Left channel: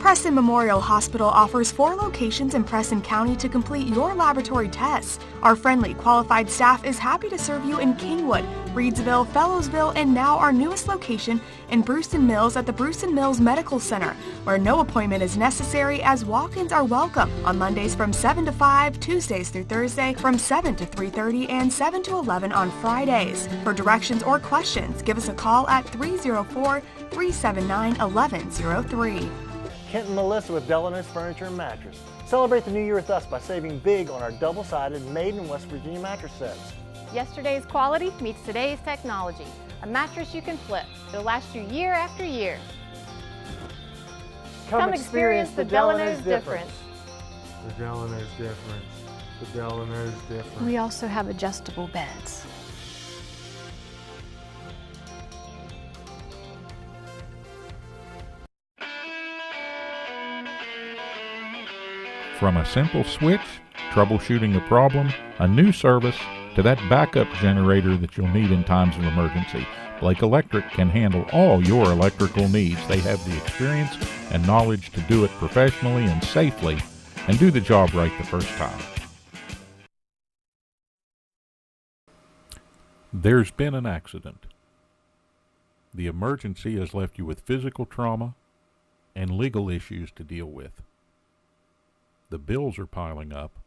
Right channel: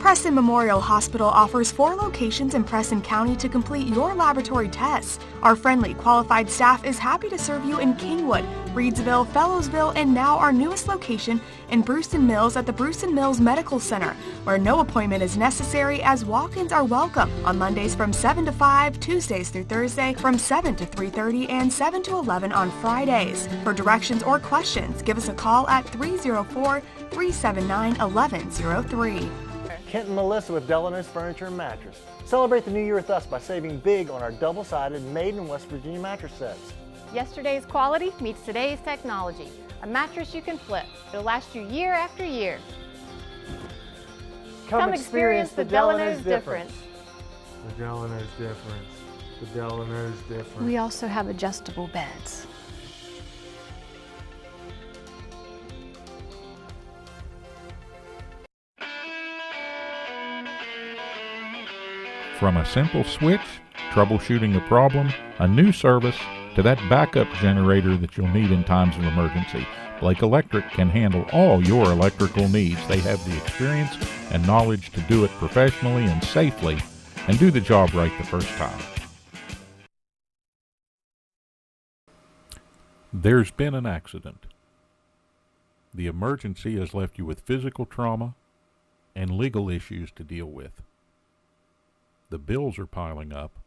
Preston Memorial Hospital offers 4 locations in Preston County to complete your laboratory tests. Our friendly, qualified staff is happy to serve you in Kingwood, Reedsville, Fellowsville, and now our newest location in Brewston Mills at the Brewston Mills Medical Center, where no appointment is necessary as walk-ins are welcome on Mondays from 7 to 5, Tuesdays through Thursday from 7 to 3:30, and 7 to 11 on Fridays. For directions or questions, give us a call at 304-379-1103. Kent and Malisa with Delano's Furniture and Mattress. Celebrate the new year with us by saving big on our double-sided made in West Virginia mattress sets. Yesterday's quality meets today's technology. A mattress you can flip. It'll last you year after year. Come experience the Delano's difference. The Delano's difference. The Delano's difference. We also have adjustable beds. From a simple switch, troubleshooting a problem, a new service, to that backup generator that you'll need in times of emergency, Blake Electric can handle all your electrical needs. They have the experience and knowledge to do it professionally and safely and do the job right the first time. There's been an accident. The emergency has left you with physical trauma and legal issues to deal with. The bills are piling up,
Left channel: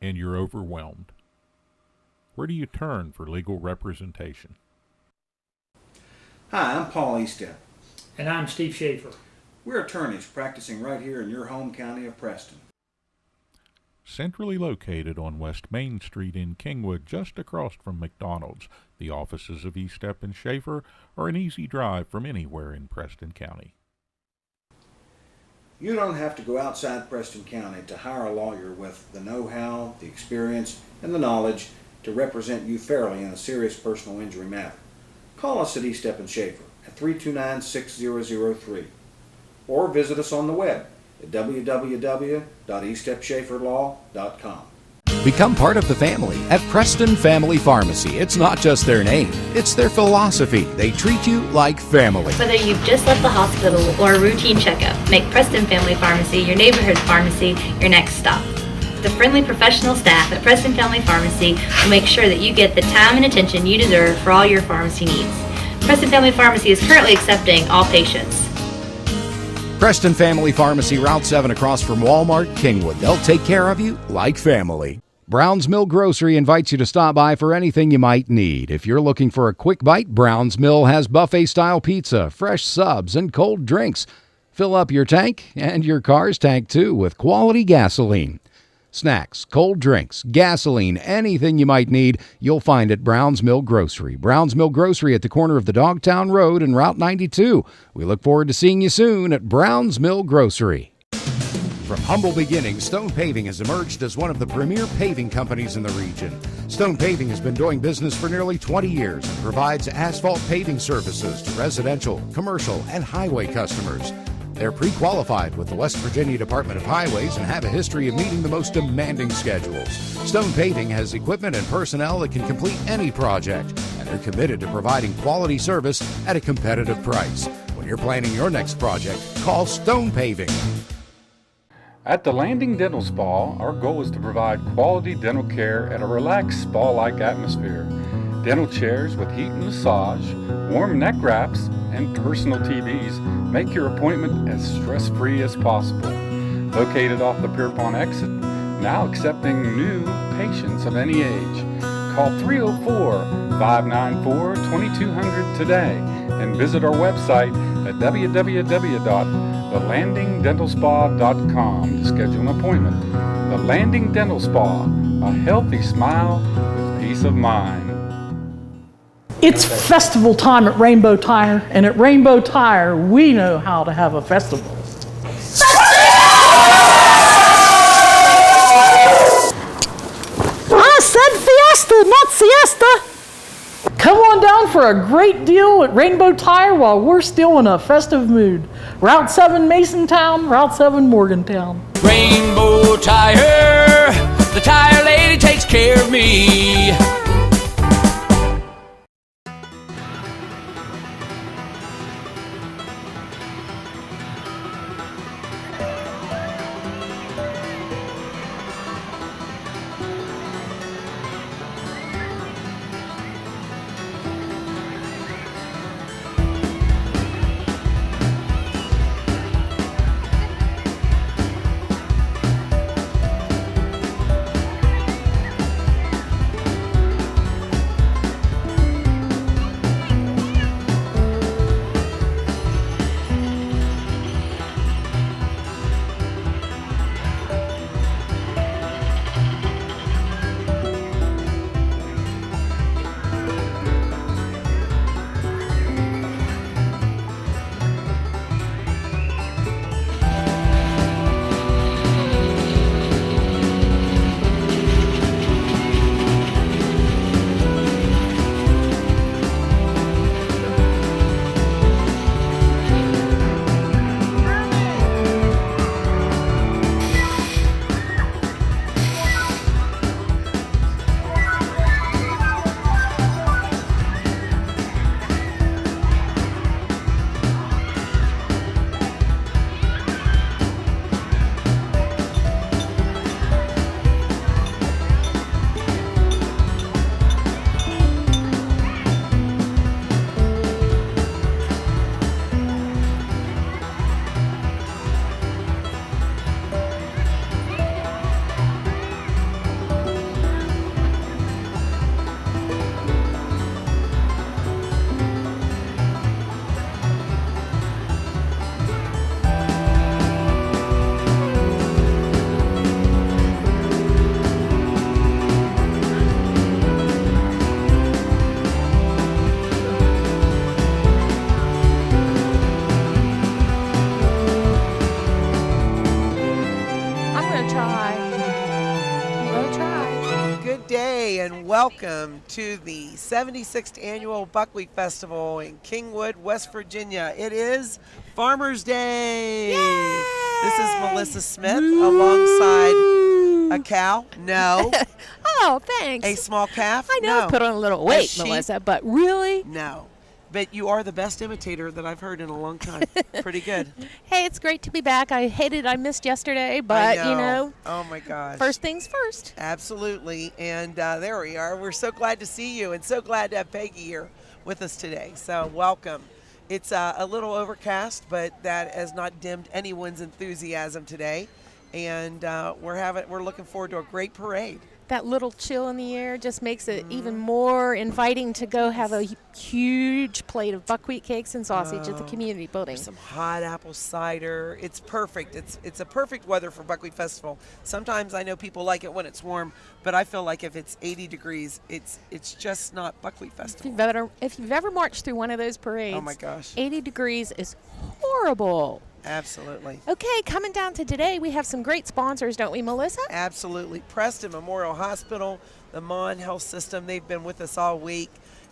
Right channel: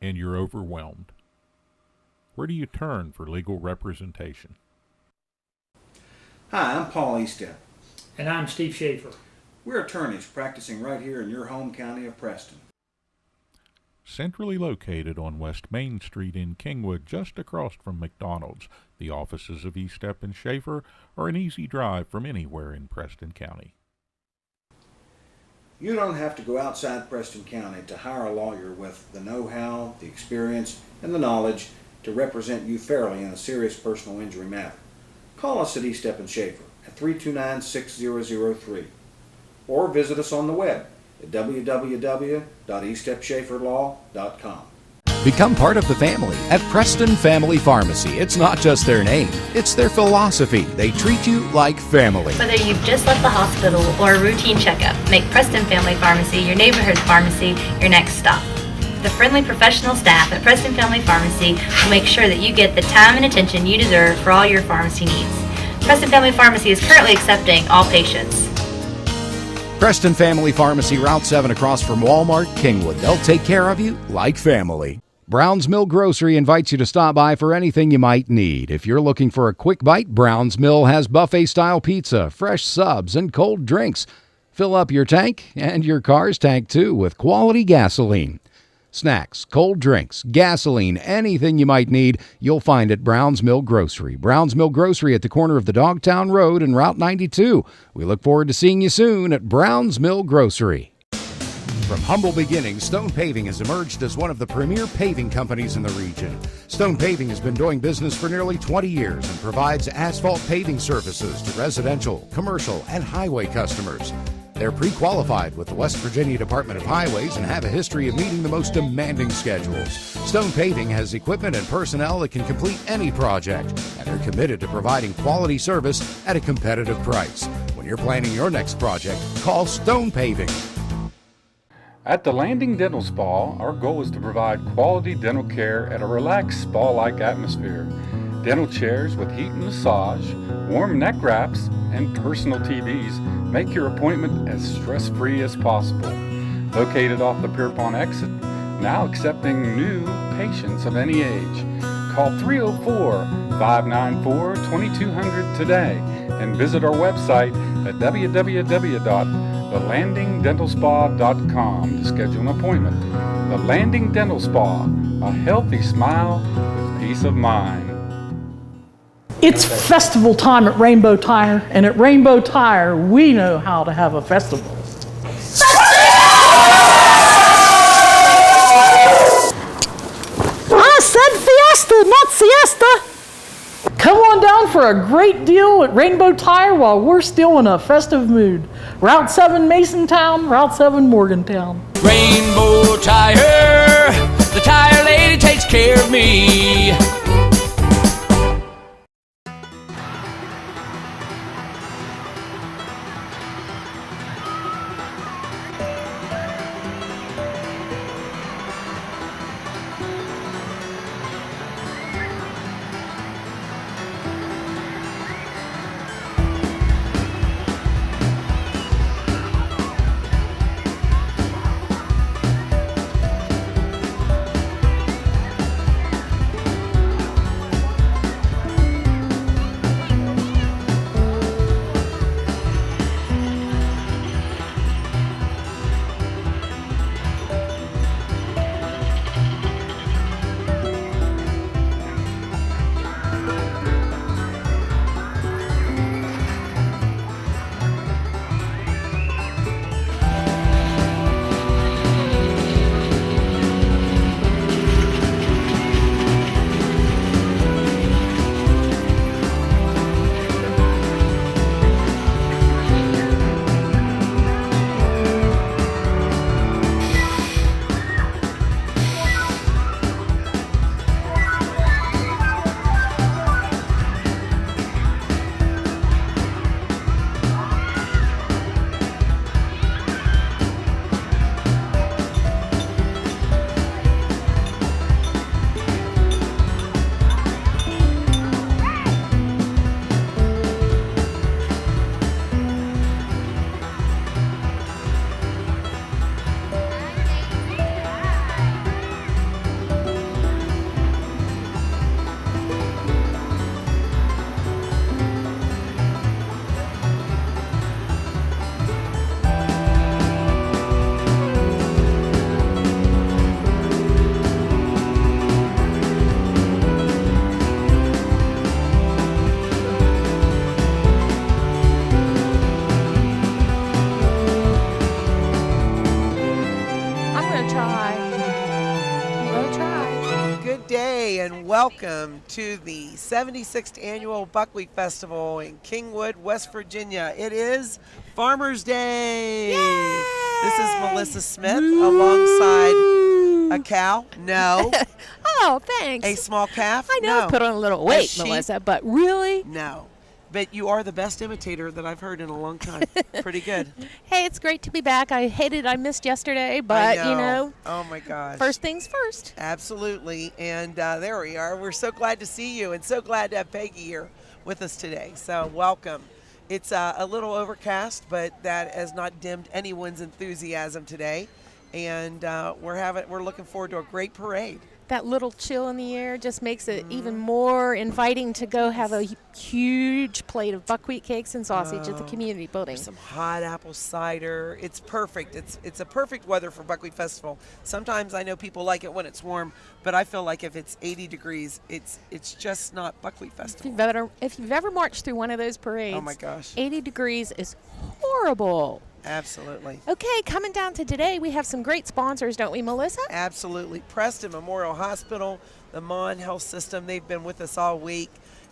and you're overwhelmed. Where do you turn for legal representation? Hi, I'm Paul Eastep. And I'm Steve Schaefer. We're attorneys practicing right here in your home county of Preston. Centrally located on West Main Street in Kingwood, just across from McDonald's, the offices of Eastep and Schaefer are an easy drive from anywhere in Preston County. You don't have to go outside Preston County to hire a lawyer with the know-how, the experience, and the knowledge to represent you fairly in a serious personal injury matter. Call us at Eastep and Schaefer at 329-6003 or visit us on the web at www.eastepschaeferlaw.com. Become part of the family at Preston Family Pharmacy. It's not just their name, it's their philosophy. They treat you like family. Whether you've just left the hospital or a routine checkup, make Preston Family Pharmacy your neighborhood pharmacy your next stop. The friendly professional staff at Preston Family Pharmacy will make sure that you get the time and attention you deserve for all your pharmacy needs. Preston Family Pharmacy is currently accepting all patients. Preston Family Pharmacy, Route 7 across from Walmart, Kingwood. They'll take care of you like family. Brown's Mill Grocery invites you to stop by for anything you might need. If you're looking for a quick bite, Brown's Mill has buffet-style pizza, fresh subs, and cold drinks. Fill up your tank and your car's tank, too, with quality gasoline. Snacks, cold drinks, gasoline, anything you might need, you'll find at Brown's Mill Grocery. Brown's Mill Grocery at the corner of the Dogtown Road and Route 92. We look forward to seeing you soon at Brown's Mill Grocery. From humble beginnings, Stone Paving has emerged as one of the premier paving companies in the region. Stone Paving has been doing business for nearly 20 years and provides asphalt paving services to residential, commercial, and highway customers. They're pre-qualified with the West Virginia Department of Highways and have a history of meeting the most demanding schedules. Stone Paving has equipment and personnel that can complete any project, and they're committed to providing quality service at a competitive price. When you're planning your next project, call Stone Paving. At the Landing Dental Spa, our goal is to provide quality dental care at a relaxed spa-like atmosphere. Dental chairs with heat and massage, warm neck wraps, and personal TVs make your appointment as stress-free as possible. Located off the Pierpont exit, now accepting new patients of any age. Call 304-594-2200 today and visit our website at www.thelandingdentalspa.com to schedule an appointment. The Landing Dental Spa, a healthy smile with peace of mind. It's festival time at Rainbow Tire, and at Rainbow Tire, we know how to have a festival. I said fiesta, not siesta. Come on down for a great deal at Rainbow Tire while we're still in a festive mood. Route 7 Masontown, Route 7 Morgantown. Rainbow Tire, the tire lady takes care of me. welcome to the 76th Annual Buckwheat Festival in Kingwood, West Virginia. It is Farmer's Day. Yay! This is Malisa Smith alongside a cow. No. Oh, thanks. A small calf. I know No. I put on a little weight, sheep? Melissa, but really? No. But you are the best imitator that I've heard in a long time. Pretty good. Hey, it's great to be back. I missed yesterday, but I know. Oh my gosh. First things first. Absolutely. And there we are. We're so glad to see you and so glad to have Peggy here with us today. So welcome. It's a little overcast, but that has not dimmed anyone's enthusiasm today. And we're looking forward to a great parade. That little chill in the air just makes it even more inviting to go have a huge plate of buckwheat cakes and sausage at the community building. Some hot apple cider. It's perfect. It's a perfect weather for Buckwheat Festival. Sometimes I know people like it when it's warm, but I feel like if it's 80 degrees, it's just not Buckwheat Festival. If you've ever marched through one of those parades, oh my gosh, 80 degrees is horrible. Absolutely. Okay, coming down to today, we have some great sponsors, don't we, Melissa? Absolutely. Preston Memorial Hospital, the Mon Health System, they've been with us all week,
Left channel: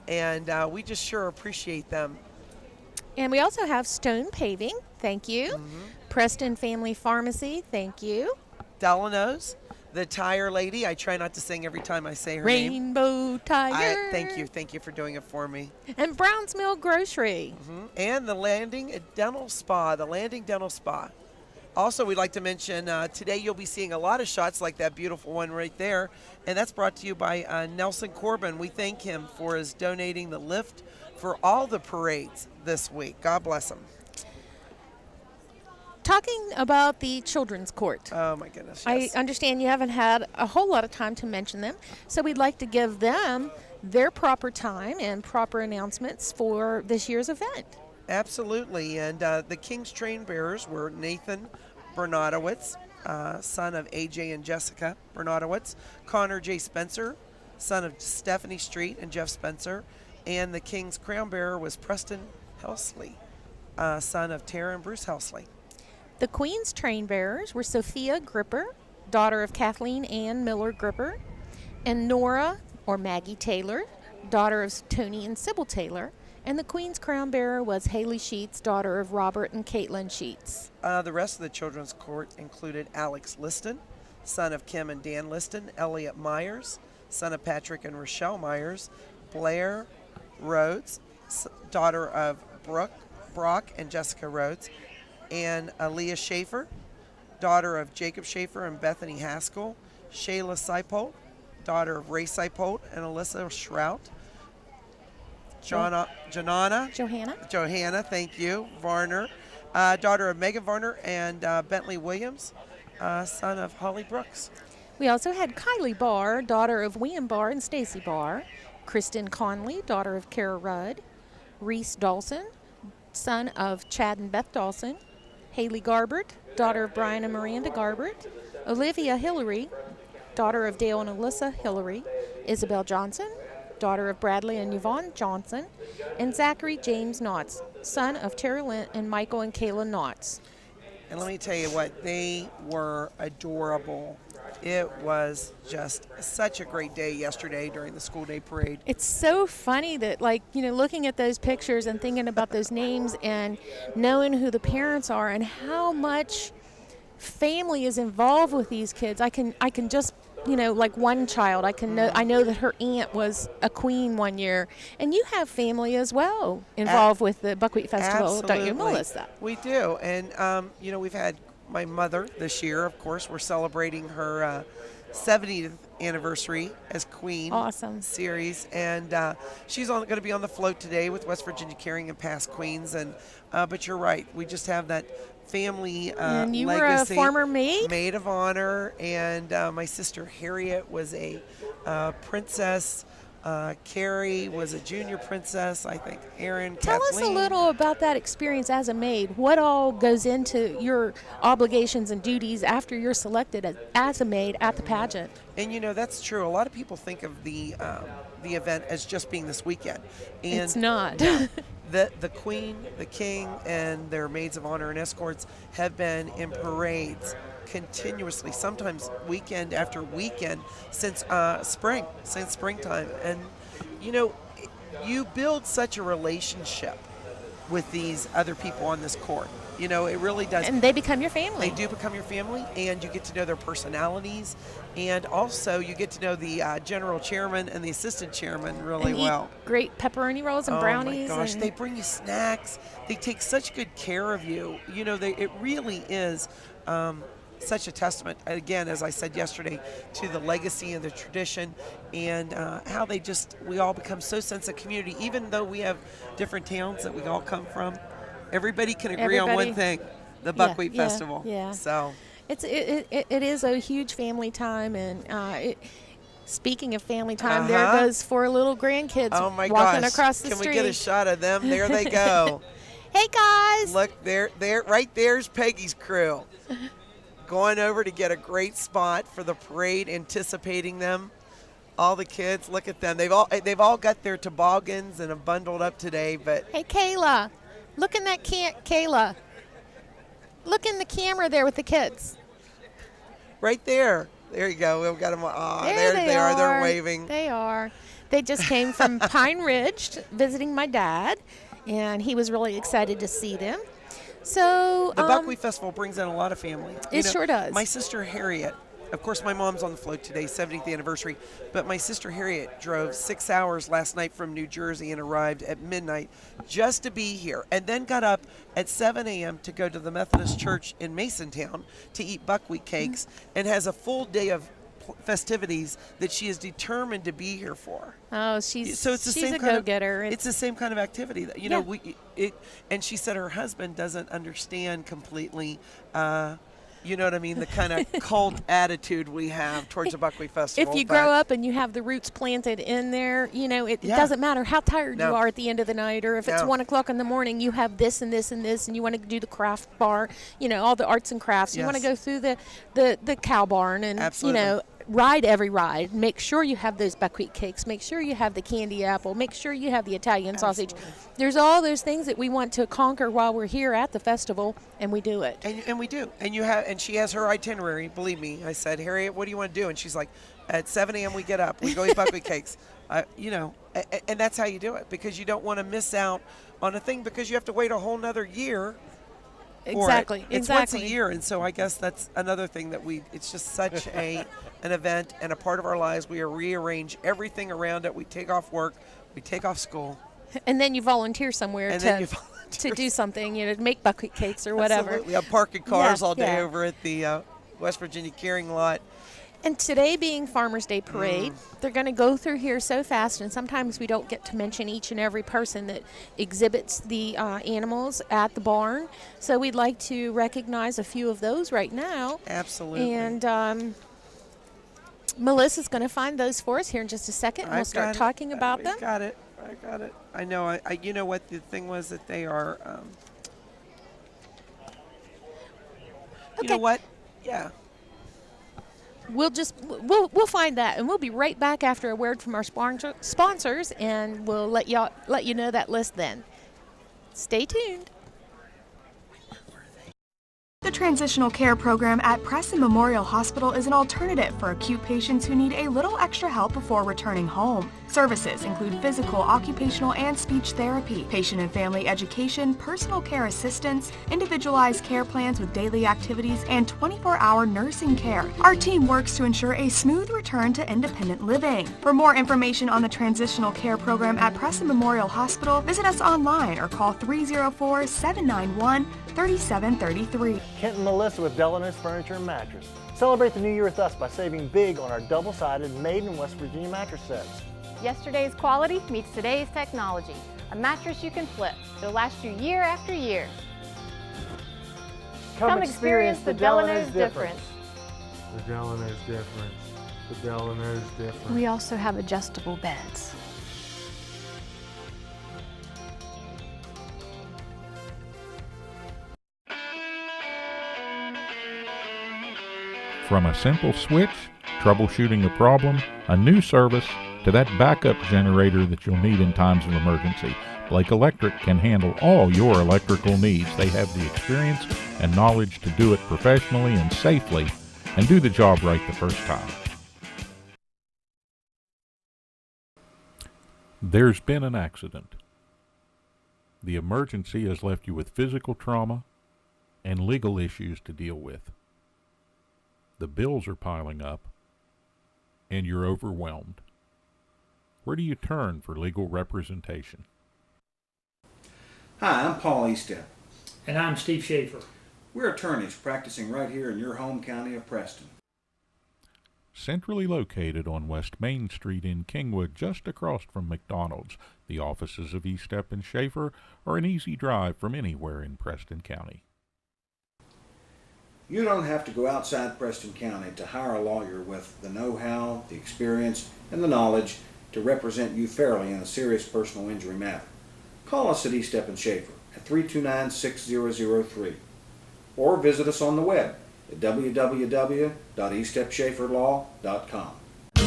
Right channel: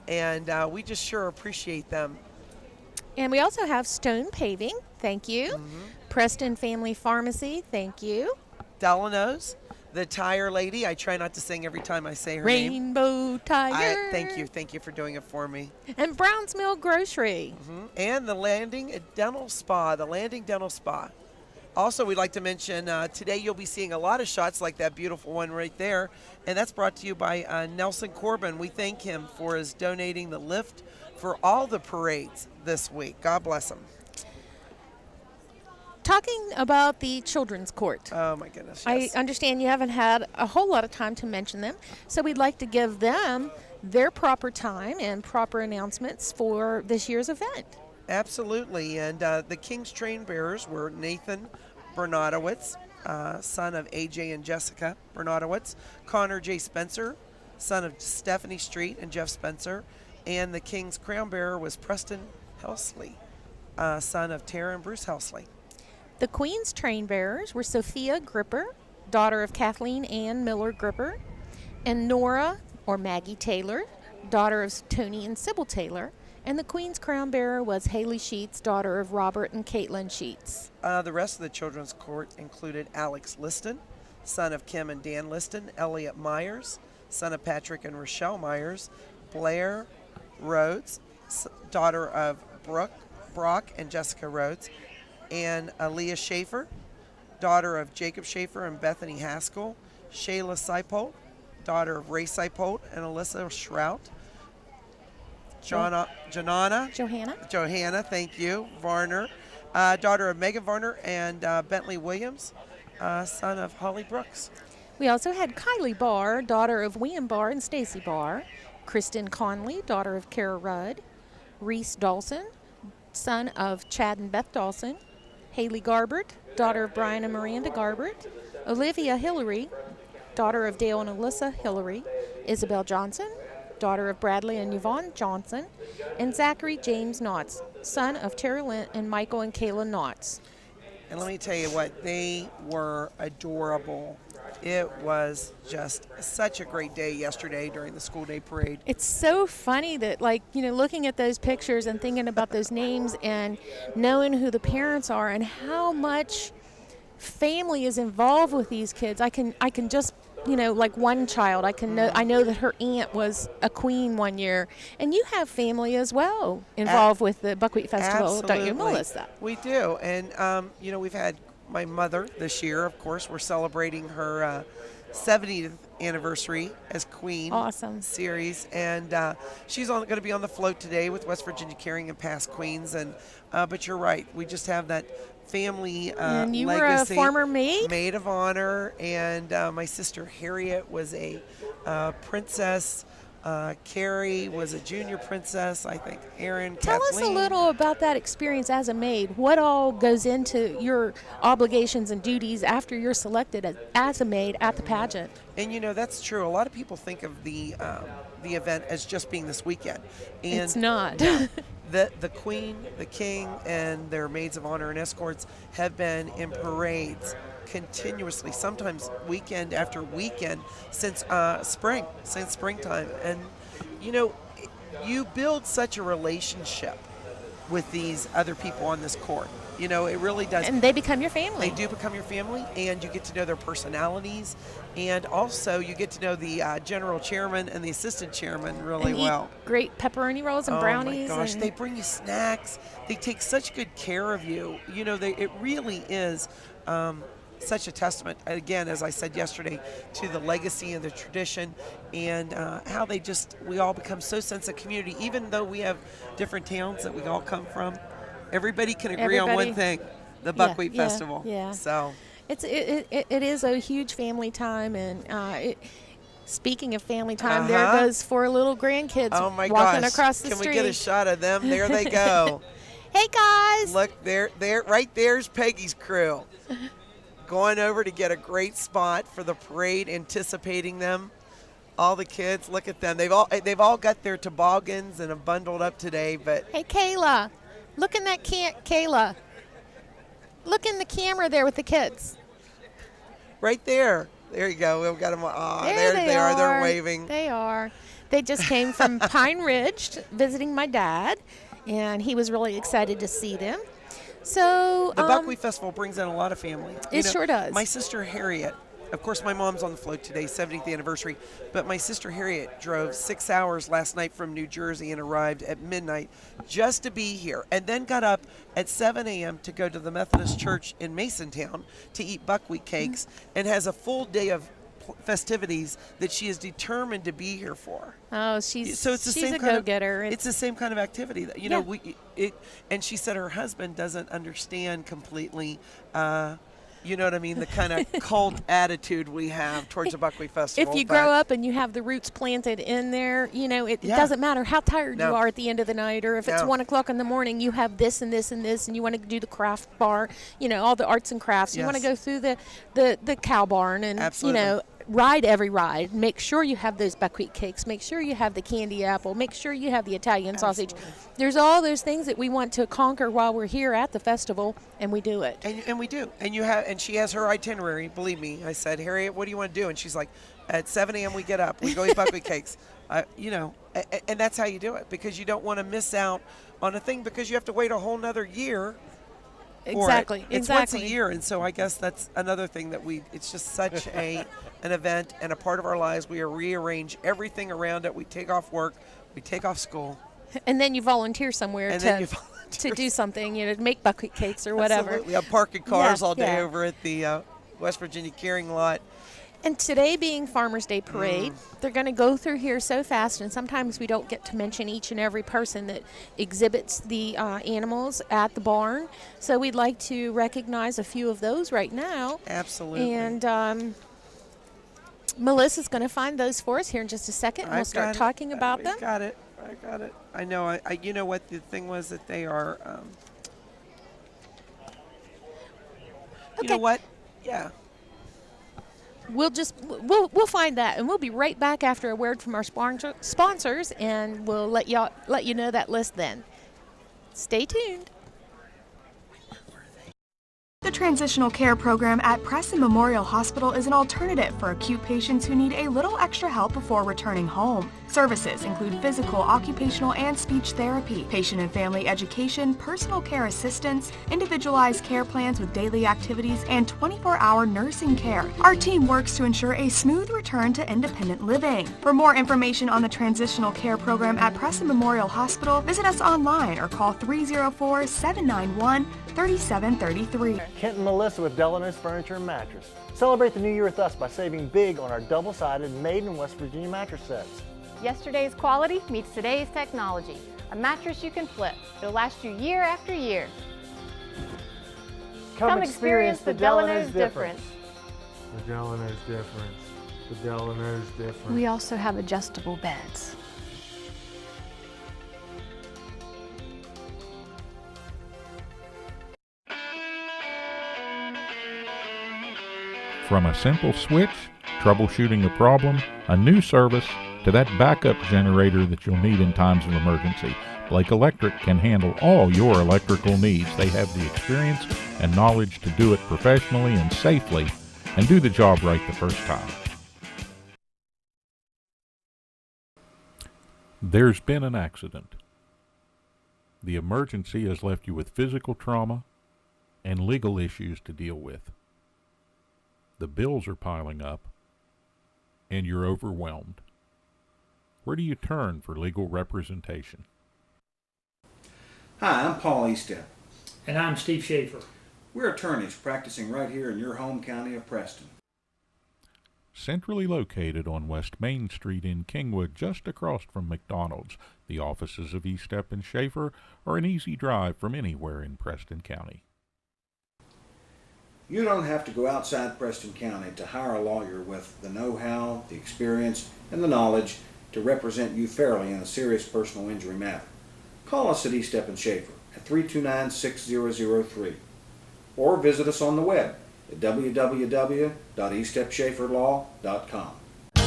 and we just sure appreciate them. And we also have Stone Paving, thank you. Preston Family Pharmacy, thank you. Delano's, the tire lady. I try not to sing every time I say her name. Rainbow Tire. Thank you for doing it for me. And Browns Mill Grocery. And the Landing Dental Spa, Also, we'd like to mention today you'll be seeing a lot of shots like that beautiful one right there, and that's brought to you by Nelson Corbin. We thank him for his donating the lift for all the parades this week. God bless him. Talking about the Children's Court. Oh, my goodness, I yes. understand you haven't had a whole lot of time to mention them, so we'd like to give them their proper time and proper announcements for this year's event. Absolutely, and the King's train bearers were Nathan Bernadowitz, son of AJ and Jessica Bernadowitz, Connor J. Spencer, son of Stephanie Street and Jeff Spencer, and the King's crown bearer was Preston Helsley, son of Tara and Bruce Helsley. The Queen's train bearers were Sophia Gripper, daughter of Kathleen Ann Miller Gripper, and Nora, or Maggie Taylor, daughter of Tony and Sybil Taylor, and the Queen's crown bearer was Haley Sheets, daughter of Robert and Caitlin Sheets. The rest of the Children's Court included Alex Liston, son of Kim and Dan Liston, Elliot Myers, son of Patrick and Rochelle Myers, Blair Rhodes, daughter of Brock and Jessica Rhodes, and Aaliyah Schaefer, daughter of Jacob Schaefer and Bethany Haskell, Shayla Seipold, daughter of Ray Seipold and Alyssa Shrout, Johanna, thank you, Varner, daughter of Megan Varner and Bentley Williams, son of Holly Brooks. We also had Kylie Barr, daughter of William Barr and Stacy Barr, Kristen Conley, daughter of Kara Rudd, Reese Dawson, son of Chad and Beth Dawson, Haley Garbert, daughter of Brian and Miranda Garbert, Olivia Hillary, daughter of Dale and Alyssa Hillary, Isabel Johnson, daughter of Bradley and Yvonne Johnson, and Zachary James Knotts, son of Terry Lynn and Michael and Kayla Knotts. And let me tell you what, they were adorable. It was just such a great day yesterday during the school day parade. It's so funny that, looking at those pictures and thinking about those names and knowing who the parents are and how much family is involved with these kids. I can just, like one child, I know that her aunt was a queen one year, and you have family as well involved with the Buckwheat Festival, don't you, Melissa? We do, and we've had my mother this year. Of course, we're celebrating her 70th anniversary as Queen. Awesome. Series, and she's going to be on the float today with West Virginia Carrying and Past Queens, and but you're right, we just have that family and you legacy. Were a former maid of honor, and my sister Harriet was a princess. Carrie was a junior princess, I think. Aaron, Tell Kathleen. us a little about that experience as a maid. What all goes into your obligations and duties after you're selected as a maid at the pageant? And that's true. A lot of people think of the event as just being this weekend. And it's not. the Queen, the King, and their maids of honor and escorts have been in parades continuously, sometimes weekend after weekend, since springtime. And, you know, you build such a relationship with these other people on this court. You know, it really does. And they become your family. They do become your family, and you get to know their personalities, and also you get to know the general chairman and the assistant chairman really well. Great pepperoni rolls and brownies. Oh my gosh, they bring you snacks. They take such good care of you. You know, it really is such a testament, again, as I said yesterday, to the legacy and the tradition, and how we all become so sense of community, even though we have different towns that we all come from. Everybody can agree on one thing: the Buckwheat Festival. Yeah. So it is a huge family time, and speaking of family time, there goes 4 little grandkids walking across the street. Can we get a shot of them? There they go. Hey guys! Look, right there's Peggy's crew, going over to get a great spot for the parade, anticipating them. All the kids, look at them. They've all got their toboggans and have bundled up today. But hey, Kayla. Look in that Kayla. Look in the camera there with the kids. Right there. There you go. We've got them. Oh, there they are. They're waving. They are. They just came from Pine Ridge visiting my dad, and he was really excited to see them. So the Buckwheat Festival brings in a lot of family. It sure does. My sister Harriet, of course, my mom's on the float today, 70th anniversary, but my sister Harriet drove 6 hours last night from New Jersey and arrived at midnight just to be here, and then got up at 7 a.m. to go to the Methodist Church in Masontown to eat buckwheat cakes, and has a full day of festivities that she is determined to be here for. Oh, she's a go-getter. It's the same kind of activity that, you know, and she said her husband doesn't understand completely, you know what I mean, the kind of cult attitude we have towards the Buckwheat Festival. If you grow up and you have the roots planted in there, you know, it doesn't matter how tired you are at the end of the night, or if it's 1 o'clock in the morning, you have this and this and this, and you want to do the craft bar, you know, all the arts and crafts. You want to go through the cow barn and, you know, ride every ride. Make sure you have those buckwheat cakes. Make sure you have the candy apple. Make sure you have the Italian sausage. There's all those things that we want to conquer while we're here at the festival, and we do it. And we do. And she has her itinerary. Believe me, I said, Harriet, what do you want to do? And she's like, at 7 a.m. we get up. We go eat buckwheat cakes. You know, and that's how you do it, because you don't want to miss out on a thing, because you have to wait a whole nother year. Exactly. It's once a year, and so I guess that's another thing that it's just such an event and a part of our lives. We rearrange everything around it. We take off work, we take off school, and then you volunteer somewhere to do something, you know, to make buckwheat cakes or whatever. Absolutely. I'm parking cars all day over at the West Virginia Carrying Lot. And today being Farmers Day Parade, they're going to go through here so fast, and sometimes we don't get to mention each and every person that exhibits the animals at the barn. So we'd like to recognize a few of those right now. Absolutely. And Melissa's going to find those for us here in just a second, and we'll start talking about them. I got it. I know. You know what the thing was, that they are. You know what? Yeah. We'll find that, and we'll be right back after a word from our sponsors, and we'll let you know that list then. Stay tuned. The Transitional Care Program at Preston Memorial Hospital is an alternative for acute patients who need a little extra help before returning home. Services include physical, occupational, and speech therapy, patient and family education, personal care assistance, individualized care plans with daily activities, and 24-hour nursing care. Our team works to ensure a smooth return to independent living. For more information on the Transitional Care Program at Preston Memorial Hospital, visit us online or call 304-791-3733. Kent and Melissa with Delano's Furniture and Mattress. Celebrate the new year with us by saving big on our double-sided made in West Virginia mattress sets. Yesterday's quality meets today's technology. A mattress you can flip. It'll last you year after year. Come experience the Delano's difference. The Delano's difference. The Delano's difference. We also have adjustable beds. From a simple switch, troubleshooting a problem, a new service, to that backup generator that you'll need in times of emergency, Blake Electric can handle all your electrical needs. They have the experience and knowledge to do it professionally and safely and do the job right the first time. There's been an accident. The emergency has left you with physical trauma and legal issues to deal with. The bills are piling up and you're overwhelmed. Where do you turn for legal representation? Hi, I'm Paul Estep. And I'm Steve Schaefer. We're attorneys practicing right here in your home county of Preston. Centrally located on West Main Street in Kingwood, just across from McDonald's, the offices of Estep and Schaefer are an easy drive from anywhere in Preston County. You don't have to go outside Preston County to hire a lawyer with the know-how, the experience, and the knowledge to represent you fairly in a serious personal injury matter. Call us at Estep and Schaefer at 329-6003 or visit us on the web at www.estepschaeferlaw.com.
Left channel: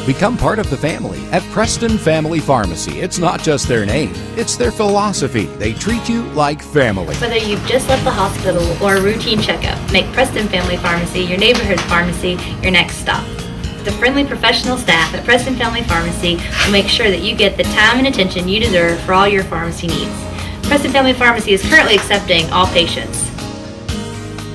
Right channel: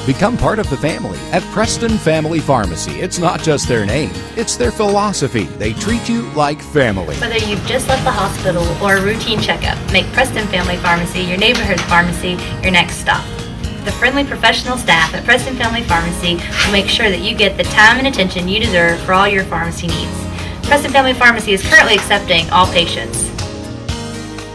Become part of the family at Preston Family Pharmacy. It's not just their name, it's their philosophy. They treat you like family. Whether you've just left the hospital or a routine checkup, make Preston Family Pharmacy your neighborhood pharmacy your next stop. The friendly professional staff at Preston Family Pharmacy will make sure that you get the time and attention you deserve for all your pharmacy needs. Preston Family Pharmacy is currently accepting all patients.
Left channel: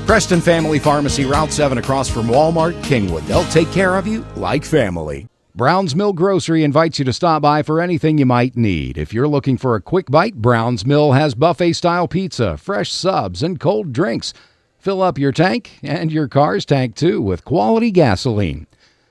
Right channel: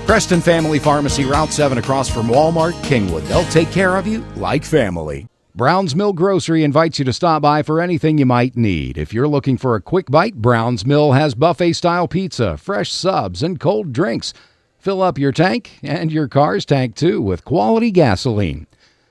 Preston Family Pharmacy, Route 7 across from Walmart, Kingwood. They'll take care of you like family. Brown's Mill Grocery invites you to stop by for anything you might need. If you're looking for a quick bite, Brown's Mill has buffet-style pizza, fresh subs, and cold drinks. Fill up your tank and your car's tank, too, with quality gasoline.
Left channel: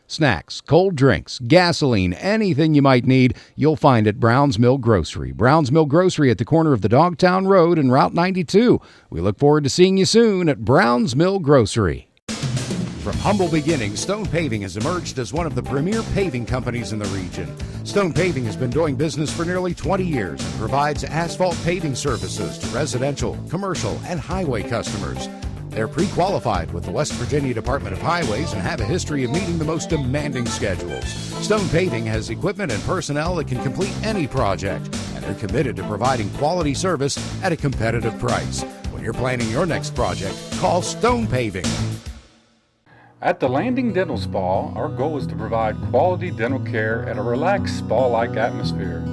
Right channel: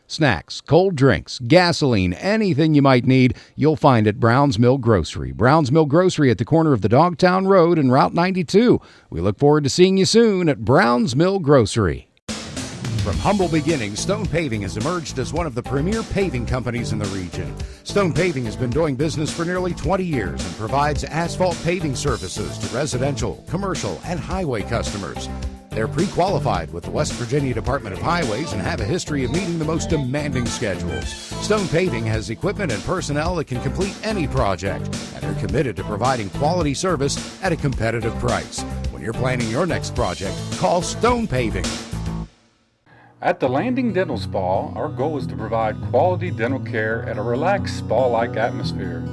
Snacks, cold drinks, gasoline, anything you might need, you'll find at Brown's Mill Grocery. Brown's Mill Grocery at the corner of the Dogtown Road and Route 92. We look forward to seeing you soon at Brown's Mill Grocery. From humble beginnings, Stone Paving has emerged as one of the premier paving companies in the region. Stone Paving has been doing business for nearly 20 years and provides asphalt paving services to residential, commercial, and highway customers. They're pre-qualified with the West Virginia Department of Highways and have a history of meeting the most demanding schedules. Stone Paving has equipment and personnel that can complete any project, and they're committed to providing quality service at a competitive price. When you're planning your next project, call Stone Paving. At the Landing Dental Spa, our goal is to provide quality dental care at a relaxed spa-like atmosphere.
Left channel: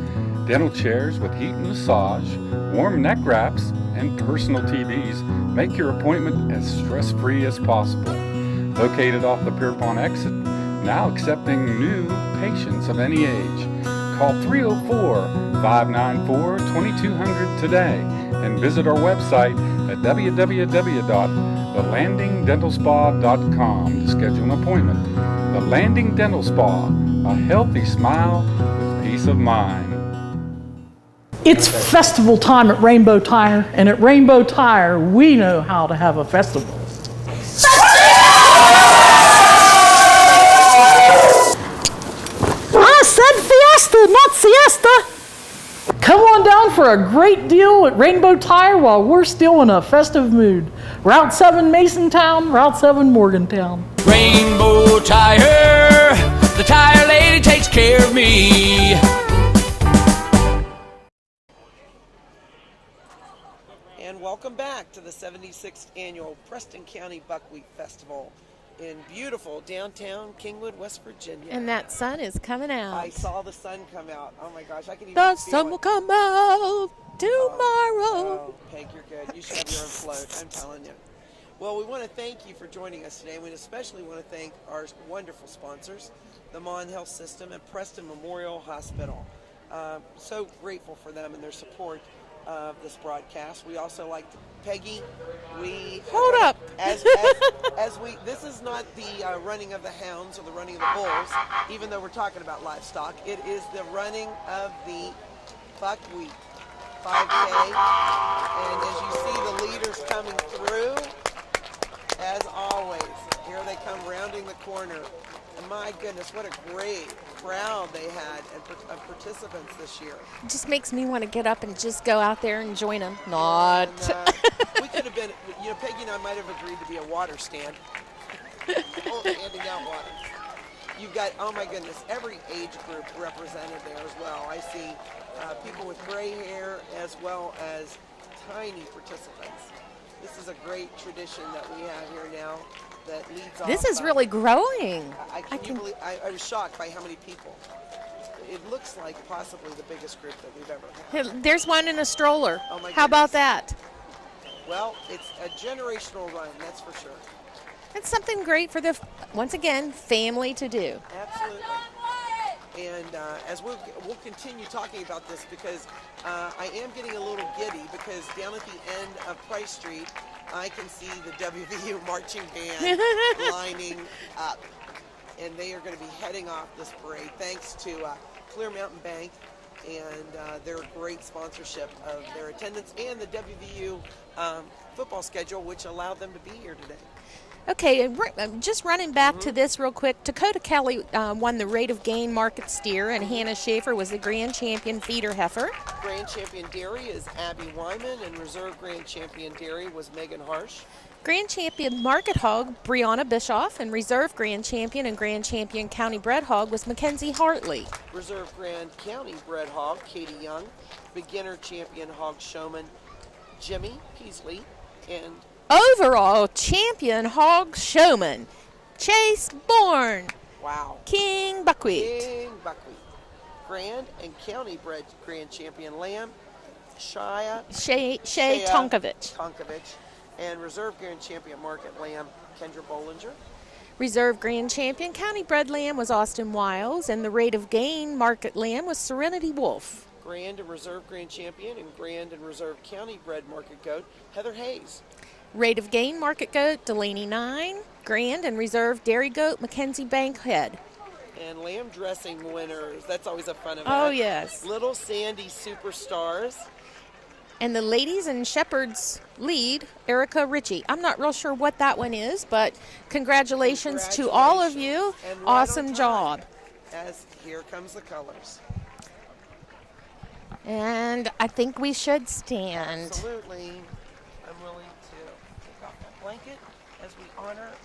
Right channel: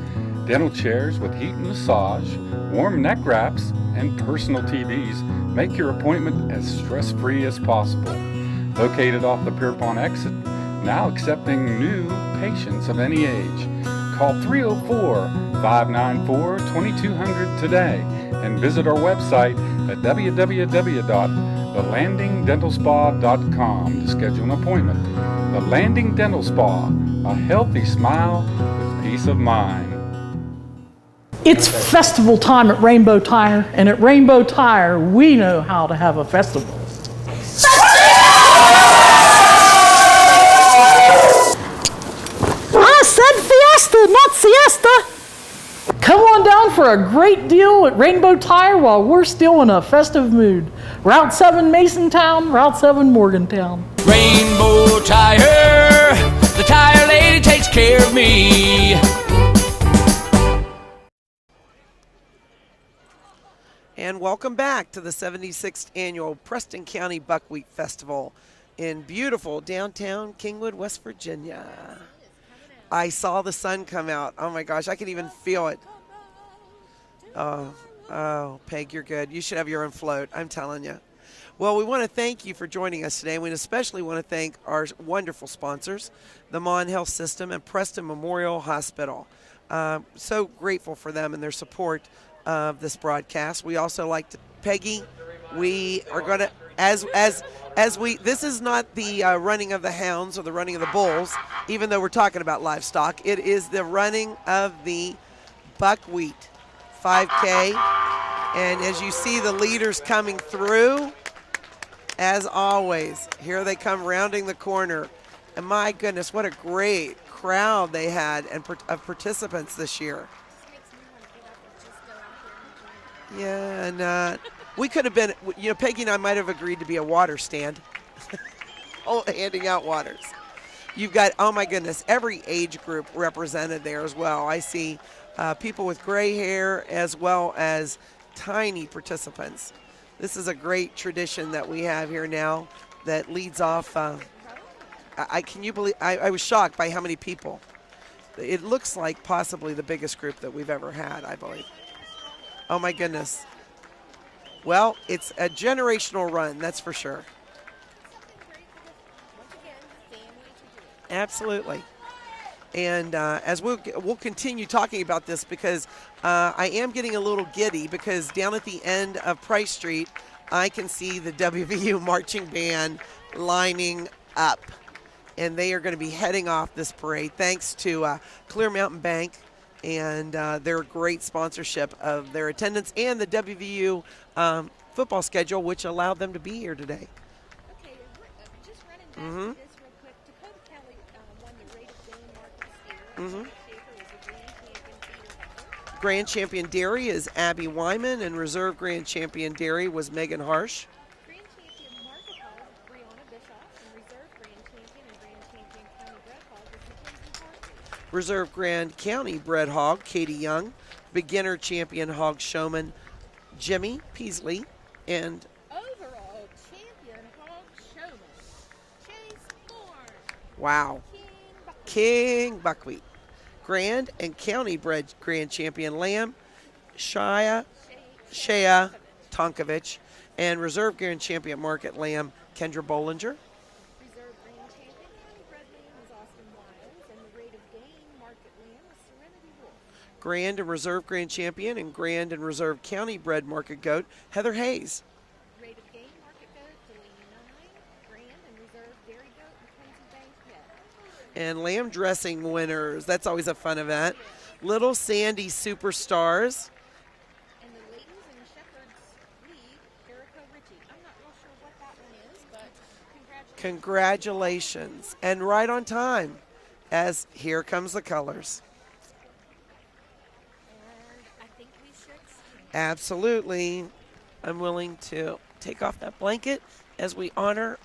Dental chairs with heat and massage, warm neck wraps, and personal TVs make your appointment as stress-free as possible. Located off the Pierpont exit, now accepting new patients of any age. Call 304-594-2200 today and visit our website at www.thelandingdentalspa.com to schedule an appointment. The Landing Dental Spa, a healthy smile with peace of mind. It's festival time at Rainbow Tire, and at Rainbow Tire, we know how to have a festival. I said fiesta, not siesta. Come on down for a great deal at Rainbow Tire while we're still in a festive mood. Route 7 Masontown, Route 7 Morgantown. Rainbow Tire, the tire lady takes care of me. And welcome back to the 76th Annual Preston County Buckwheat Festival in beautiful downtown Kingwood, West Virginia. And that sun is coming out. I saw the sun come out. Oh my gosh, I can even feel it. The sun will come out tomorrow. Oh, Peg, you're good. You should have your own float, I'm telling you. Well, we want to thank you for joining us today. We especially want to thank our wonderful sponsors, the Mon Health System and Preston Memorial Hospital. So grateful for them and their support of this broadcast. We also like to, Peggy, we are going to, as we, this is not the running of the hounds or the running of the bulls, even though we're talking about livestock. It is the running of the Buckwheat 5K. And as you see the leaders coming through, as always, here they come rounding the corner. And my goodness, what a great crowd they had of participants this year. It just makes me want to get up and just go out there and join them. Yeah, and we could have been, you know, Peggy and I might have agreed to be a water stand, handing out waters. You've got, oh my goodness, every age group represented there as well. I see people with gray hair, as well as tiny participants. This is a great tradition that we have here now that leads off. This is really growing. Can you believe? I was shocked by how many people. It looks like possibly the biggest group that we've ever had. There's one in a stroller. Oh my goodness. How about that? Well, it's a generational run, that's for sure. It's something great for the, once again, family to do. Absolutely. And as we'll continue talking about this, because I am getting a little giddy, because down at the end of Price Street, I can see the WVU marching band lining up. And they are going to be heading off this parade thanks to Clear Mountain Bank and their great sponsorship of their attendance and the WVU football schedule, which allowed them to be here today. Okay, and just running back to this real quick, Dakota Kelly won the Rate of Gain Market Steer, and Hannah Schaefer was the Grand Champion Feeder Heifer. Grand Champion Dairy is Abby Wyman, and Reserve Grand Champion Dairy was Megan Harsh. Grand Champion Market Hog, Brianna Bischoff, and Reserve Grand Champion and Grand Champion County Bred Hog was Mackenzie Hartley. Reserve Grand County Bred Hog, Katie Young. Beginner Champion Hog Showman, Jimmy Peasley. And Overall Champion Hog Showman, Chase Bourne. Wow. King Buckwheat. King Buckwheat. Grand and County Bred Grand Champion Lamb, Shea Tonkovich. And Reserve Grand Champion Market Lamb, Kendra Bollinger. Reserve Grand Champion County Bred Lamb was Austin Wiles, and the Rate of Gain Market Lamb was Serenity Wolf. Grand and Reserve Grand Champion and Grand and Reserve County Bred Market Goat, Heather Hayes. Rate of Gain Market Goat, Delaney 9. Grand and Reserve Dairy Goat, Mackenzie Bankhead. And lamb dressing winners, that's always a fun event. Oh, yes. Little Sandy Superstars. And the ladies and shepherds lead, Erica Ritchie. I'm not real sure what that one is, but congratulations to all of you. And right awesome on time, job. As here comes the colors. And I think we should stand. Absolutely. I'm willing to take off that blanket as we honor.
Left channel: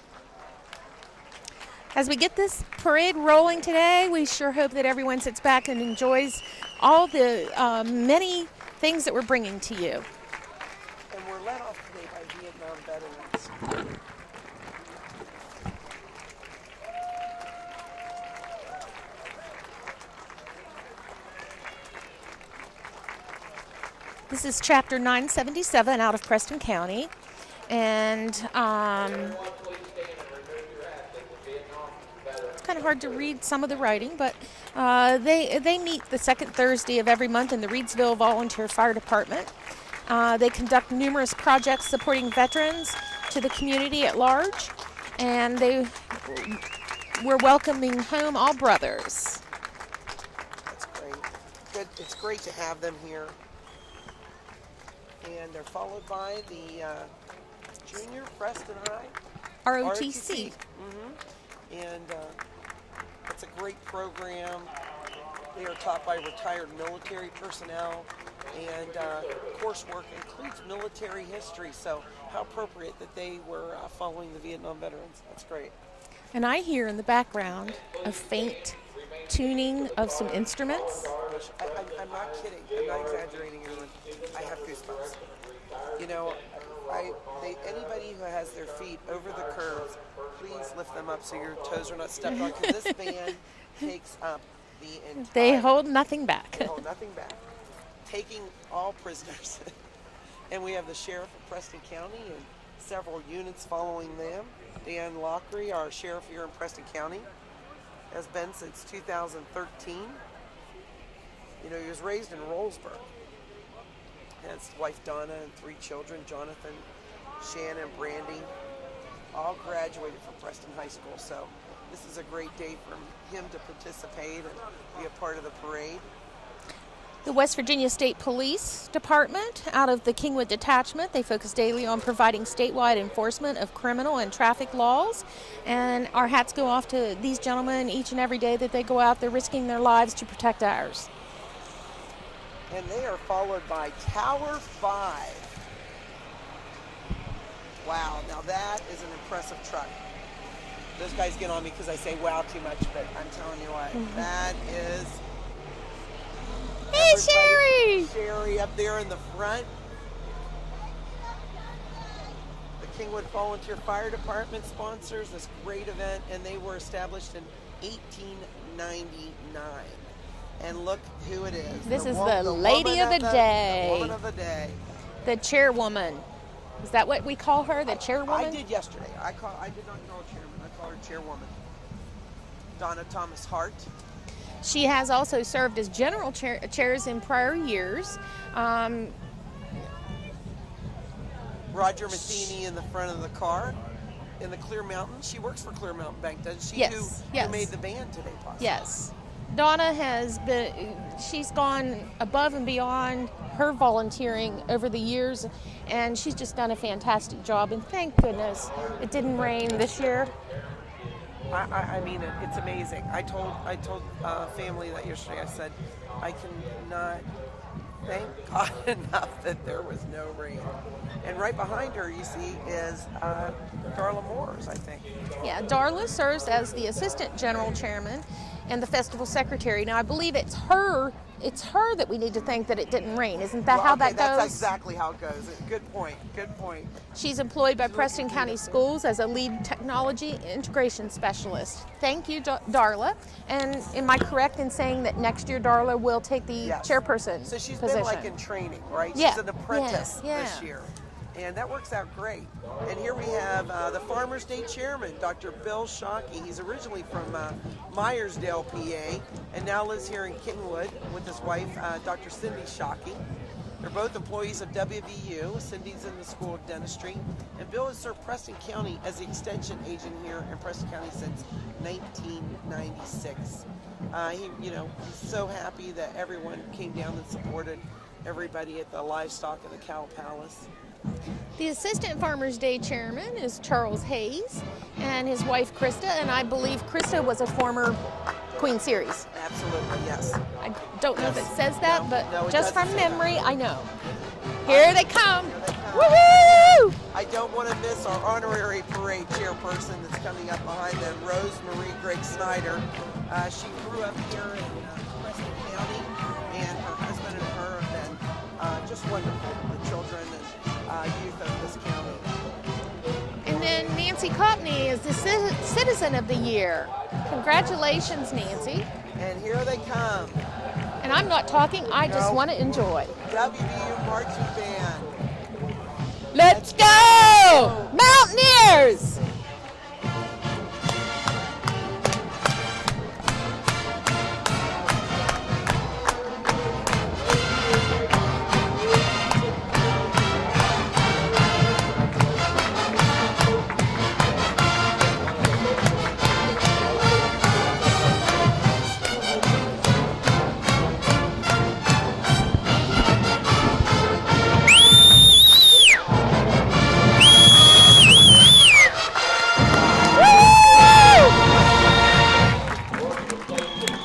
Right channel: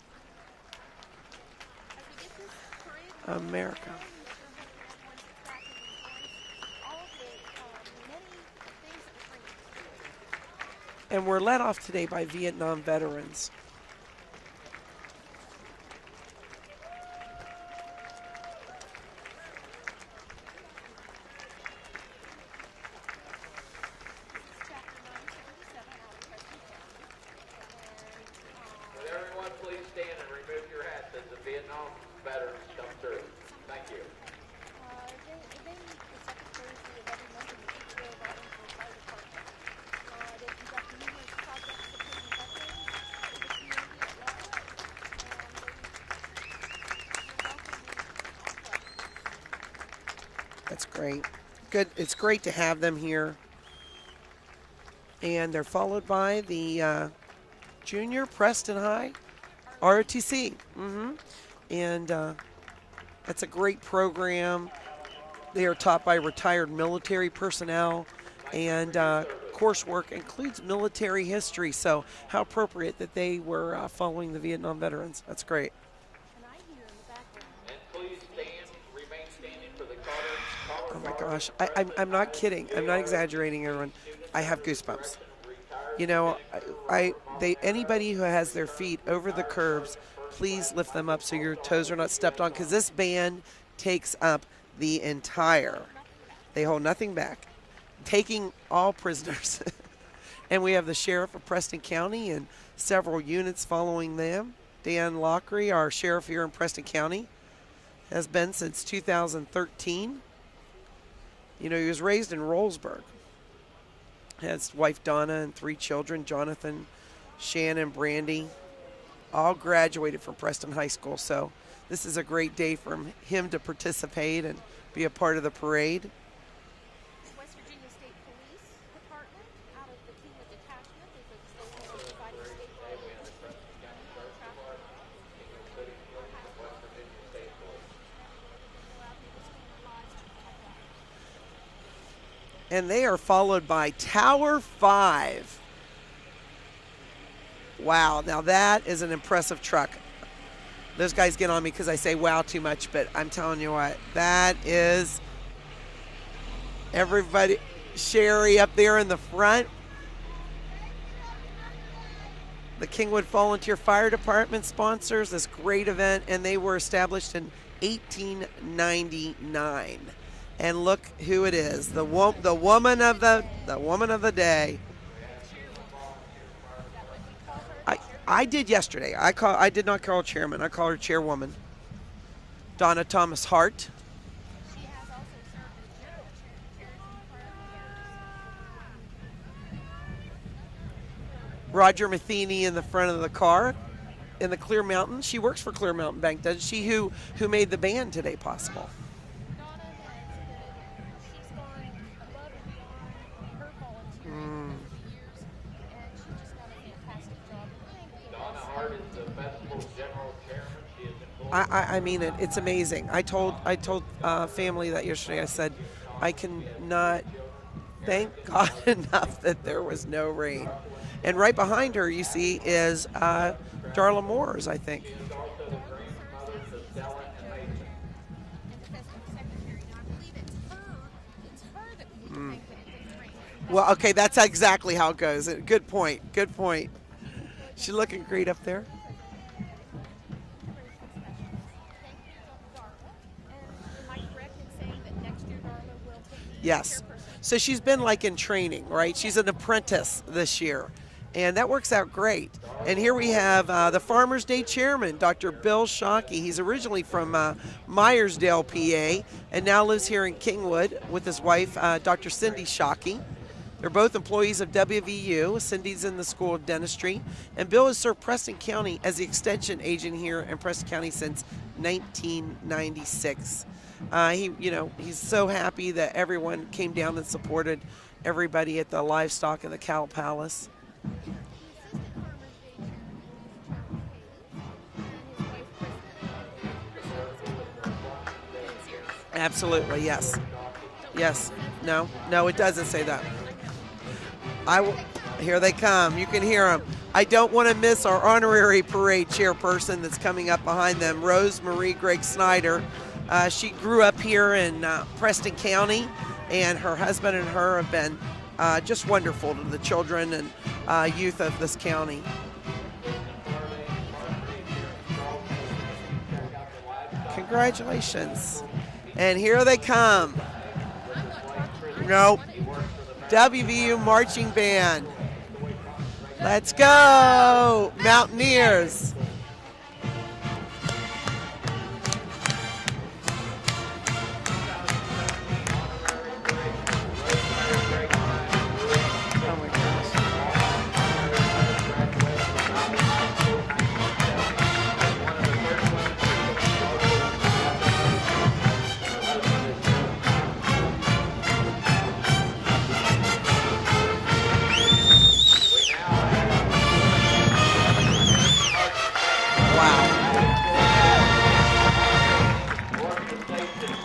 As we get this parade rolling today, we sure hope that everyone sits back and enjoys all the many things that we're bringing to you. And we're led off today by Vietnam veterans. This is Chapter 977 out of Preston County. And it's kind of hard to read some of the writing, but they meet the second Thursday of every month in the Reedsville Volunteer Fire Department. They conduct numerous projects supporting veterans to the community at large, and we're welcoming home all brothers. That's great. Good. It's great to have them here. And they're followed by the Junior Preston High ROTC. And that's a great program. They are taught by retired military personnel, and coursework includes military history. So how appropriate that they were following the Vietnam veterans. That's great. And I hear in the background a faint tuning of some instruments. Oh my gosh, I'm not kidding. I'm not exaggerating, everyone. I have goosebumps. You know, anybody who has their feet over the curbs, please lift them up so your toes are not stepped on, because this band takes up the entire. They hold nothing back. They hold nothing back, taking all prisoners. And we have the sheriff of Preston County and several units following them. Dan Lockery, our sheriff here in Preston County, has been since 2013. You know, he was raised in Rollsburg. Has wife Donna and 3 children, Jonathan, Shannon, Brandy, all graduated from Preston High School. So this is a great day for him to participate and be a part of the parade. The West Virginia State Police Department, out of the Kingwood Detachment, they focus daily on providing statewide enforcement of criminal and traffic laws. And our hats go off to these gentlemen each and every day that they go out. They're risking their lives to protect ours. And they are followed by Tower 5. Wow, now that is an impressive truck. Those guys get on me because I say wow too much, but I'm telling you what, that is Everybody, Sherry up there in the front. The Kingwood Volunteer Fire Department sponsors this great event, and they were established in 1899. And look who it is. This the is woman the woman of the day. The chairwoman. Is that what we call her, the chairwoman? I did yesterday. I did not call her chairman. I call her chairwoman. Donna Thomas Hart. She has also served as general chairs in prior years. Roger Matheny in the front of the car in the Clear Mountain. She works for Clear Mountain Bank, doesn't she? Yes, Who made the band today possible? Yes. Donna she's gone above and beyond her volunteering over the years, and she's just done a fantastic job, and thank goodness it didn't rain this year. I mean it. It's amazing. I told family that yesterday. I said, I cannot thank God enough that there was no rain. And right behind her, you see, is Darla Moores, I think. Yeah, Darla serves as the assistant general chairman and the festival secretary. Now, I believe it's her that we need to thank that it didn't rain. Isn't that how that goes? That's exactly how it goes. Good point. She's employed by She's Preston looking great County up there. Schools as a lead technology integration specialist. Thank you, Darla. And am I correct in saying that next year Darla will take the chairperson So she's position? been like in training, right? Yeah. She's an apprentice Yeah. this year. And that works out great. And here we have the Farmers Day chairman, Dr. Bill Shockey. He's originally from Myersdale, PA, and now lives here in Kingwood with his wife, Dr. Cindy Shockey. They're both employees of WVU. Cindy's in the School of Dentistry. And Bill has served Preston County as the extension agent here in Preston County since 1996. He's so happy that everyone came down and supported everybody at the livestock and the Cow Palace. The Assistant Farmers Day Chairman is Charles Hayes and his wife Krista, and I believe Krista was a former Queen Series. Absolutely, yes. I don't know if it says that, but no, it just doesn't from say that. memory, I know. Here they come. Here they come. You can hear them. I don't want to miss our honorary parade chairperson that's coming up behind them, Rose Marie Greg Snyder. She grew up here in Preston County, and her husband and her have been just wonderful to the children and youth of this county. And then Nancy Cottney is the Citizen of the Year. Congratulations, Nancy. And here they come. And I'm not talking, I just want to enjoy. WVU Marching Band. Let's go! Mountaineers!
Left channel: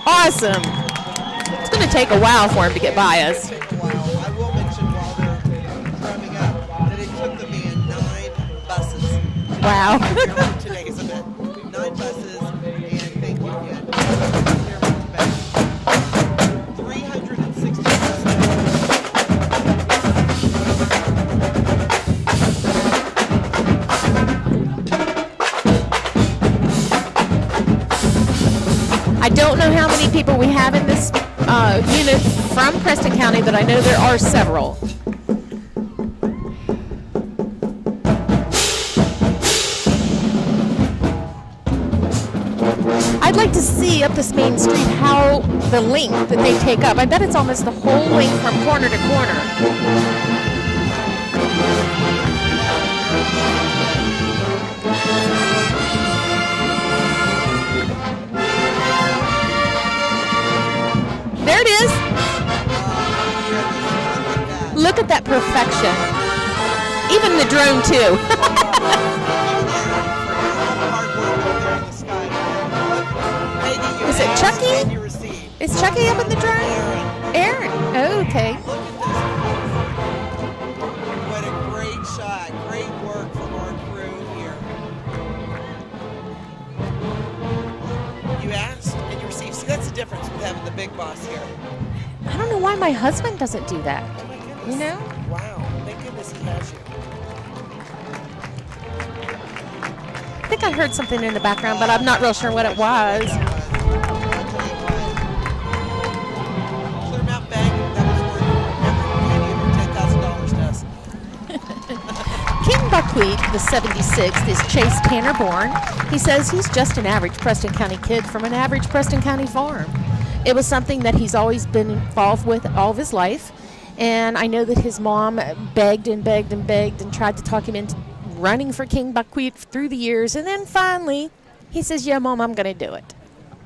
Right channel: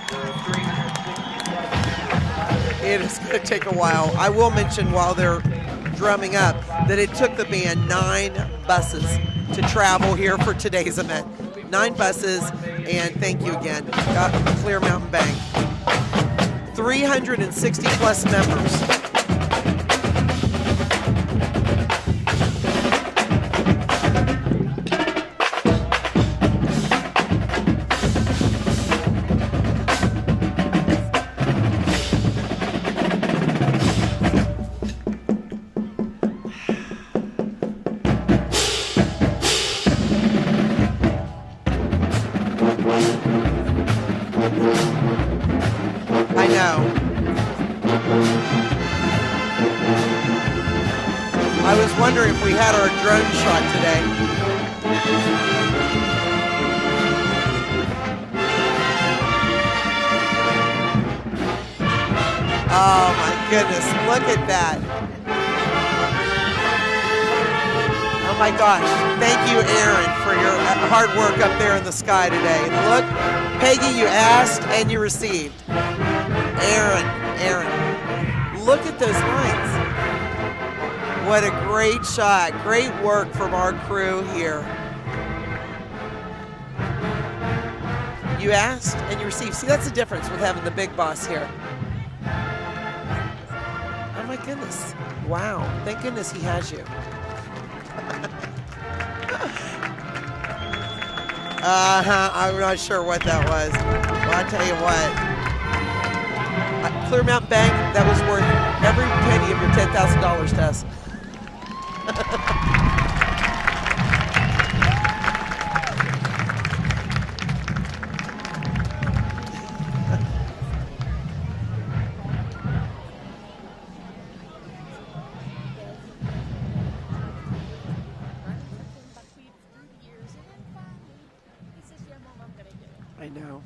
Awesome. It's going to take a while for him to get by us. It's going to take a while. I will mention while they're drumming up that it took the band 9 buses to travel here for today's event. 9 buses, and thank you again, Clear Mountain Bank. 360 plus members. I don't know how many people we have in this unit from Preston County, but I know there are several. I'd like to see up this main street how the length that they take up. I bet it's almost the whole length from corner to corner. I was wondering if we had our drone shot today. There it is. Oh my goodness, look at that. Look at that perfection. Even the drone too. Oh my gosh, thank you Aaron for your hard work up there in the sky today. Look, Peggy, you asked and you received. Is Chucky up in the drone? Aaron. Oh, okay. Look at those lights. What a great shot. Great work from our crew here. You asked and you received. See, that's the difference with having the big boss here. I don't know why my husband doesn't do that. Oh my goodness. You know? Wow. Thank goodness he has you. I think I heard something in the background, but I'm not real sure what it was. I'm not sure what that was. Well, I tell you what. Clear Mountain Bank, that was worth every penny of your $10,000 to us. King Buckwheat, the 76th, is Chase Tanner born. He says he's just an average Preston County kid from an average Preston County farm. It was something that he's always been involved with all of his life. And I know that his mom begged and begged and begged and tried to talk him into running for King Buckwheat through the years. And then finally, he says, yeah, Mom, I'm going to do it. I know.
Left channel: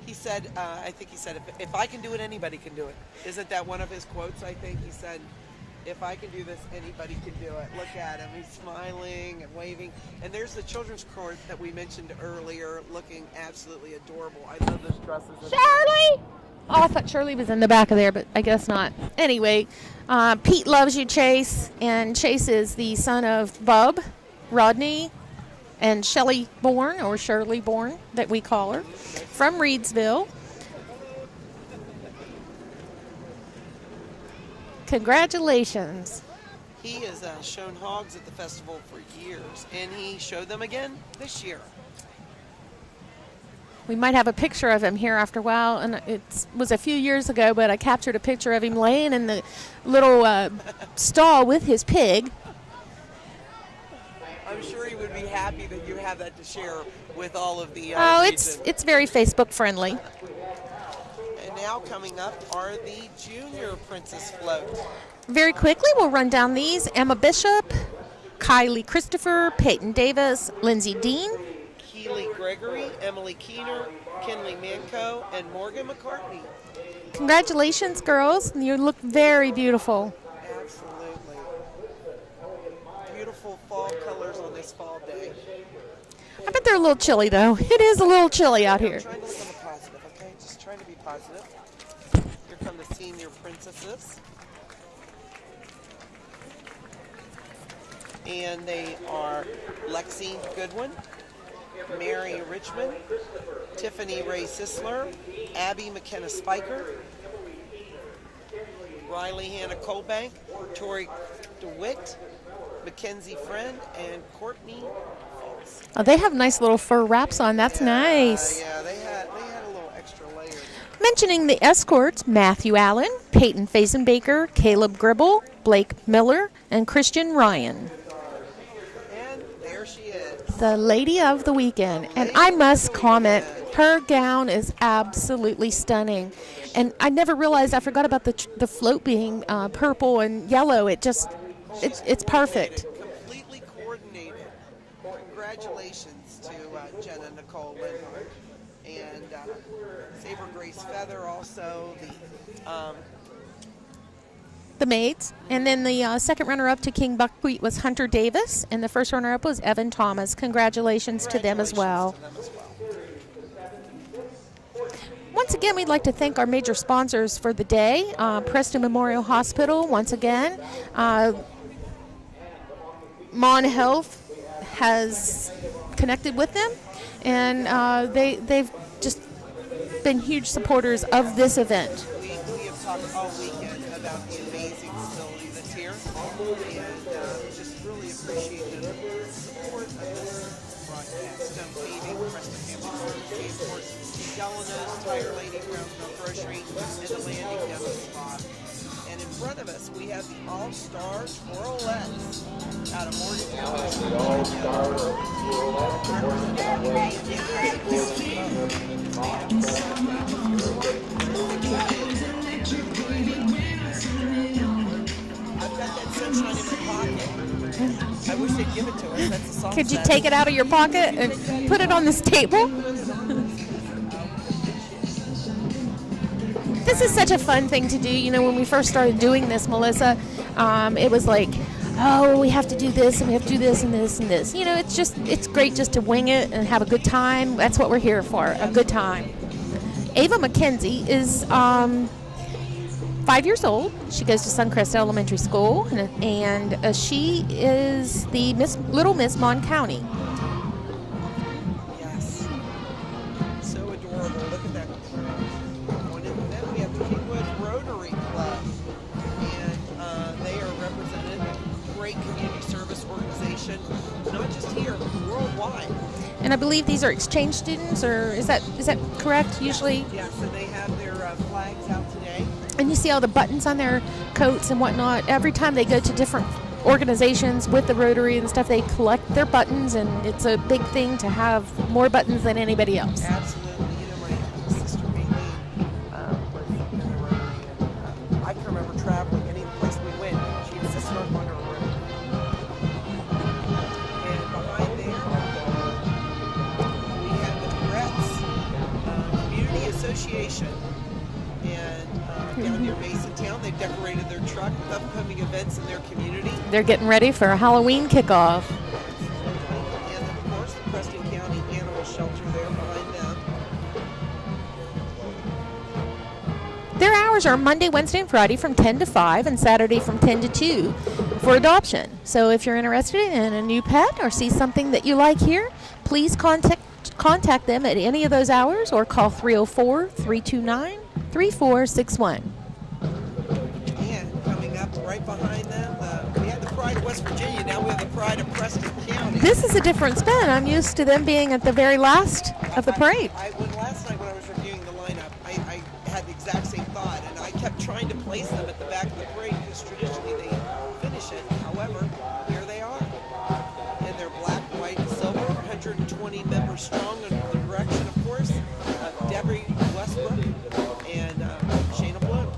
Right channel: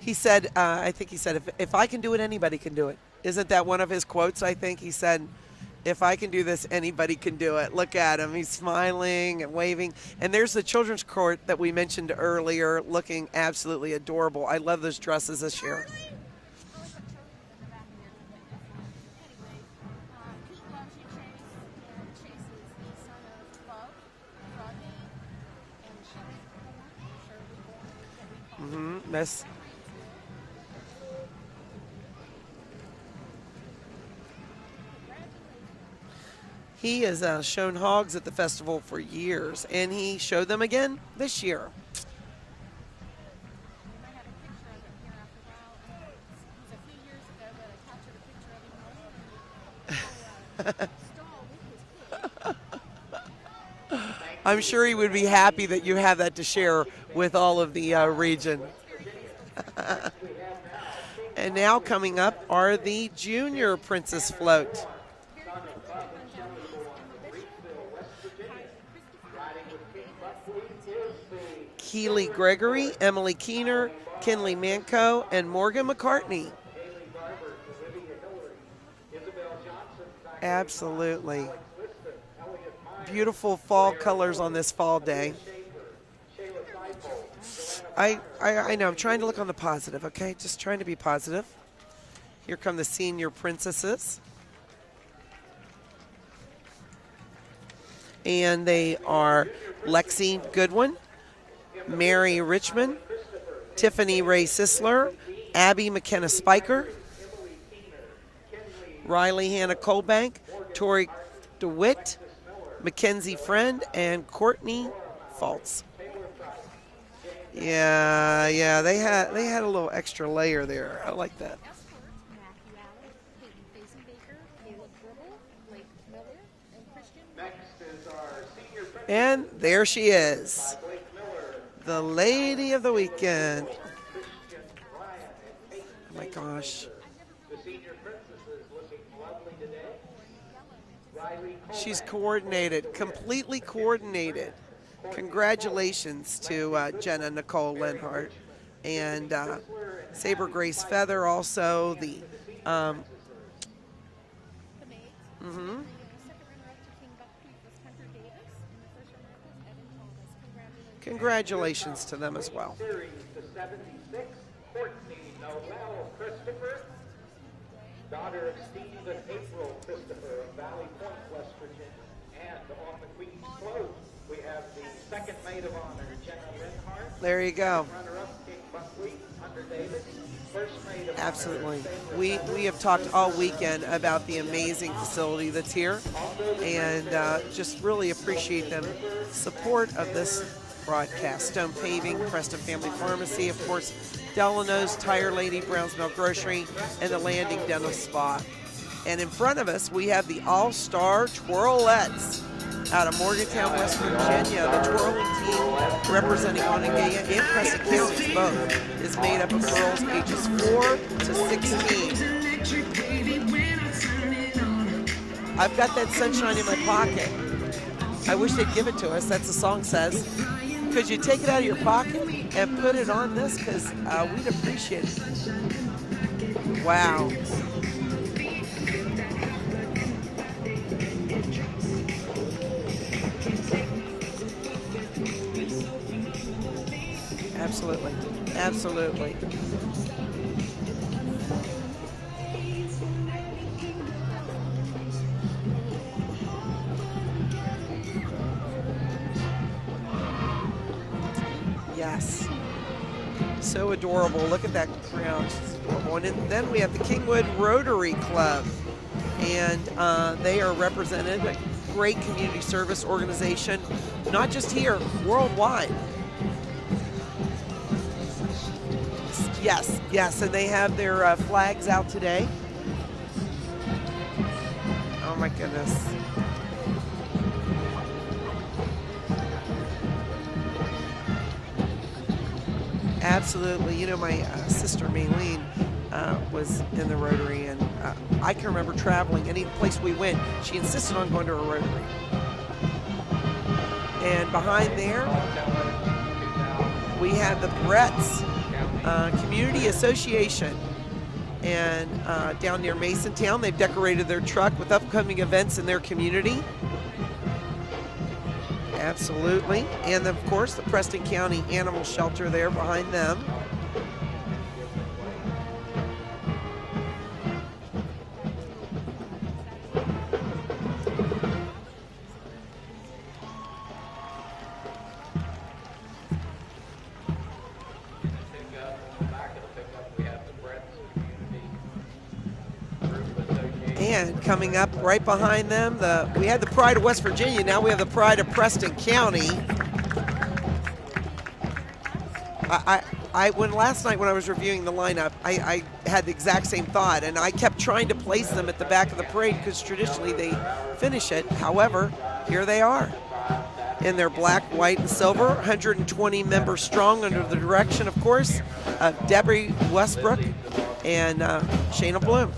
He said, I think he said, if I can do it, anybody can do it. Isn't that one of his quotes, I think? He said, if I can do this, anybody can do it. Look at him. He's smiling and waving. And there's the children's court that we mentioned earlier, looking absolutely adorable. I love those dresses this year. Charlie! Oh, I thought Shirley was in the back of there, but I guess not. Anyway, Pete loves you, Chase. And Chase is the son of Bub, Rodney, and Shelley Bourne, or Shirley Bourne, that we call her, from Reedsville. Congratulations. He has shown hogs at the festival for years, and he showed them again this year. We might have a picture of him here after a while, and it was a few years ago, but I captured a picture of him laying in the little stall with his pig. I'm sure he would be happy that you have that to share with all of the region. It's very Facebook friendly. And now coming up are the junior Princess Float. Very quickly, we'll run down these. Emma Bishop, Kylie Christopher, Peyton Davis, Lindsay Dean, Keely Gregory, Emily Keener, Kinley Manco, and Morgan McCartney. Congratulations, girls. You look very beautiful. Absolutely. Beautiful fall colors on this fall day. I bet they're a little chilly, though. It is a little chilly out here. I'm trying to look on the positive, okay? Just trying to be positive. Here come the senior princesses. And they are Lexi Goodwin, Mary Richmond, Tiffany Ray Sisler, Abby McKenna Spiker, Riley Hannah Colbank, Tori DeWitt, Mackenzie Friend, and Courtney Falls. Oh, they have nice little fur wraps on. That's nice. Yeah, they had a little extra layer there. Mentioning the escorts, Matthew Allen, Peyton Fazenbaker, Caleb Gribble, Blake Miller, and Christian Ryan. And there she is. The lady of the weekend. And I must comment, her gown is absolutely stunning. And I never realized, I forgot about the float being purple and yellow. It just, it's perfect. Completely coordinated. Congratulations to Jenna Nicole Lenhart and Saber Grace Feather, also the maids. And then the second runner-up to King Buckwheat was Hunter Davis, and the first runner-up was Evan Thomas. Congratulations to them as well. Once again, we'd like to thank our major sponsors for the day. Preston Memorial Hospital, once again. Mon Health has connected with them, and they've just been huge supporters of this event. We have talked all weekend about the amazing facility that's here, and just really appreciate the support of this broadcast. Stone Paving, Preston Family Pharmacy, of course, Delano's Tire Lady, Brownsville Grocery, and the Landing Dental Spa. And in front of us, we have the All-Star Twirlettes out of Morgantown, West Virginia. The twirling team representing Montague and Preston counties both is made up of girls ages 4 to 16. I've got that sunshine in my pocket. I wish they'd give it to us. That's the song. Could you take it out of your pocket and put it on this table? And put it on this, because we'd appreciate it. This is such a fun thing to do. You know, when we first started doing this, Melissa, it was like, oh, we have to do this, and we have to do this, and this, and this. You know, it's great just to wing it and have a good time. That's what we're here for, a good time. Ava McKenzie is 5 years old. She goes to Suncrest Elementary School, and she is the Little Miss Mon County. Yes. So So adorable. Look at that crown. And then we have the Kingwood Rotary Club. And they are represented, a great community service organization, not just here, worldwide. And I believe these are exchange students, or is that correct? Yes, Usually? yes, and they have their flags out today. And you see all the buttons on their coats and whatnot. Every time they go to different organizations with the Rotary and stuff, they collect their buttons, and it's a big thing to have more buttons than anybody else. Absolutely. You know, my sister Malisa was in the Rotary, and I can remember traveling any place we went. She insisted on going to a Rotary. And behind there, we have the Bretts Community Association. And down near Masontown, they've decorated their truck with upcoming events in their community. They're getting ready for a Halloween kickoff. Absolutely. And of course, the Preston County Animal Shelter there behind them. Their hours are Monday, Wednesday, and Friday from 10 to 5 and Saturday from 10 to 2 for adoption. So if you're interested in a new pet or see something that you like here, please contact them at any of those hours or call 304-329-3461. And coming up right behind them, we had the Pride of West Virginia. Now we have the Pride of Preston County. This is a different spin. I'm used to them being at the very last of the parade. Last night when I was reviewing the lineup, I had the exact same thought, and I kept trying to place them at the back of the parade because traditionally they finish it. However, here they are in their black, white, and silver, 120 members strong under the direction, of course, of Debbie Westbrook and Shayna Bloom.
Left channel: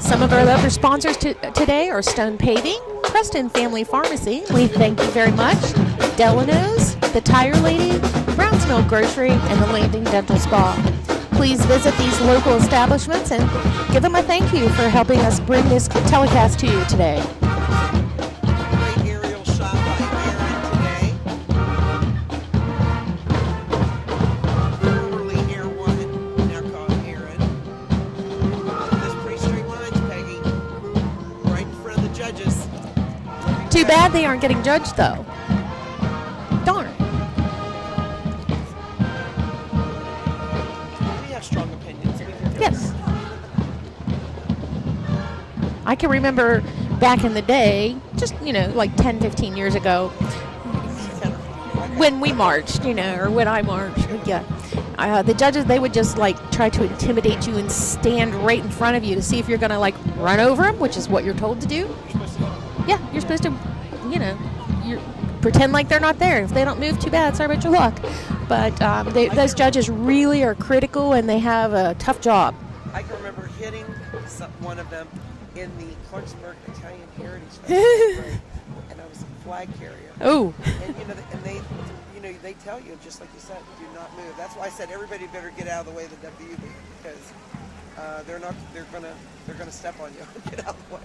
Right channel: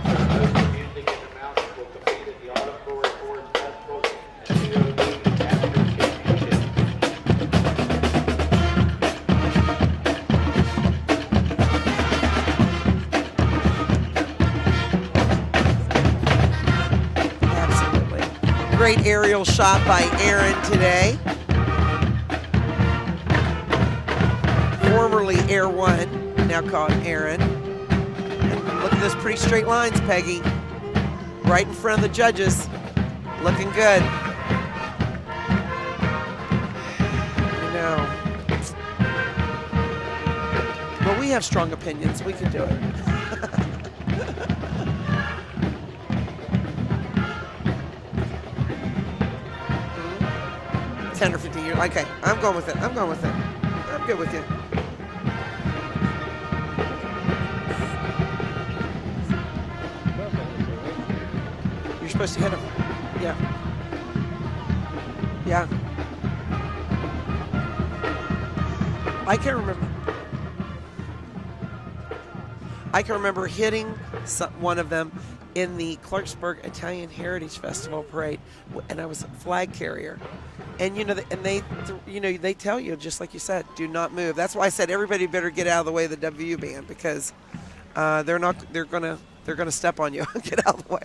Some of our other sponsors today are Stone Paving, Preston Family Pharmacy, we thank you very much, Delano's, the Tire Lady, Browns Mill Grocery, and the Landing Dental Spa. Please visit these local establishments and give them a thank you for helping us bring this telecast to you today. Absolutely. Great aerial shot by Aaron today. Formerly Air One, now called Aaron. Look at those pretty straight lines, Peggy. Right in front of the judges. Looking Too good. bad they aren't getting judged, though. Darn. No. Well, we have strong opinions. We can do it. I can remember back in the day, just, like 10, 15 years ago. 10 or 15 years. Okay. When we marched, or when I marched. Yeah. The judges, they would just try to intimidate you and stand right in front of you to see if you're going to run over them, which is what you're told to do. You're supposed to hit them. Yeah, you're supposed to, pretend like they're not there. If they don't move, too bad. Sorry about your luck. But those judges really are critical, and they have a tough job. I can remember hitting one of them in the Clarksburg Italian Heritage Festival parade, and I was a flag carrier. Oh. And they tell you, just like you said, do not move. That's why I said everybody better get out of the way of the WU band, because they're gonna step on you. Get out of the way.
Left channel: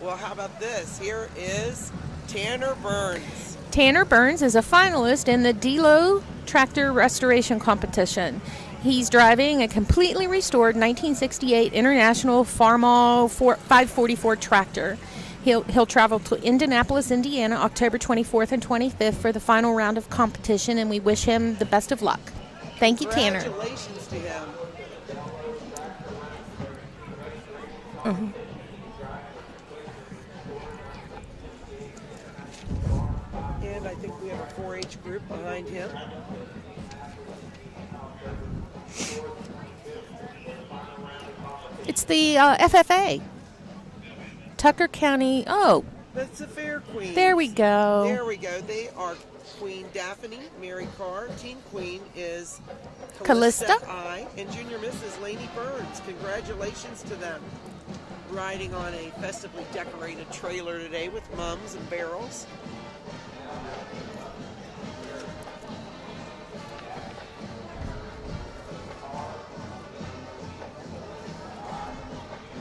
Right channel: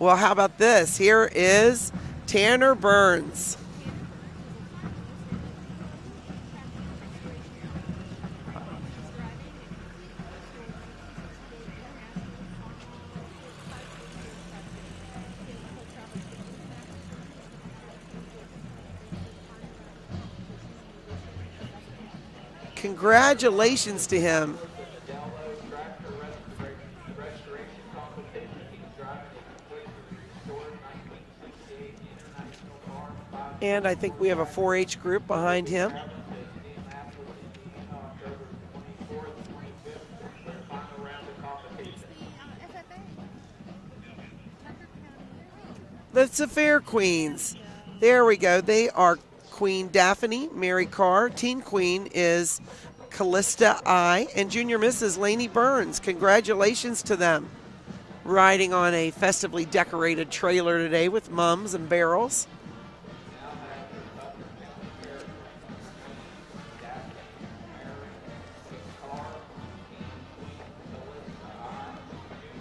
Well, how about this? Here is Tanner Burns. Tanner Burns is a finalist in the DELO Tractor Restoration Competition. He's driving a completely restored 1968 International Farmall 544 tractor. He'll travel to Indianapolis, Indiana, October 24th and 25th for the final round of competition, and we wish him the best of luck. Thank you, Tanner. Congratulations to him. Mm-hmm. And I think we have a 4-H group behind him. It's the FFA. Tucker County. Oh. That's the Fair Queens. There we go. There we go. They are Queen Daphne, Mary Carr. Teen Queen is Callista I. And Junior Mrs. Lainey Burns. Congratulations to them. Riding on a festively decorated trailer today with mums and barrels.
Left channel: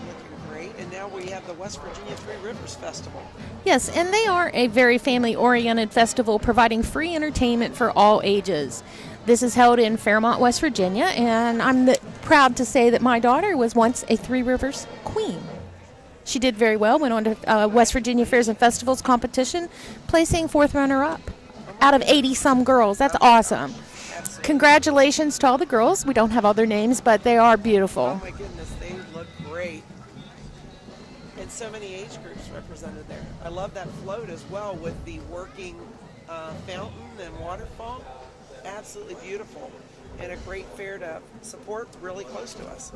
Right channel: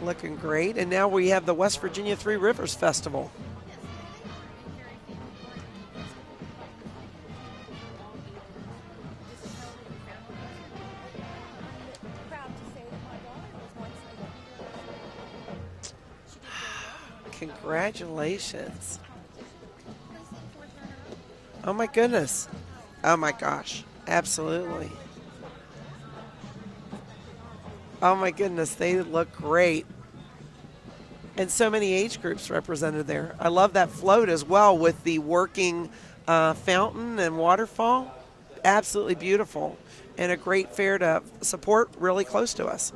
Looking great. And now we have the West Virginia Three Rivers Festival. Yes, and they are a very family-oriented festival providing free entertainment for all ages. This is held in Fairmont, West Virginia, and I'm proud to say that my daughter was once a Three Rivers queen. She did very well, went on to West Virginia Fairs and Festivals competition, placing 4th runner-up out of 80-some girls. That's awesome. Gosh. Absolutely. Congratulations to all the girls. We don't have all their names, but they are beautiful. Oh my goodness, they look great. And so many age groups represented there. I love that float as well with the working fountain and waterfall. Absolutely beautiful. And a great fair to support really close to us.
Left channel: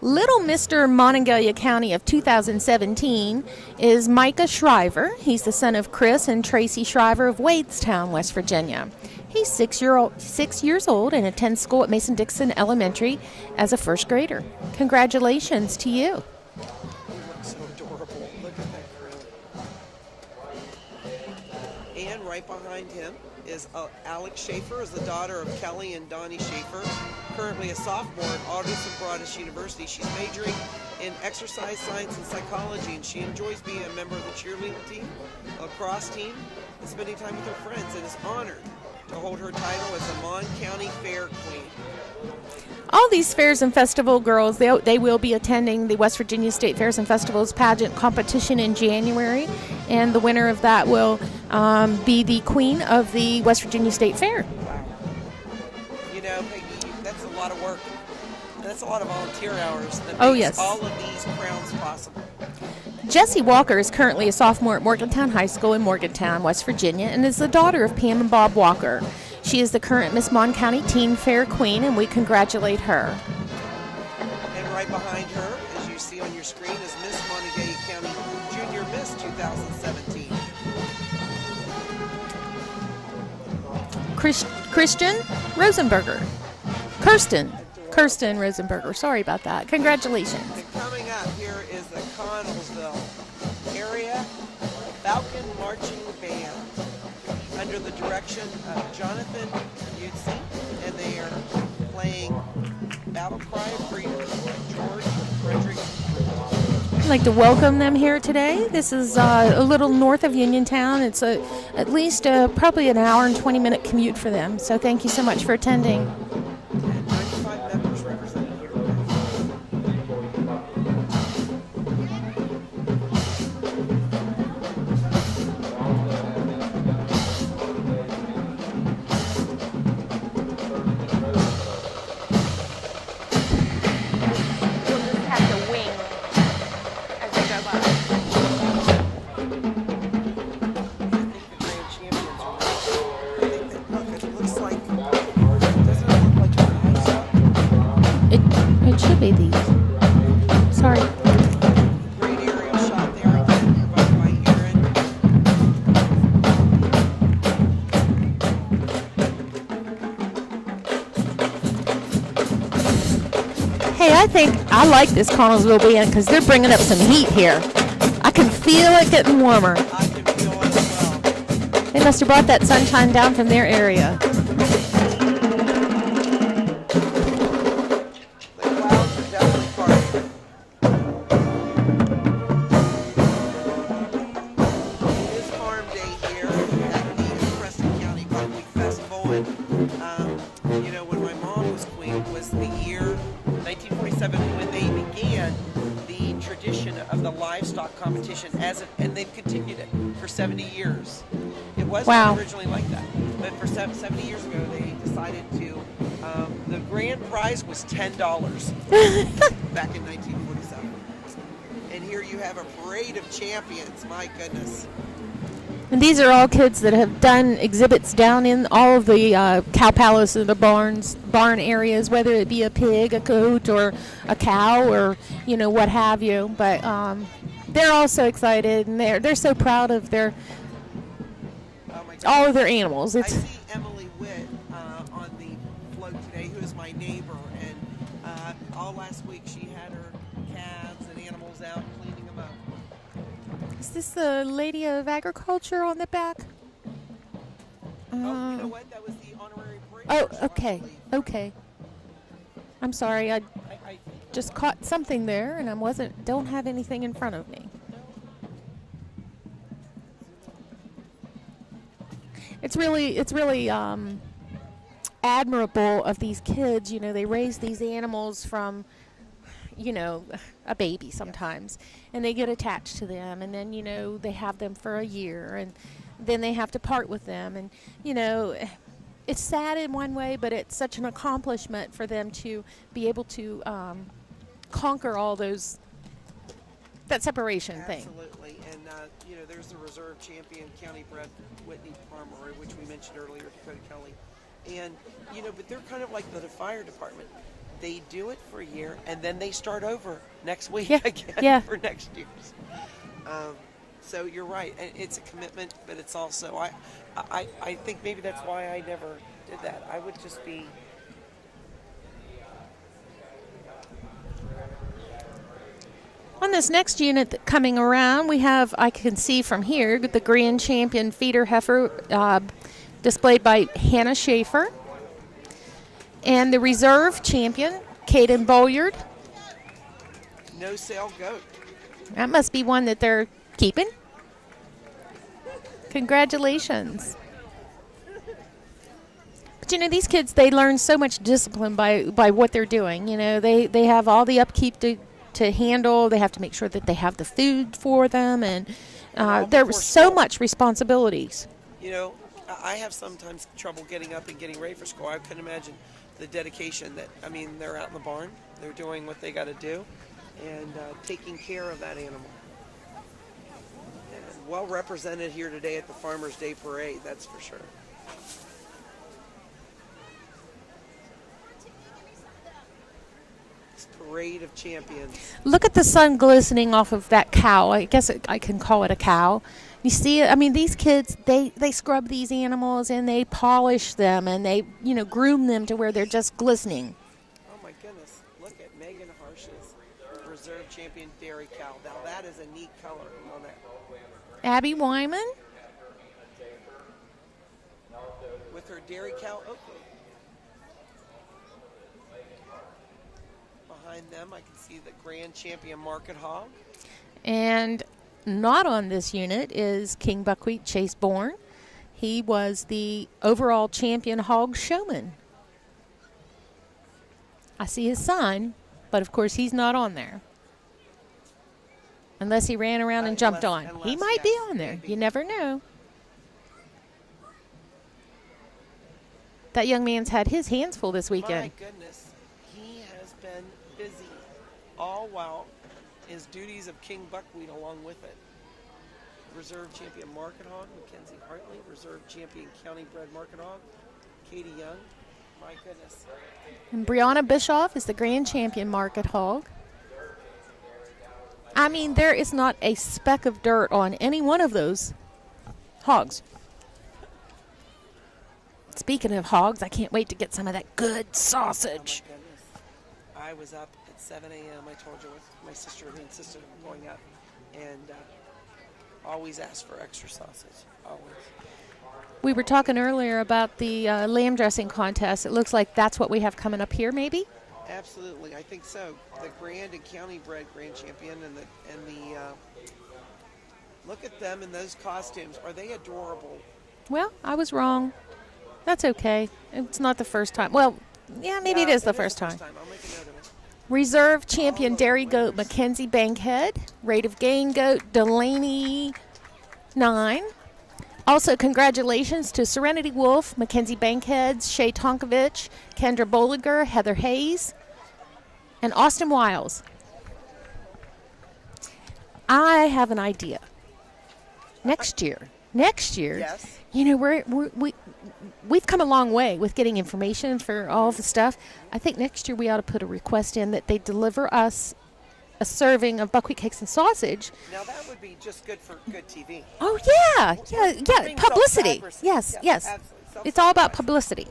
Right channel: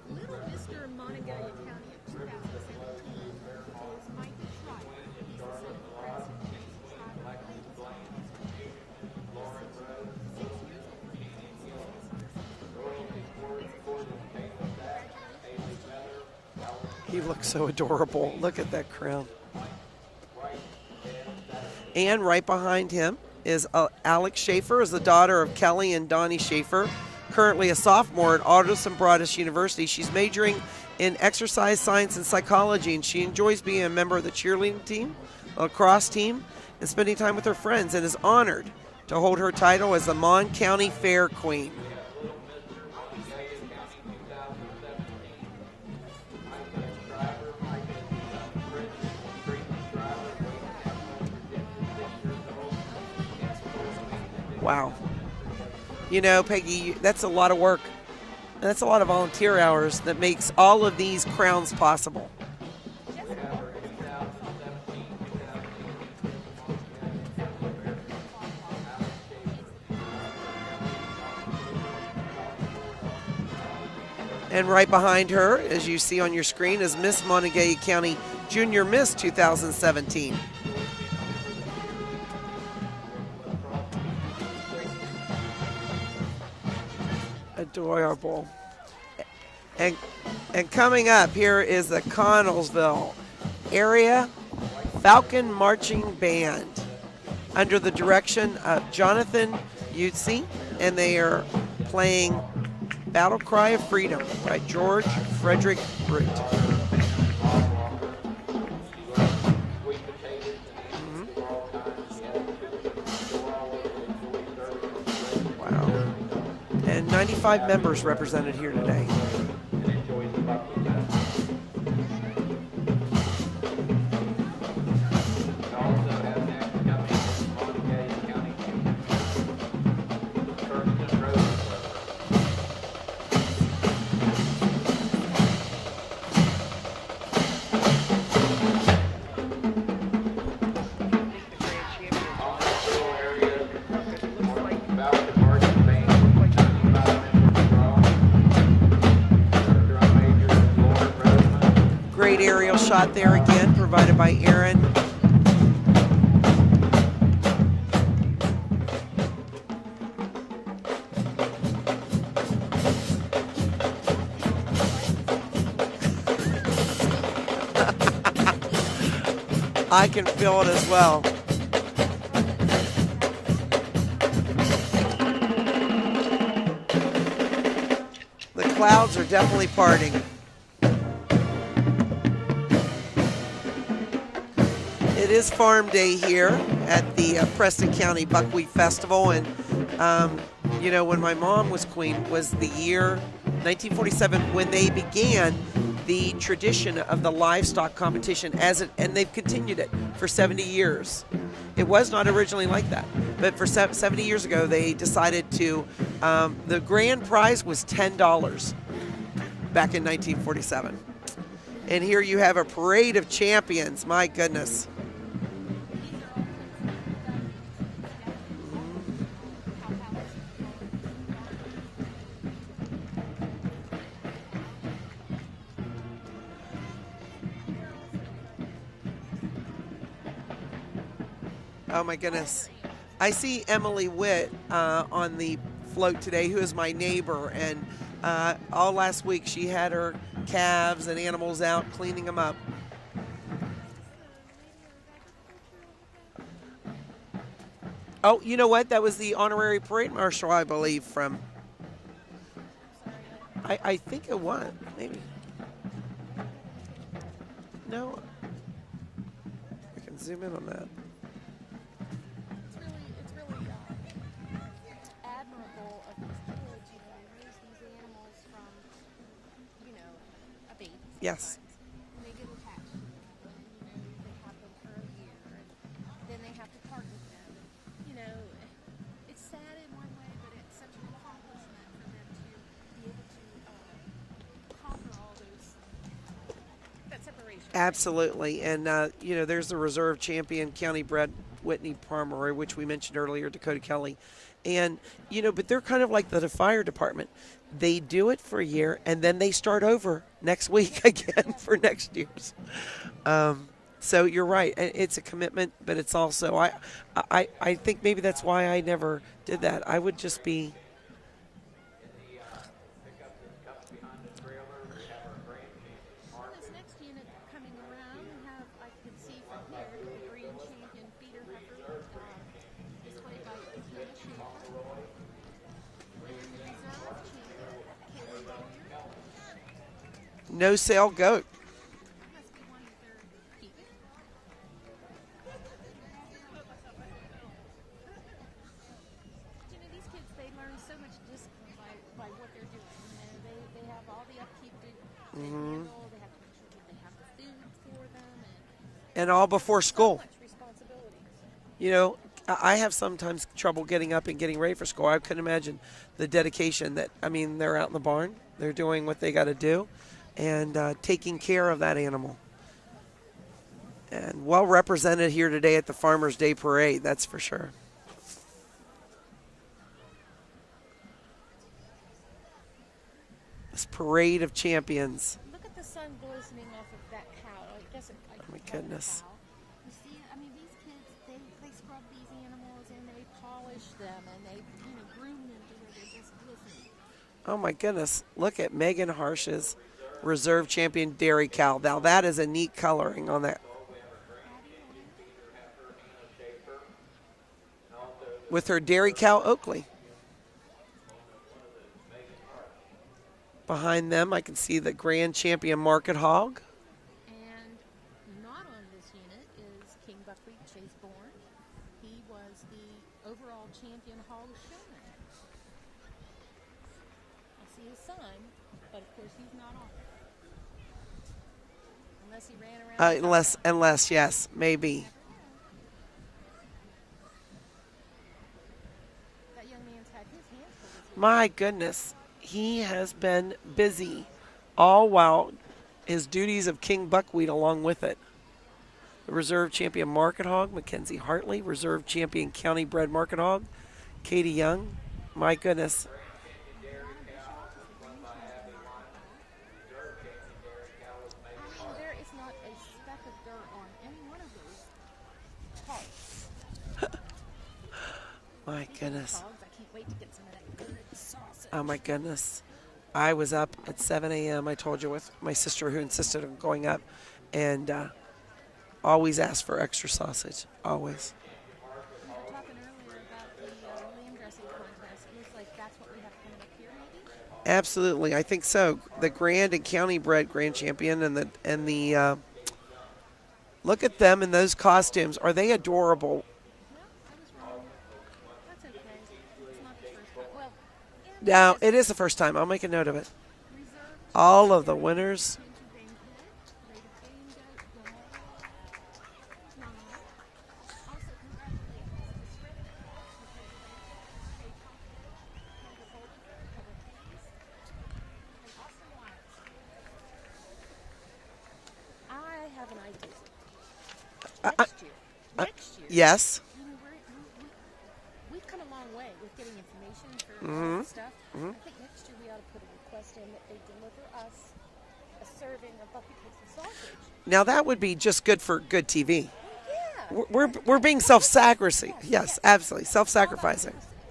Little Mr. Monongalia County of 2017 is Micah Shriver. He's the son of Chris and Tracy Shriver of Wadestown, West Virginia. He's 6 years old and attends school at Mason-Dixon Elementary as a first grader. Congratulations to you. You look so adorable. Look at that crown. And right behind him is Alex Schaefer, is the daughter of Kelly and Donnie Schaefer, currently a sophomore at Aldous and Broadus University. She's majoring in exercise science and psychology, and she enjoys being a member of the cheerleading team, lacrosse team, and spending time with her friends, and is honored to hold her title as the Mon County Fair Queen. All these fairs and festival girls, they will be attending the West Virginia State Fairs and Festivals pageant competition in January, and the winner of that will be the queen of the West Virginia State Fair. Wow. You know, Peggy, that's a lot of work. And that's a lot of volunteer hours that makes all of these crowns possible. Jessie Walker is currently a sophomore at Morgantown High School in Morgantown, West Virginia, and is the daughter of Pam and Bob Walker. She is the current Miss Mon County Teen Fair Queen, and we congratulate her. And right behind her, as you see on your screen, is Miss Monongalia County Junior Miss 2017. Christian Rosenberger. Kirsten Adorable. Rosenberger. Sorry about that. Congratulations. And coming up here is the Connellsville Area Falcon Marching Band under the direction of Jonathan Utsi, and they are playing Battle Cry of Freedom by George Frederick Root. I'd like to welcome them here today. This is a little north of Uniontown. It's at least probably an hour and 20-minute commute for them. So thank you so much for attending. And 95 members represented here today. I like this Connellsville band because they're bringing up some heat here. I can feel it getting warmer. I can feel it as well. They must have brought that sunshine down from their area. The clouds are definitely partying. It is Farm Day here at the Preston County Buckwheat Festival, and you know, when my mom was queen was the year 1947 when they began the tradition of the livestock competition and they've continued it for 70 years. It was not originally like that, but for 70 years ago they decided to, the grand prize was $10 back in 1947. And here you have a parade of champions, my goodness. And these are all kids that have done exhibits down in all of the cow palace or the barn areas, whether it be a pig, a goat, or a cow, or you know what have you. But they're all so excited, and they're so proud of their all of their animals. I see Emily Witt on the float today, who is my neighbor, and all last week she had her calves and animals out cleaning them up. Is this the Lady of Agriculture on the back? Oh, you know what? That was the honorary parade marshal, I believe. Okay. I'm sorry. I think it just was. caught something there, and I don't have anything in front of me. No. I can zoom in on that. It's really admirable of these kids. You know, they raise these animals from, you know, a baby sometimes, and they get attached to them, and then, you know, they have them for a year, and then they have to part with them, and, you know, it's sad in one way, but it's such an accomplishment for them to be able to conquer all that separation thing. Absolutely. And, you know, there's the reserve champion county bred Whitney Pomeroy, which we mentioned earlier, Dakota Kelly. And, you know, but they're kind of like the fire department. They do it for a year, and then they start over next week again for next year's. So you're right. It's a commitment, but it's also, I think maybe that's why I never did that. I would just be. On this next unit coming around, we have, I can see from here, the grand champion feeder heifer displayed by Hannah Schaefer. And the reserve champion, Caden Bolyard. No sale goat. That must be one that they're keeping. Congratulations. But, you know, these kids, they learn so much discipline by what they're doing. You know, they have all the upkeep to handle. They have to make sure that they have the food for them. And there's so much responsibilities. You know, I have sometimes trouble getting up and getting ready for school. I couldn't imagine the dedication that, I mean, they're out in the barn. They're doing what they got to do and taking care of that animal. And well represented here today at the Farmers Day Parade, that's for sure. This parade of champions. Look at the sun glistening off of that cow. I guess I can call it a cow. You see it? I mean, these kids, they scrub these animals and they polish them and they, you know, groom them to where they're just glistening. Oh, my goodness. Look at Megan Harsh's reserve champion dairy cow. Now, that is a neat coloring on that. Abby Wyman. With her dairy cow Oakley. Behind them, I can see the grand champion Market Hog. And not on this unit is King Buckwheat Chase Bourne. He was the overall champion hog showman. I see his son, but of course he's not on there. Unless he ran around and jumped on. Unless, he might yes, be on there. maybe. You never know. That young man's had his hands full this weekend. My goodness. He has been busy, all while his duties of King Buckwheat along with it. The reserve champion Market Hog, Mackenzie Hartley, reserve champion county bred Market Hog, Katie Young. My goodness. And Brianna Bischoff is the grand champion Market Hog. I mean, there is not a speck of dirt on any one of those hogs. Speaking of hogs, I can't wait to get some of that good sausage. Oh, my goodness. I was up at 7 a.m., I told you, with my sister who insisted on going up, and always asked for extra sausage, always. We were talking earlier about the lamb dressing contest. It looks like that's what we have coming up here, maybe? Absolutely, I think so. The grand and county bred grand champion and the look at them in those costumes. Are they adorable? Well, I was wrong. That's okay. It's not the first time. Well, yeah, maybe yeah, it is the first time. It is the first time. I'll make a note of it. Reserve champion dairy goat Mackenzie Bankhead. Rate of gain goat Delaney 9. Also, congratulations to Serenity Wolf, Mackenzie Bankhead, Shay Tonkovich, Kendra Bolliger, Heather Hayes, and Austin Wiles. I have an idea. Next year. Yes. You know, we've come a long way with getting information for all the stuff. I think next year we ought to put a request in that they deliver us a serving of buckwheat cakes and sausage. Now that would be just good for good TV. Oh yeah, we're being self-sacrificing. Yes, absolutely. Self-sacrificing. It's all about publicity.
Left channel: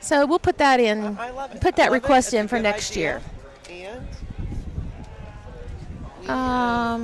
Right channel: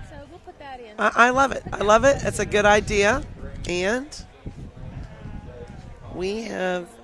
So we'll put that in. I love it. Put that I love request it. It's in a good next idea. Year. And we have.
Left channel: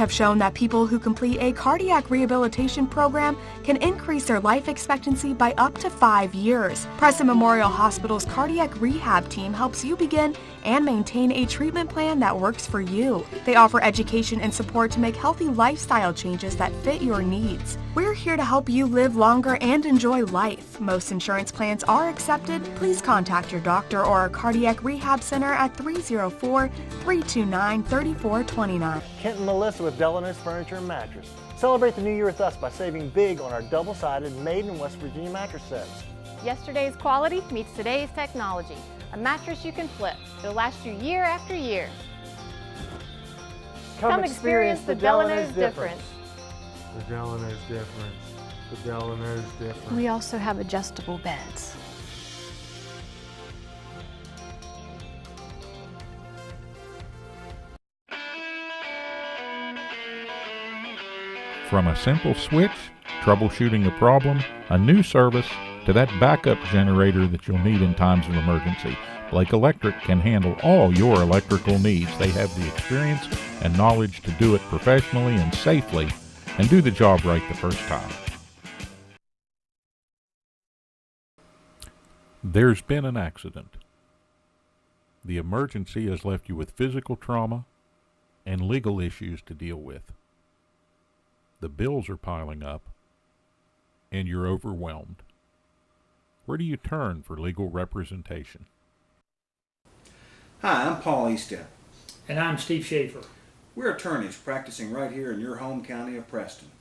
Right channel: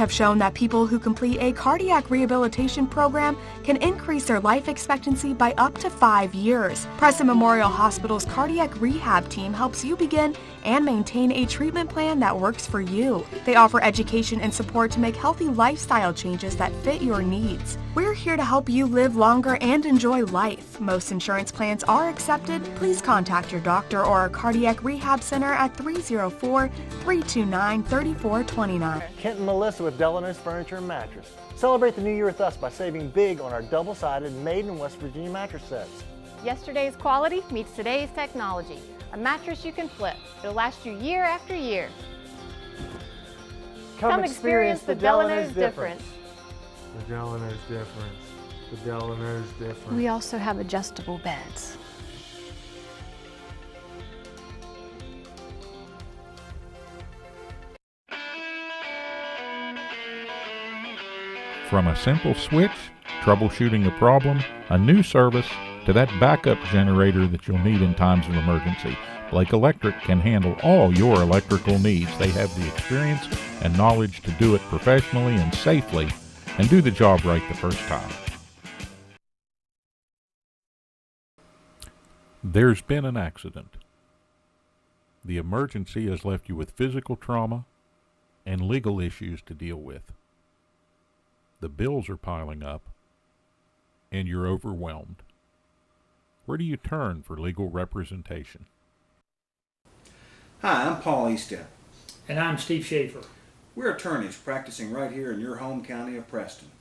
have shown that people who complete a cardiac rehabilitation program can increase their life expectancy by up to 5 years. Preston Memorial Hospital's cardiac rehab team helps you begin and maintain a treatment plan that works for you. They offer education and support to make healthy lifestyle changes that fit your needs. We're here to help you live longer and enjoy life. Most insurance plans are accepted. Please contact your doctor or our cardiac rehab center at 304-329-3429. Kent and Malisa with Delano's Furniture and Mattress. Celebrate the new year with us by saving big on our double-sided made in West Virginia mattress sets. Yesterday's quality meets today's technology. A mattress you can flip. It'll last you year after year. Come experience the Delano's difference. The Delano's difference. The Delano's difference. We also have adjustable beds. From a simple switch, troubleshooting a problem, a new service, to that backup generator that you'll need in times of emergency, Blake Electric can handle all your electrical needs. They have the experience and knowledge to do it professionally and safely and do the job right the first time. There's been an accident. The emergency has left you with physical trauma and legal issues to deal with. The bills are piling up and you're overwhelmed. Where do you turn for legal representation? Hi, I'm Paul Estep. And I'm Steve Schaefer. We're attorneys practicing right here in your home county of Preston.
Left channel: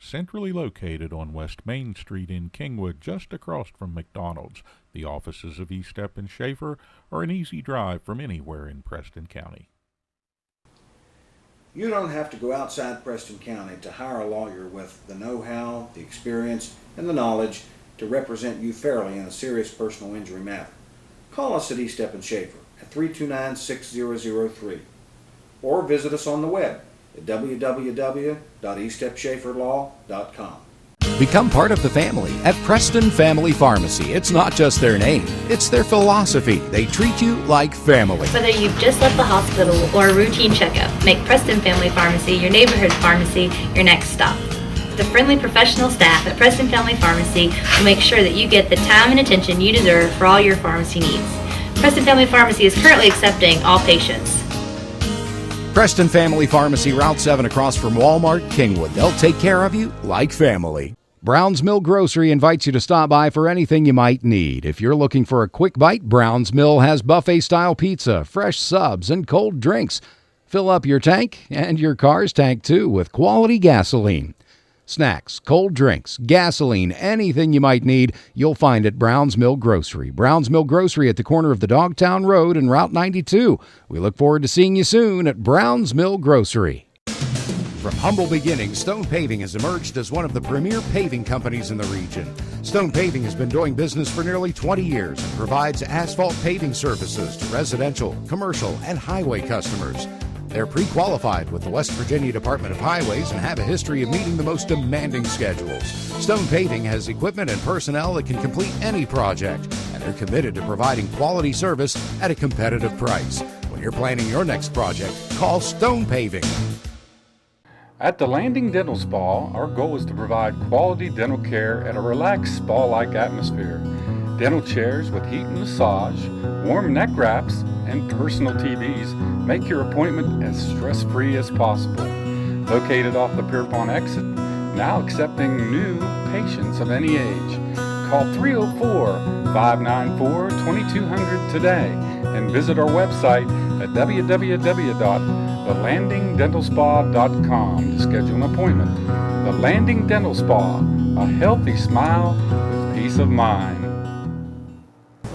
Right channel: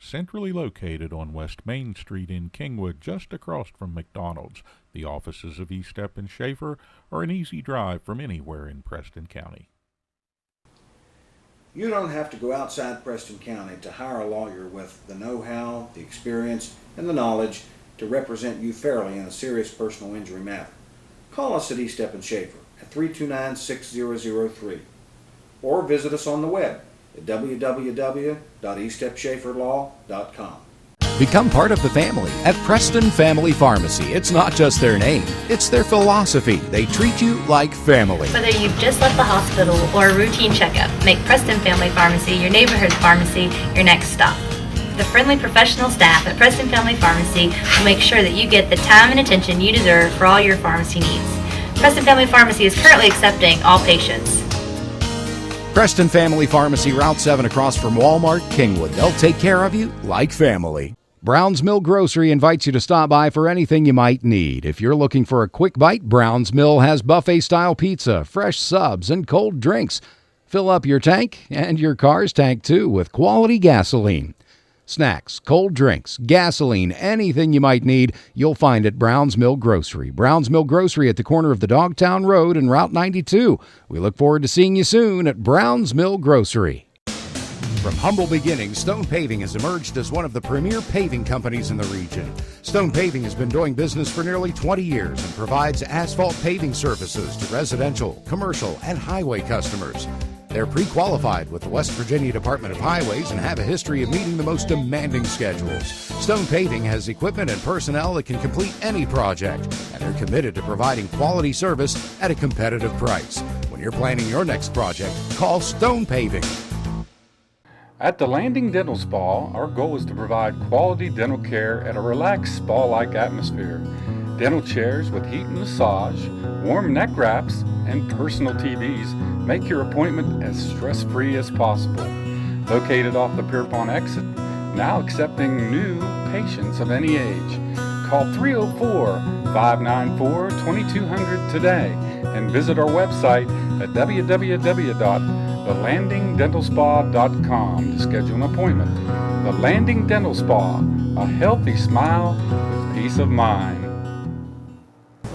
Centrally located on West Main Street in Kingwood, just across from McDonald's, the offices of Estep and Schaefer are an easy drive from anywhere in Preston County. You don't have to go outside Preston County to hire a lawyer with the know-how, the experience, and the knowledge to represent you fairly in a serious personal injury matter. Call us at Estep and Schaefer at 329-6003 or visit us on the web at www.estepschaeferlaw.com. Become part of the family at Preston Family Pharmacy. It's not just their name, it's their philosophy. They treat you like family. Whether you've just left the hospital or a routine checkup, make Preston Family Pharmacy your neighborhood pharmacy your next stop. The friendly professional staff at Preston Family Pharmacy will make sure that you get the time and attention you deserve for all your pharmacy needs. Preston Family Pharmacy is currently accepting all patients. Preston Family Pharmacy, Route 7 across from Walmart, Kingwood. They'll take care of you like family. Brown's Mill Grocery invites you to stop by for anything you might need. If you're looking for a quick bite, Brown's Mill has buffet-style pizza, fresh subs, and cold drinks. Fill up your tank and your car's tank, too, with quality gasoline. Snacks, cold drinks, gasoline, anything you might need, you'll find at Brown's Mill Grocery. Brown's Mill Grocery at the corner of the Dogtown Road and Route 92. We look forward to seeing you soon at Brown's Mill Grocery. From humble beginnings, Stone Paving has emerged as one of the premier paving companies in the region. Stone Paving has been doing business for nearly 20 years and provides asphalt paving services to residential, commercial, and highway customers. They're pre-qualified with the West Virginia Department of Highways and have a history of meeting the most demanding schedules. Stone Paving has equipment and personnel that can complete any project, and they're committed to providing quality service at a competitive price. When you're planning your next project, call Stone Paving. At the Landing Dental Spa, our goal is to provide quality dental care at a relaxed spa-like atmosphere. Dental chairs with heat and massage, warm neck wraps, and personal TVs make your appointment as stress-free as possible. Located off the Pierpont exit, now accepting new patients of any age. Call 304-594-2200 today and visit our website at www.thelandingdentalspa.com to schedule an appointment. The Landing Dental Spa, a healthy smile with peace of mind.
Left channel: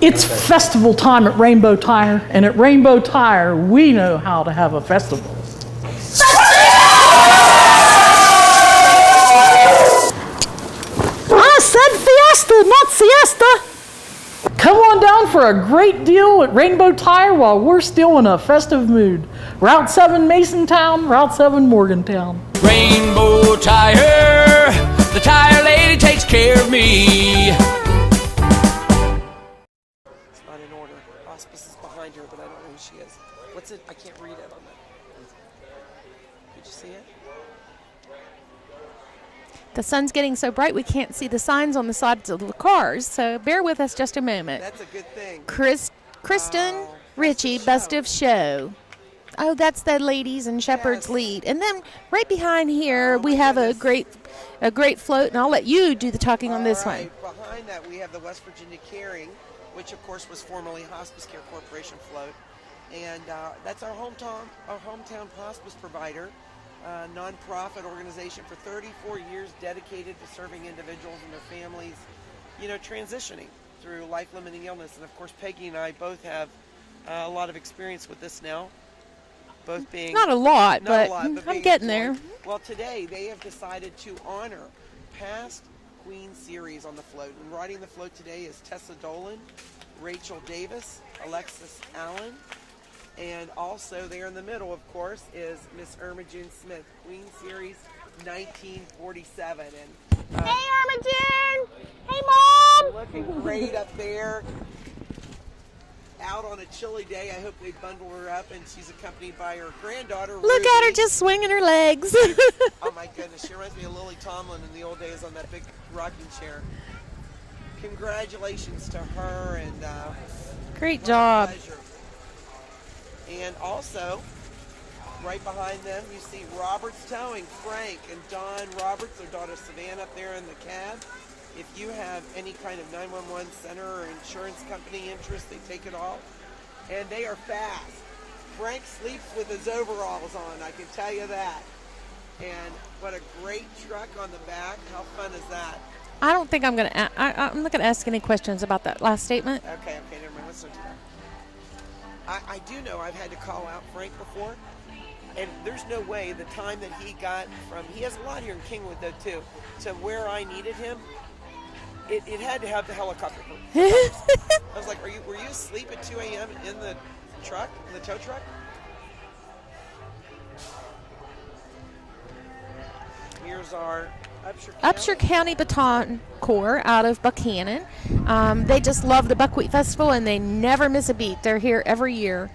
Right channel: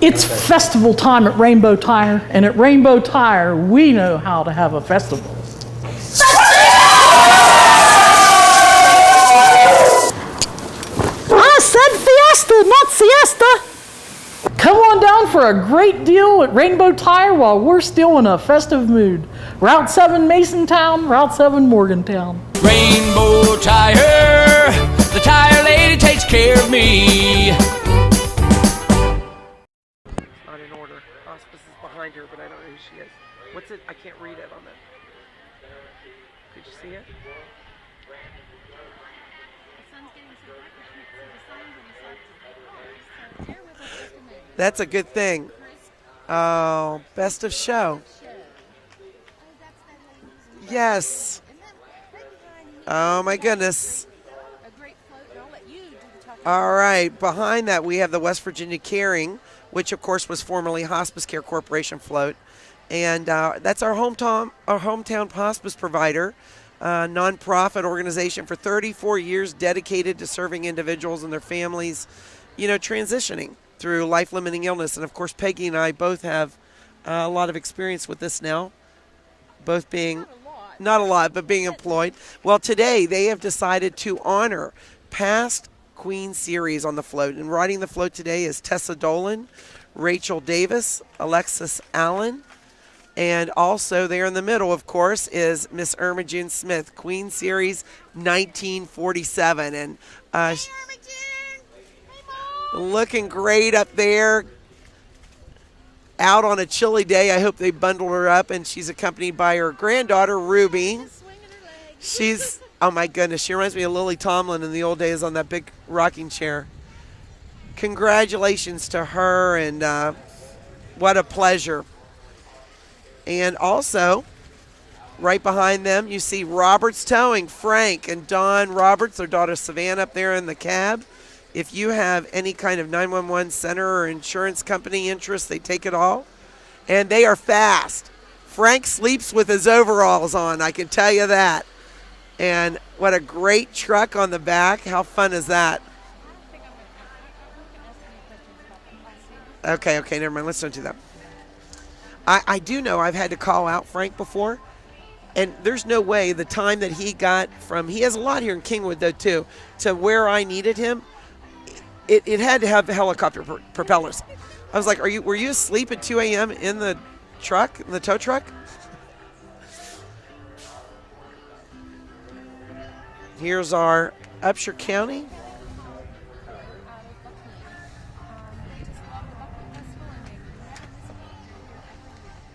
It's festival time at Rainbow Tire, and at Rainbow Tire, we know how to have a festival. I said fiesta, not siesta. Come on down for a great deal at Rainbow Tire while we're still in a festive mood. Route 7 Masontown, Route 7 Morgantown. Rainbow Tire, the tire lady takes care of me. Hospice is behind her, but I don't know who she is. What's it? I can't read it on it. you see it? The sun's getting so bright we can't see the signs on the sides of the cars, so bear with us just a moment. That's a good thing. Kristen, Best of Richie, Show. Best of Show. Oh, that's the ladies and Shepherd's Yes. lead. And then right behind here, Oh, we my have goodness. a great float, and I'll let you do the talking on All this right, behind that we have the West Virginia Caring, which of course was formerly Hospice Care Corporation float, and that's our hometown hospice provider, nonprofit organization for 34 years, dedicated to serving individuals and their families, transitioning through life-limiting illness. And of course, Peggy and I both have a lot of experience with this now. Both being Not a lot, but being getting employed. there. Well, today they have decided to honor past Queen Series on the float, and riding the float today is Tessa Dolan, Rachel Davis, Alexis Allen, and also there in the middle, of course, is Miss Irma June Smith, Queen Series 1947, and Hey, Irma June! Hey, Mom! looking great up there. Out on a chilly day. I hope they bundled her up, and she's accompanied by her granddaughter, Ruby. Look at her just swinging her legs. She's, oh my goodness, she reminds me of Lily Tomlin in the old days on that big rocking chair. Congratulations to her, and Great what job. a pleasure. And also, right behind them, you see Roberts Towing, Frank and Dawn Roberts, their daughter Savannah up there in the cab. If you have any kind of 911 center or insurance company interest, they take it all. And they are fast. Frank sleeps with his overalls on, I can tell you that. And what a great truck on the back. How fun is that? I don't think I'm going to I'm not going to ask any questions about that last statement. Okay, never mind. Let's don't do that. I do know I've had to call out Frank before. And there's no way the time that he got from, he has a lot here in Kingwood though too, to where I needed him. It had to have the helicopter propellers. I was like, were you asleep at 2 a.m. in the truck, in the tow truck? Here's our Upshur County Baton Corps out of Buchanan. They just love the Buckwheat Festival, and they never miss a beat. They're here every year.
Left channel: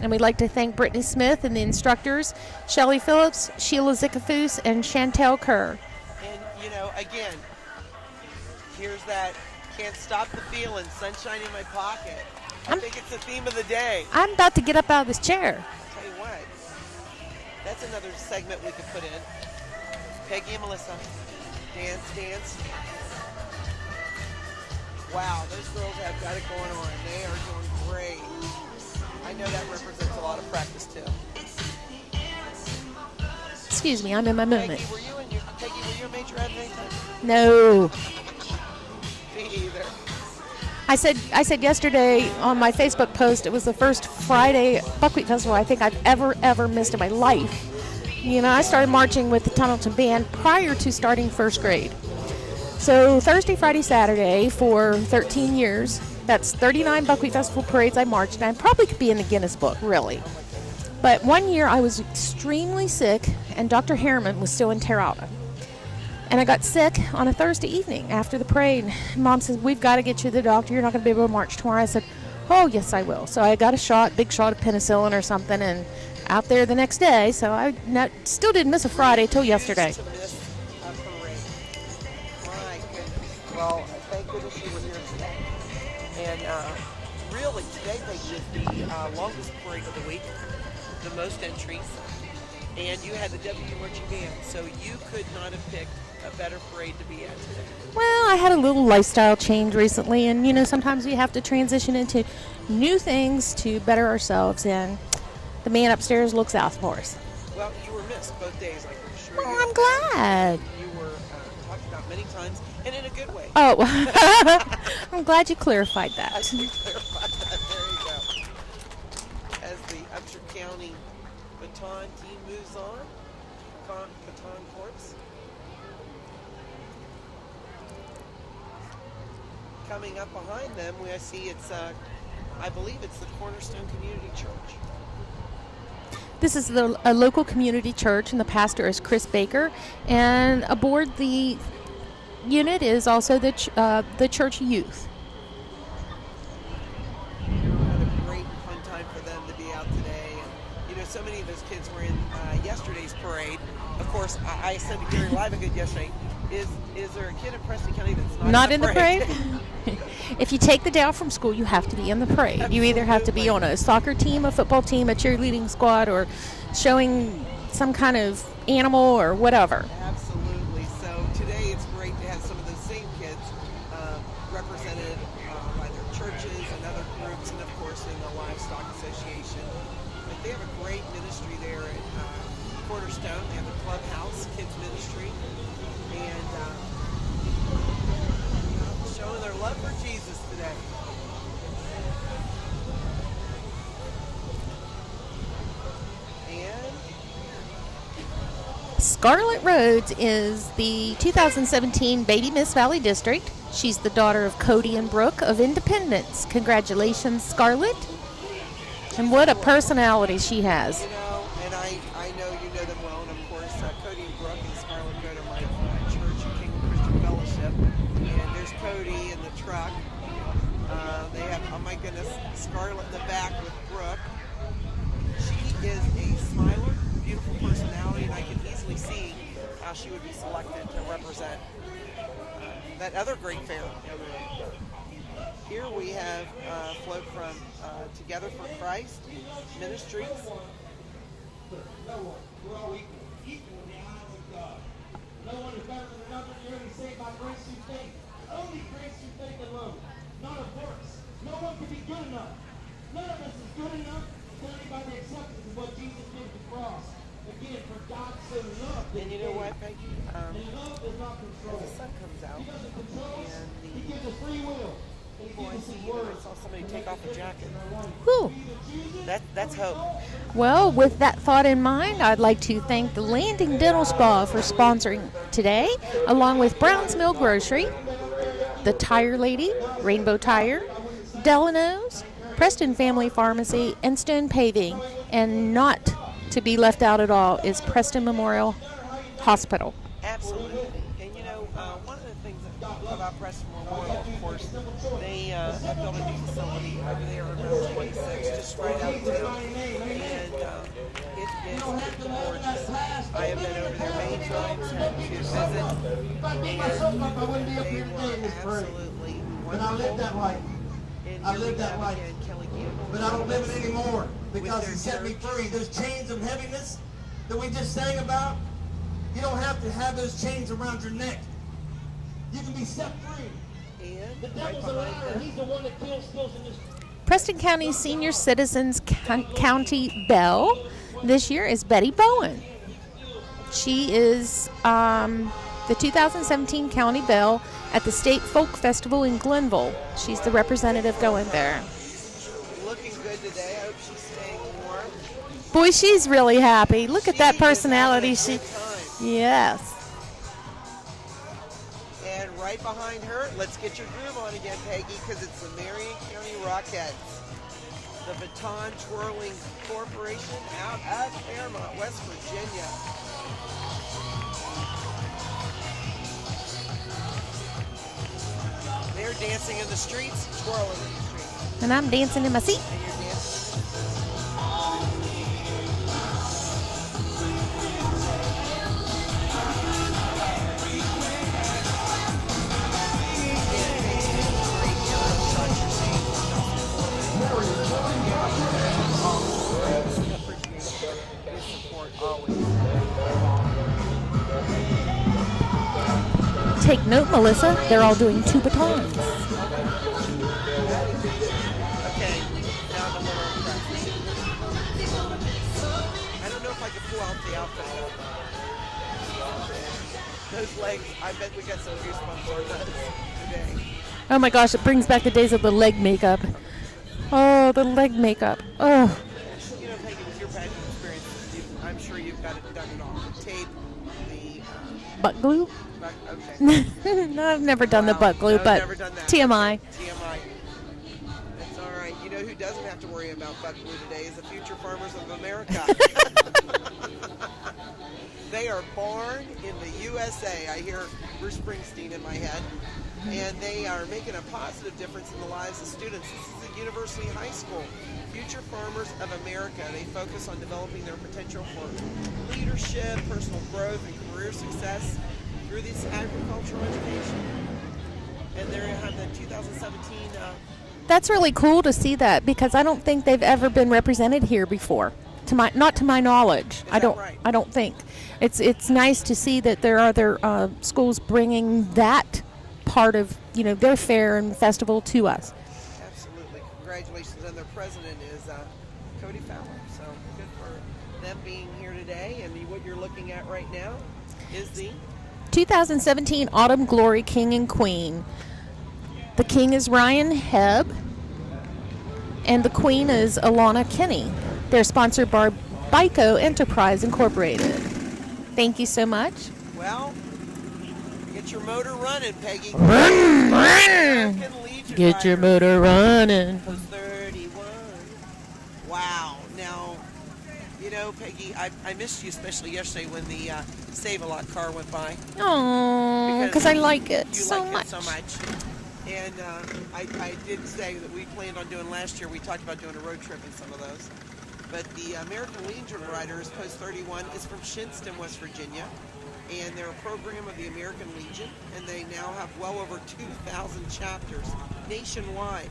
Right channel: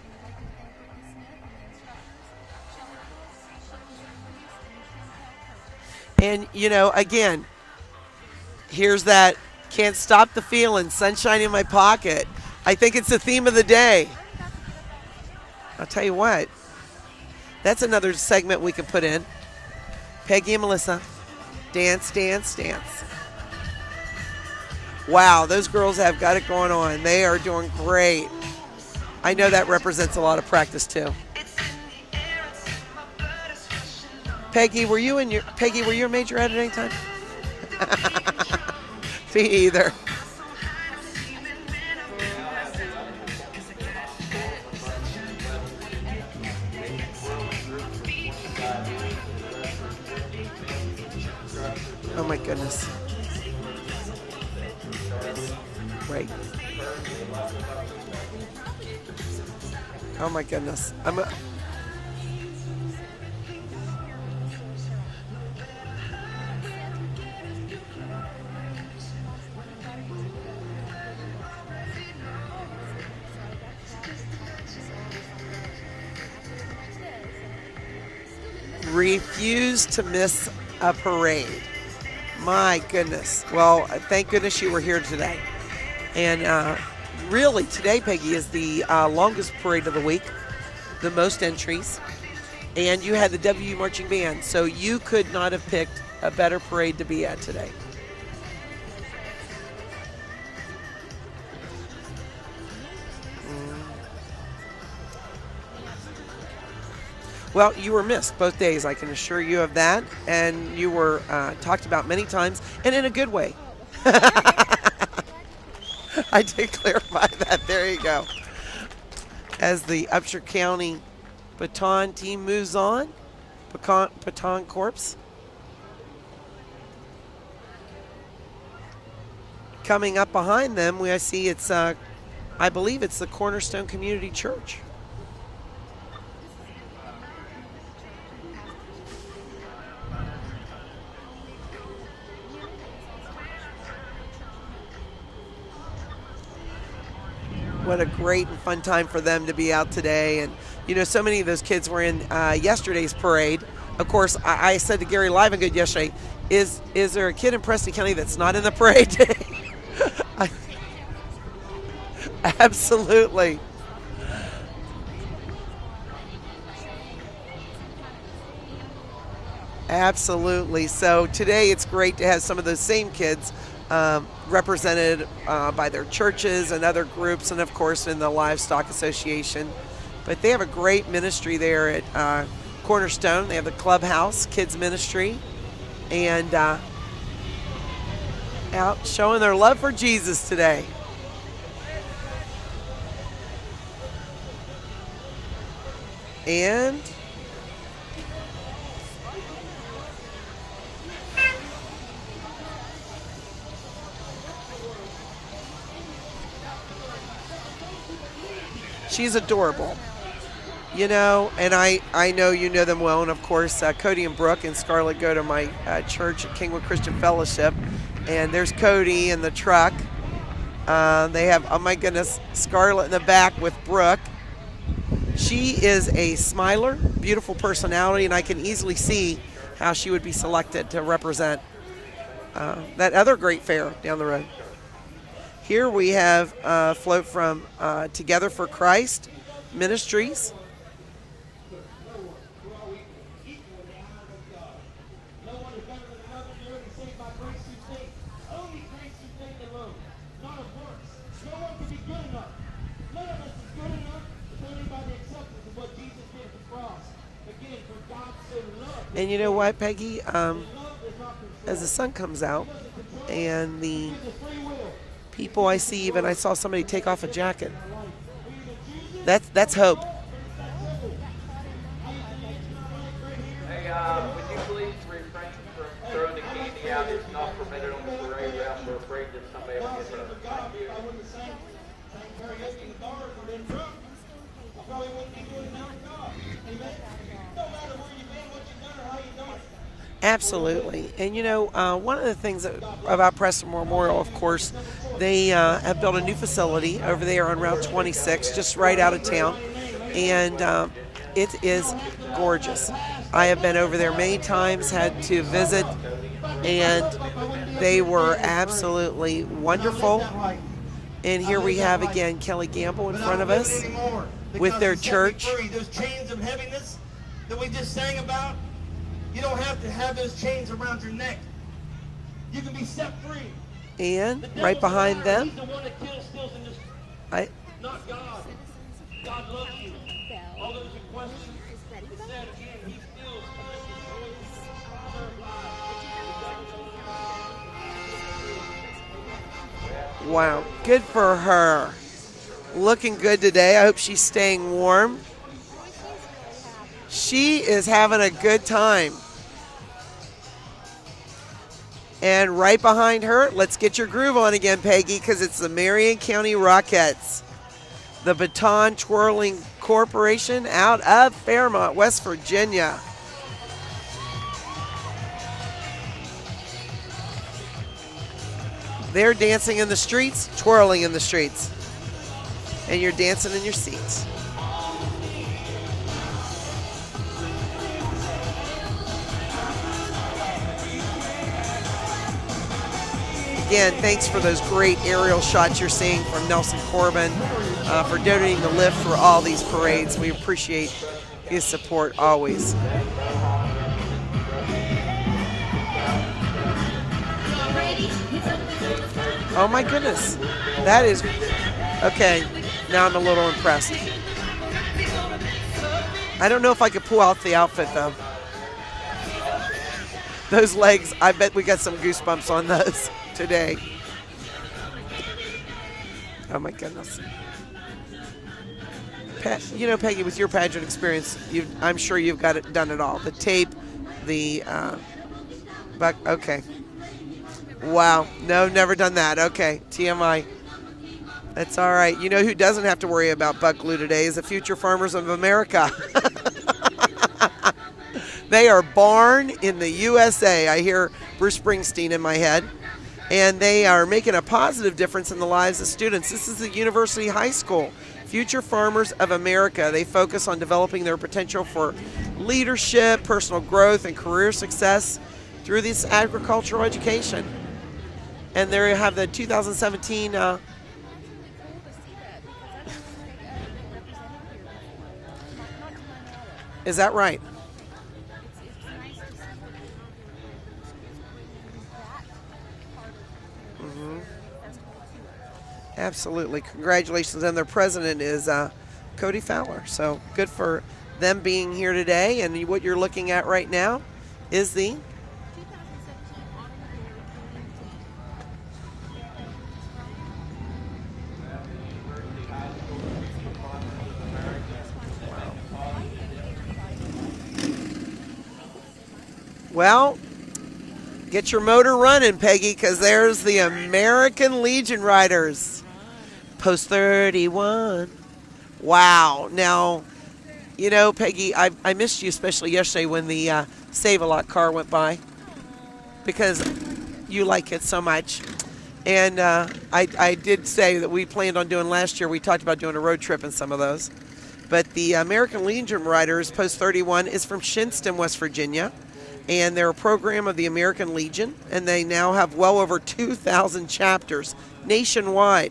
And we'd like to thank Brittany Smith and the instructors, Shelley Phillips, Sheila Zickafus, and Chantel Kerr. And, again, here's that can't stop the feeling, sunshine in my pocket. I think it's the theme of the day. I'm about to get up out of this chair. I'll tell you what. That's another segment we could put in. Peggy and Melissa, dance, dance, dance. Wow, those girls have got it going on. They are doing great. I know that represents a lot of practice too. Excuse me, I'm in my movement. Peggy, were you a majorette at any time? No. Me either. I said yesterday on my Facebook post, it was the first Friday Buckwheat Festival I think I've ever missed in my life. I started marching with the Tunnelton Band prior to starting first grade. Oh my goodness. So Thursday, Friday, Saturday for 13 years. Right. That's 39 Buckwheat Festival parades I marched, and I probably could be in the Guinness Book, really. Oh my goodness. But one year I was extremely sick, and Dr. Harriman was still in Terrata. And I got sick on a Thursday evening after the parade. Mom said, "We've got to get you to the doctor. You're not going to be able to march tomorrow." I said, "Oh, yes, I will." So I got a big shot of penicillin or something, and out there the next day. So I still didn't miss a Friday till yesterday. Refused to miss a parade. My goodness. Well, thank goodness you were here today. And really, today, Peggy, is the longest parade of the week, the most entries. And you had the WU Marching Band, so you could not have picked a better parade to be at today. Well, I had a little lifestyle change recently, and sometimes we have to transition into new things to better ourselves, and the man upstairs looks out for us. Well, you were missed both days, I can assure you of that. And you were talked about many times, and in a good way. Oh, I'm glad you clarified that. I did clarify that. There you go. As the Upshur County baton team moves on, baton corps. Coming up behind them, I see it's, I believe it's the Cornerstone Community Church. This is a local community church, and the pastor is Chris Baker. And aboard the unit is also the church youth. what a great and fun time for them to be out today. And, you know, so many of those kids were in yesterday's parade. Of course, I said to Gary Livengood yesterday, is there a kid in Preston County that's not in the parade? If you take the day off from school, you have to be in the parade. Absolutely. You either have to be on a soccer team, a football team, a cheerleading squad, or showing some kind of animal or whatever. Absolutely. So today it's great to have some of those same kids represented by their churches and other groups, and of course in the Livestock Association. But they have a great ministry there at Cornerstone. They have the Clubhouse Kids Ministry, and out showing their love for Jesus today. And Scarlett Rhodes is the 2017 Baby Miss Valley District. She's the daughter of Cody and Brooke of Independence. Congratulations, Scarlett. She's what adorable. A personality she has. You know, and I know you know them well, and of course Cody and Brooke and Scarlett go to my church at Kingwood Christian Fellowship, and there's Cody in the truck. They have, oh my goodness, Scarlett in the back with Brooke. She is a smiler, beautiful personality, and I can easily see how she would be selected to represent that other great fair down the road. Here we have a float from Together for Christ Ministries. And you know what, Peggy? As the sun comes out and the people I see, even I saw somebody take off a jacket. Whew. That's hope. Well, with that thought in mind, I'd like to thank the Landing Dental Spa for sponsoring today, along with Brown's Mill Grocery, the Tire Lady, Rainbow Tire, Delano's, Preston Family Pharmacy, and Stone Paving. And not to be left out at all is Preston Memorial Hospital. Absolutely. And you know, one of the things about Preston Memorial, of course, they have built a new facility over there on Route 26, just right out of town. And it is gorgeous. I have been over there many times, had to visit, and they were absolutely wonderful. And here we have again Kelly Gamble in front of us with their church. Those chains of heaviness that we just sang about, you don't have to have those chains around your neck. You can be set free. And right behind them, Preston County Senior Citizens County Belle this year is Betty Bowen. She is the 2017 County Belle at the State Folk Festival in Glenville. She's the representative. Good for her. Looking good today. I hope she's staying warm. Boy, she's really happy. Look at that personality. She is having a good time. Yes. And right behind her, let's get your groove on again, Peggy, because it's the Marion County Rockettes, the Baton Twirling Corporation out of Fairmont, West Virginia. They're dancing in the streets, twirling in the streets. And I'm dancing in my seat. And you're dancing in your seats. Again, thanks for those great aerial shots you're seeing from Nelson Corbin for donating the lift for all these parades. We appreciate his support always. Take note, Melissa, they're all doing two batons. Oh my goodness. That is, okay, now I'm a little impressed. I don't know if I could pull out the outfit though. Those legs, I bet we got some goosebumps on those today. Oh my gosh, it brings back the days of the leg makeup. Oh my goodness. Oh, the leg makeup. Oh. You know, Peggy, with your pageant experience, I'm sure you've got it done it all. The tape, the butt glue? Okay. No, I've never done the butt glue. No, but never done that. TMI. Okay, TMI. That's all right. You know who doesn't have to worry about butt glue today is the future farmers of America. They are born in the USA. I hear Bruce Springsteen in my head. and they are making a positive difference in the lives of students. This is the University High School, Future Farmers of America. They focus on developing their potential for leadership, personal growth, and career success through this agricultural education. And there you have the 2017. That's really cool to see that, because I don't think they've ever been represented here before. Not to my knowledge. Is that right? I don't think. It's nice to see that there are other schools bringing that part of their fair and festival to us. Absolutely. Congratulations. And their president is Cody Fowler. So good for them being here today. And what you're looking at right now is the 2017 Autumn Glory King and Queen. The king is Ryan Hebb, and the queen is Alana Kinney. They're sponsored by Bico Enterprise Incorporated. Thank you so much. Well, get your motor running, Peggy, because there's the American Legion Riders. Get your motor running. Post 31. Wow. Now, Peggy, I missed you, especially yesterday when the Save-A-Lot car went by. Oh, because I like it. You like it so much. And I did say that we planned on doing last year. We talked about doing a road trip in some of those. But the American Legion Riders, Post 31, is from Shinston, West Virginia. And they're a program of the American Legion. And they now have well over 2,000 chapters nationwide.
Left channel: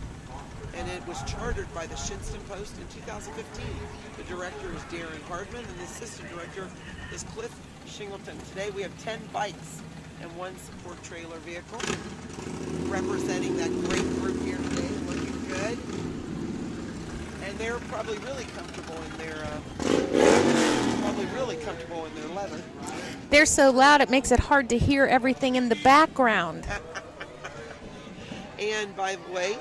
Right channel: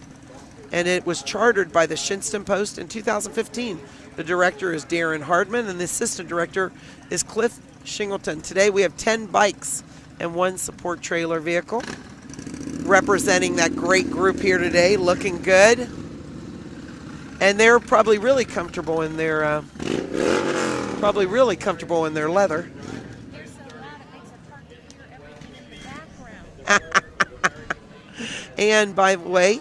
And it was chartered by the Shinston Post in 2015. The director is Darren Hardman, and the assistant director is Cliff Shingleton. Today we have 10 bikes and 1 support trailer vehicle representing that great group here today, looking good. And they're probably really comfortable in their leather. They're so loud it makes it hard to hear everything in the background. And by the way,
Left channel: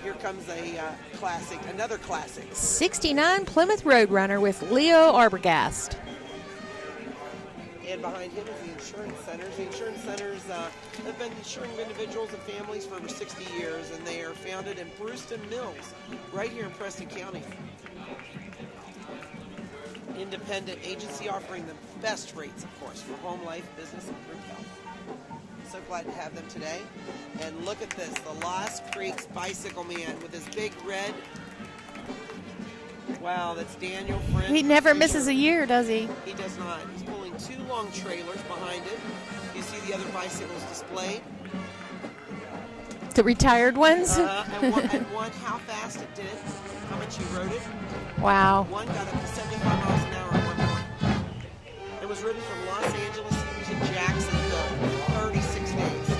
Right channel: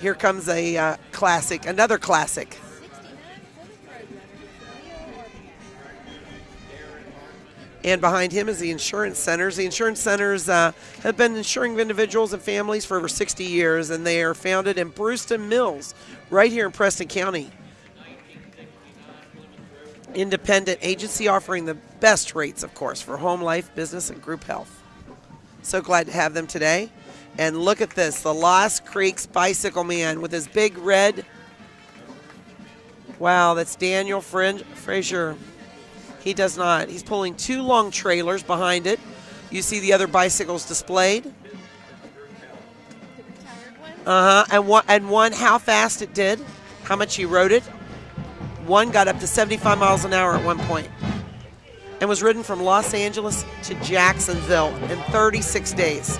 here comes a classic, another classic. 69 Plymouth Roadrunner with Leo Arbogast. And behind him is the Insurance Centers. The Insurance Centers have been insuring individuals and families for over 60 years, and they are founded in Brewston Mills, right here in Preston County. Independent agency offering the best rates, of course, for home life, business, and group health. So glad to have them today. And look at this, the Lost Creeks Bicycle Man with his big red. Wow, that's Daniel Friend. He never Frazier. misses a year, does he? He does not. He's pulling 2 long trailers behind it. You see the other bicycles displayed. The retired ones? And one, how fast it did, how much he rode it. Wow. One got up to 75 miles an hour at one point and was ridden from Los Angeles to Jacksonville in 36 days.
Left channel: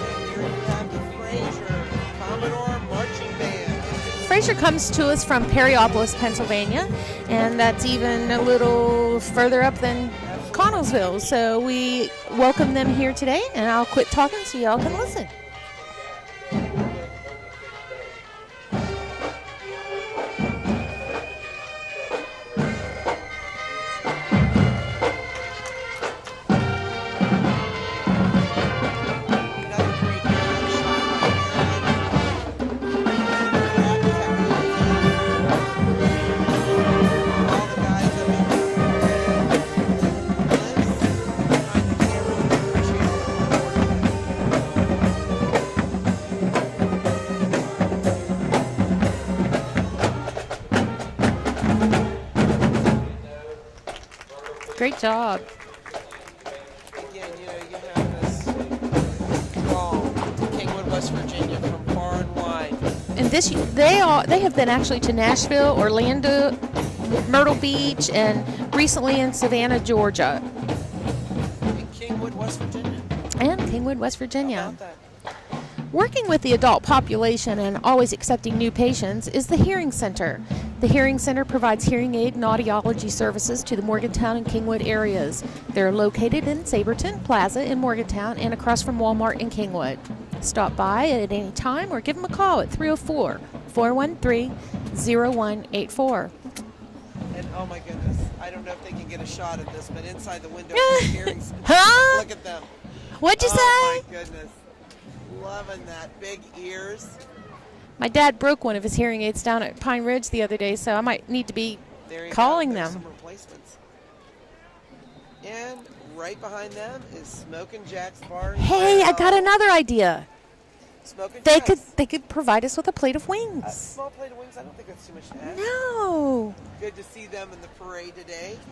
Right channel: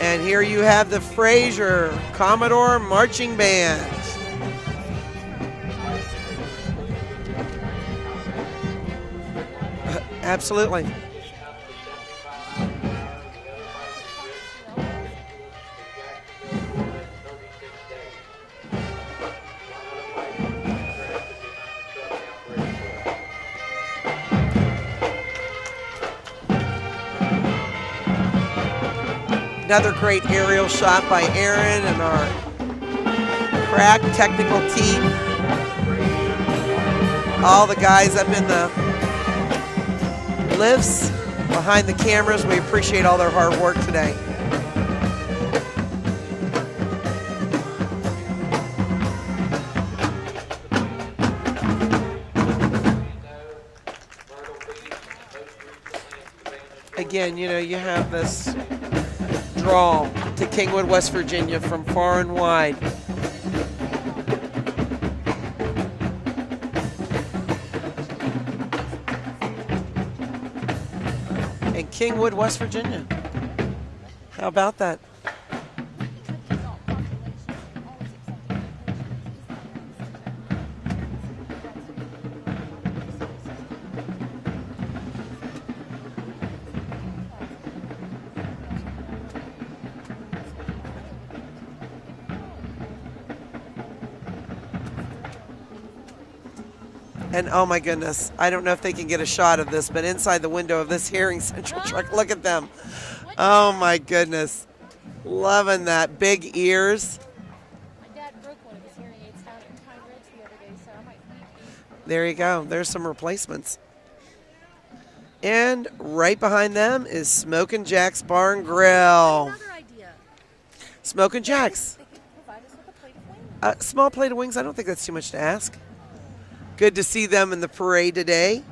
And here you have the Frazier Commodore Marching Band. Frazier comes to us from Perryopolis, Pennsylvania, and that's even a little further up than Connellsville. So we welcome them here today, and I'll quit talking so y'all can listen. Another great aerial shot by Aaron and our crack technical team. All the guys up in the lifts, behind the cameras, we appreciate all their hard work today. Great job. Again, you have this draw to Kingwood, West Virginia from far and wide. And this year, they have been actually to Nashville, Orlando, Myrtle Beach, and recently in Savannah, Georgia. And Kingwood, West Virginia. How about that? Working with the adult population and always accepting new patients is the Hearing Center. The Hearing Center provides hearing aid and audiology services to the Morgantown and Kingwood areas. They're located in Saberton Plaza in Morgantown and across from Walmart in Kingwood. Stop by at any time or give them a call at 304-413-0184. And oh my goodness, I don't know if they can get a shot of this, but inside the window of this Hearing Center, look at them. What'd you say? Oh my goodness. Loving that. Big ears. My dad broke one of his hearing aids down at Pine Ridge the other day, so I might need to be there you calling go. There's them. some replacements. And right behind them is Smokin' Jack's Bar and Grill. Hey, I got another idea. Smokin' Jack's. They could provide us with a plate of wings. A small plate of wings, I don't think that's too much to ask. No. Good to see them in the parade today.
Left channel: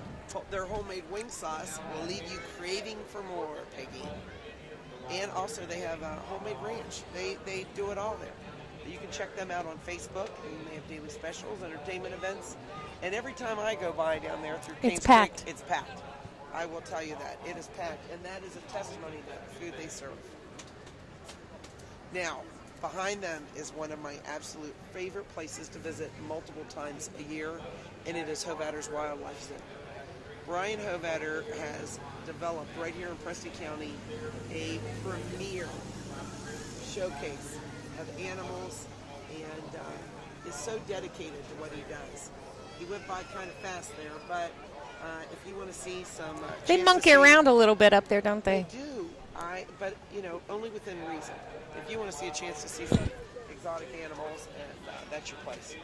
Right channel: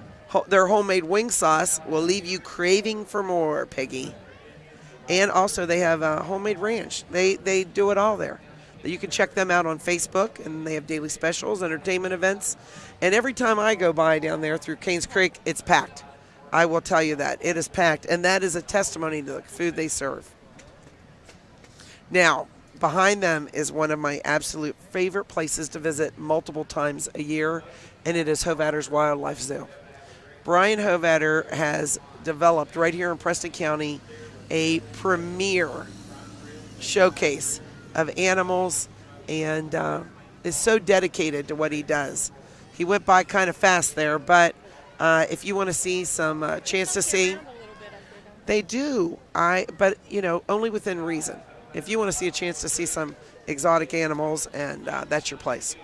Their homemade wing sauce will leave you craving for more, Peggy. And also they have a homemade ranch. They do it all there. You can check them out on Facebook, and they have daily specials, entertainment events. And every time I go by down there through Canes Creek, it's packed. I will tell you that. It is packed, and that is a testimony to the food they serve. Now, behind them is one of my absolute favorite places to visit multiple times a year, and it is Hovater's Wildlife Zoo. Brian Hovater has developed right here in Preston County a premier showcase of animals and is so dedicated to what he does. He went by kind of fast there, but if you want to see some chance to see... They monkey around a little bit up there, don't they? They do, but only within reason. If you want to see a chance to see some exotic animals, and that's your place.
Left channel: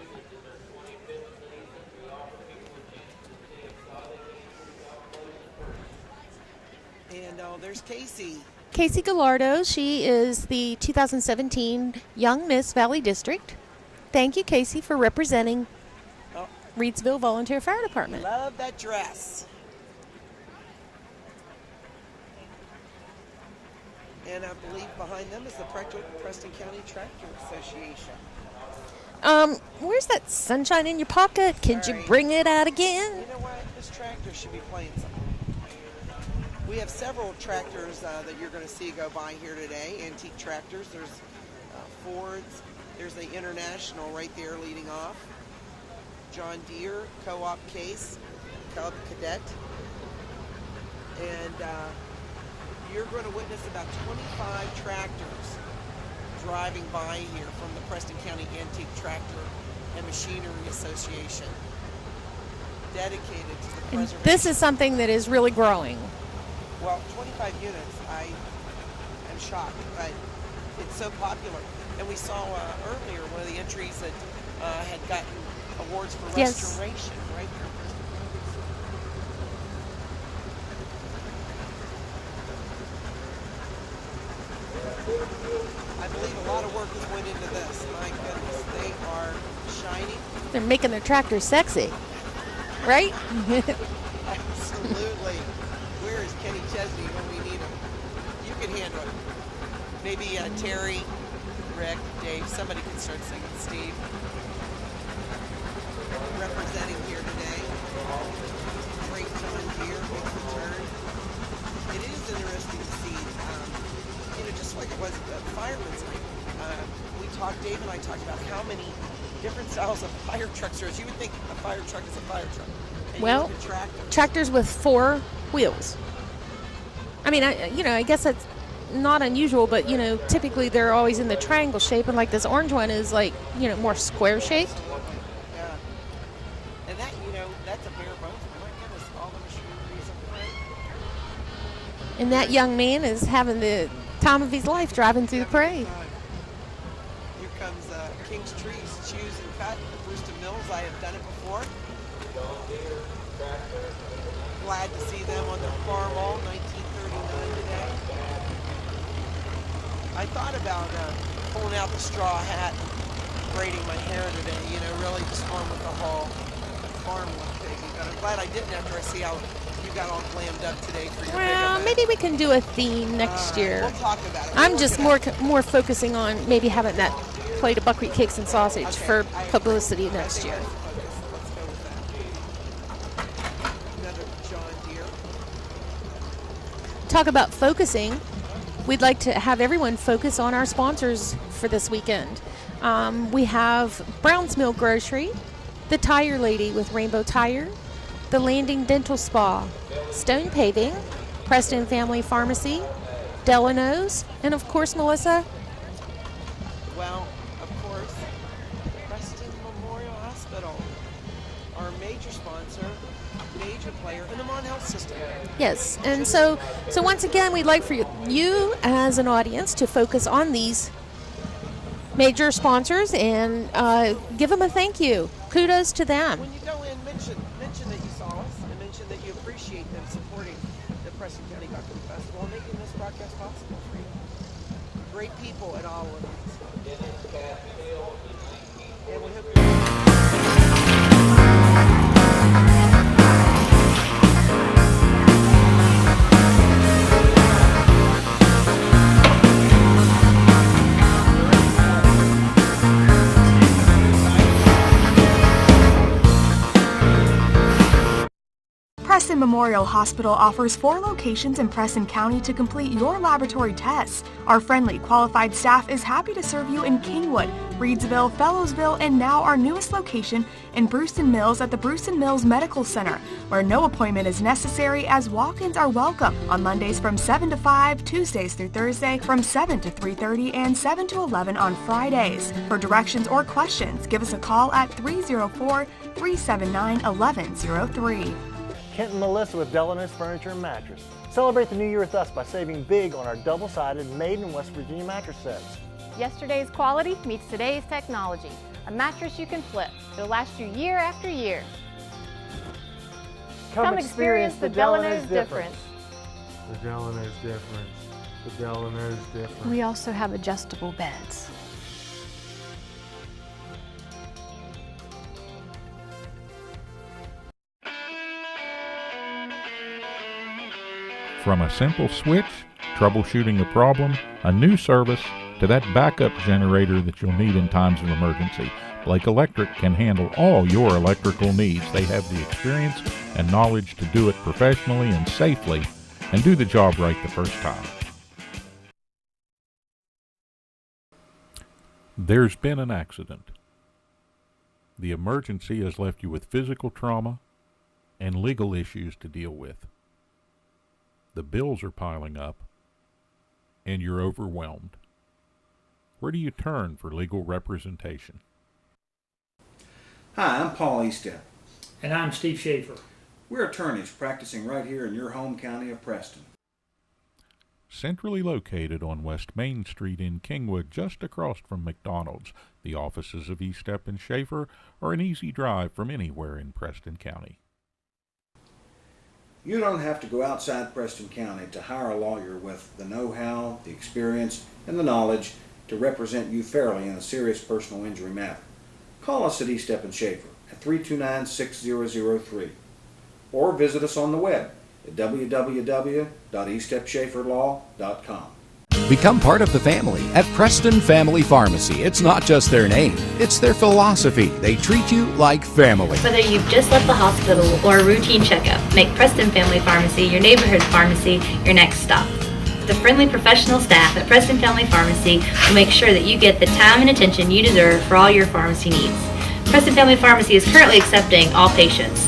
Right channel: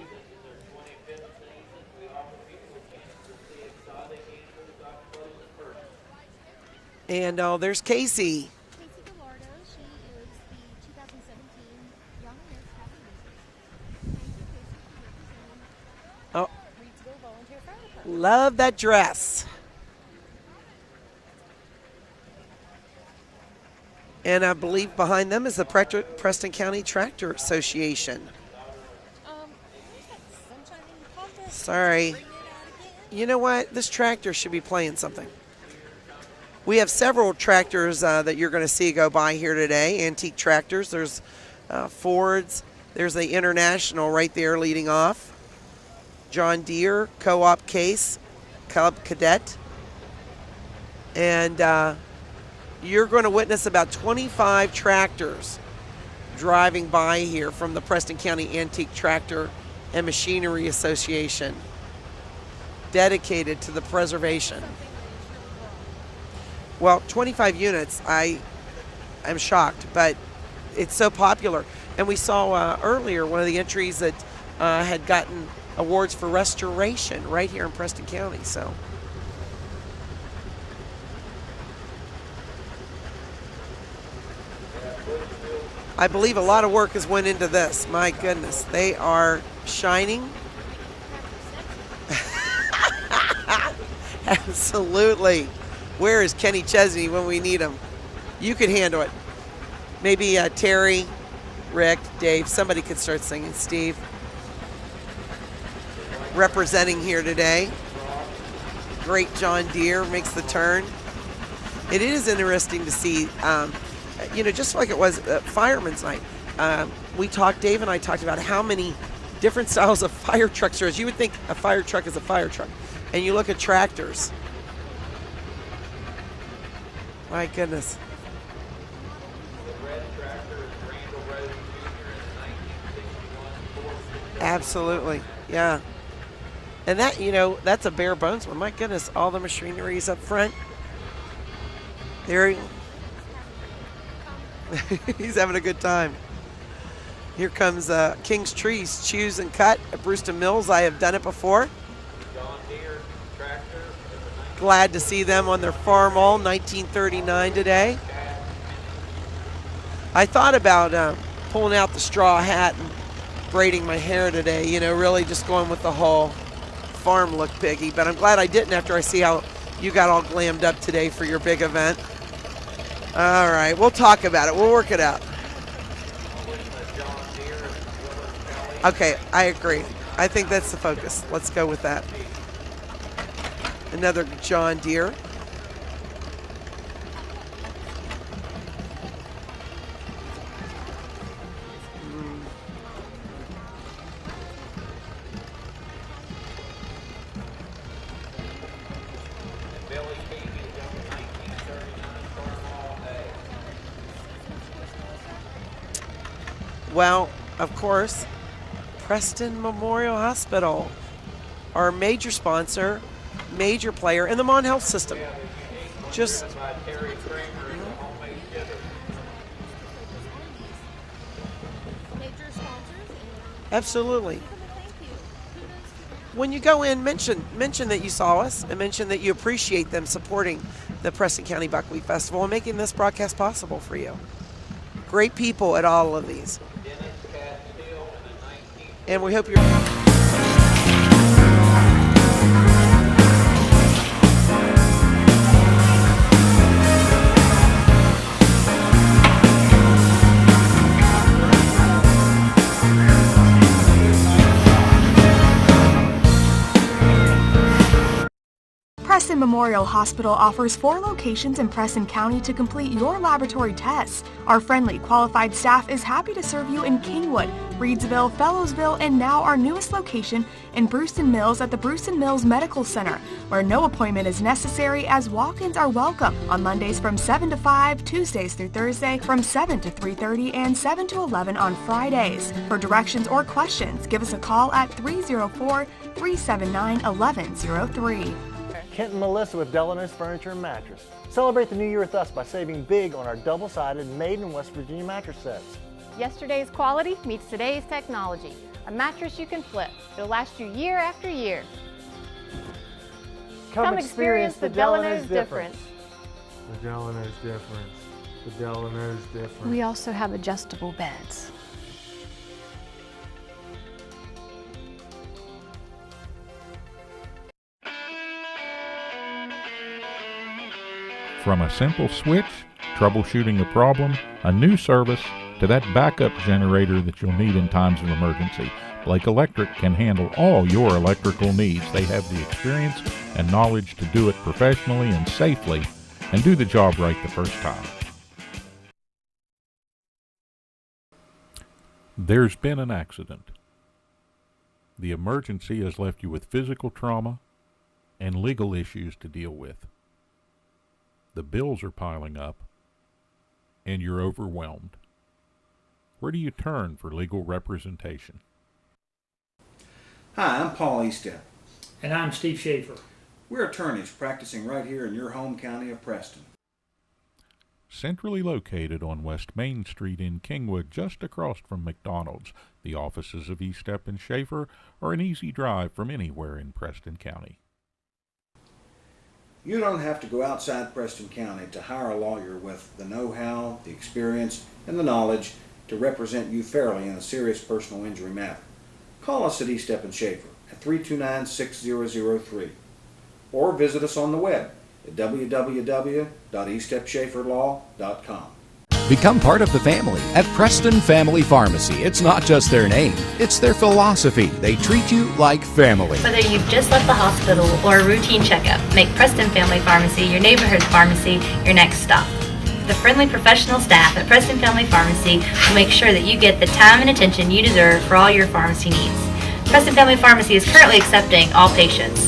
And there's Casey. Casey Gallardo. She is the 2017 Young Miss Valley District. Thank you, Casey, for representing Reedsville Volunteer Fire Department. Love that dress. And I believe behind them is the Preston County Tractor Association. Where's that sunshine in your pocket? Sorry. Can you bring it out again? You know what? This tractor should be playing something. We have several tractors that you're going to see go by here today, antique tractors. There's Fords. There's the International right there leading off. John Deere, Co-op Case, Cub Cadet. And you're going to witness about 25 tractors driving by here from the Preston County Antique Tractor and Machinery Association, dedicated to the preservation. This is something that is really growing. Well, 25 units, I'm shocked, but it's so popular. And we saw earlier one of the entries that had gotten awards for restoration right here in Preston County. So. I believe a lot of work has went into this. My goodness, they are shining. They're making their tractors sexy, right? Absolutely. Where is Kenny Chesney when we need him? You can handle it. Maybe Terry, Rick, Dave, somebody could start singing. Steve, representing here today. Great John Deere makes the turn. It is interesting to see, just like it was Fireman's Night. Dave and I talked about how many different styles of fire trucks there is. You would think a fire truck is a fire truck. And you look at tractors. Tractors with 4 wheels. I mean, I guess that's not unusual, but, typically they're always in the triangle shape, and like this orange one is like, more square shape. Absolutely, yeah. And that, that's a bare bones one. My goodness, all the machinery's up front. And that young man is having the time of his life driving He's through the having parade. a good time. Here comes King's Trees, Choose and Cut at Brewston Mills. I have done it before. Glad to see them on their Farmall 1939 today. I thought about pulling out the straw hat and braiding my hair today, really just going with the whole farm look, Peggy. But I'm glad I didn't after I see how you got all glammed up today for your big event. Maybe we can do a theme next all right, year. We'll talk about it. We'll work it out. I'm just more focusing on maybe having that plate of buckwheat cakes and sausage for I publicity agree. next I think year. that's the focus. Let's go with that. Another John Deere. Talk about focusing. We'd like to have everyone focus on our sponsors for this weekend. We have Brown's Mill Grocery, the Tire Lady with Rainbow Tire, the Landing Dental Spa, Stone Paving, Preston Family Pharmacy, Delano's, and of course, Malisa. Well, of course, Preston Memorial Hospital, our major sponsor, major player in the Mon Health system. Yes, and so once again, we'd like for you as an audience to focus on these major sponsors and Absolutely. give them a thank you. Kudos to them. When you go in, mention that you saw us and mention that you appreciate them supporting the Preston County Buckwheat Festival and making this broadcast possible for you. Great people at all of these. And we hope you're... Preston Memorial Hospital offers 4 locations in Preston County to complete your laboratory tests. Our friendly, qualified staff is happy to serve you in Kingwood, Reedsville, Fellowsville, and now our newest location in Brewston Mills at the Brewston Mills Medical Center, where no appointment is necessary as walk-ins are welcome on Mondays from 7 to 5, Tuesdays through Thursday from 7 to 3:30, and 7 to 11 on Fridays. For directions or questions, give us a call at 304-379-1103. Kent and Malisa with Delano's Furniture and Mattress. Celebrate the new year with us by saving big on our double-sided made in West Virginia mattress sets. Yesterday's quality meets today's technology. A mattress you can flip. It'll last you year after year. Come experience the Delano's difference. The Delano's difference. The Delano's difference. We also have adjustable beds. From a simple switch, troubleshooting a problem, a new service, to that backup generator that you'll need in times of emergency, Blake Electric can handle all your electrical needs. They have the experience and knowledge to do it professionally and safely and do the job right the first time. There's been an accident. The emergency has left you with physical trauma and legal issues to deal with. The bills are piling up, and you're overwhelmed. Where do you turn for legal representation? Hi, I'm Paul Eastep. And I'm Steve Schaefer. We're attorneys practicing right here in your home county of Preston. Centrally located on West Main Street in Kingwood, just across from McDonald's, the offices of Eastep and Schaefer are an easy drive from anywhere in Preston County. You don't have to go outside Preston County to hire a lawyer with the know-how, the experience, and the knowledge to represent you fairly in a serious personal injury matter. Call us at Eastep and Schaefer at 329-6003 or visit us on the web at www.eastepschaeferlaw.com. Become part of the family at Preston Family Pharmacy. It's not just their name, it's their philosophy. They treat you like family. Whether you've just left the hospital or a routine checkup, make Preston Family Pharmacy your neighborhood pharmacy your next stop. The friendly professional staff at Preston Family Pharmacy will make sure that you get the time and attention you deserve for all your pharmacy needs. Preston Family Pharmacy is currently accepting all patients.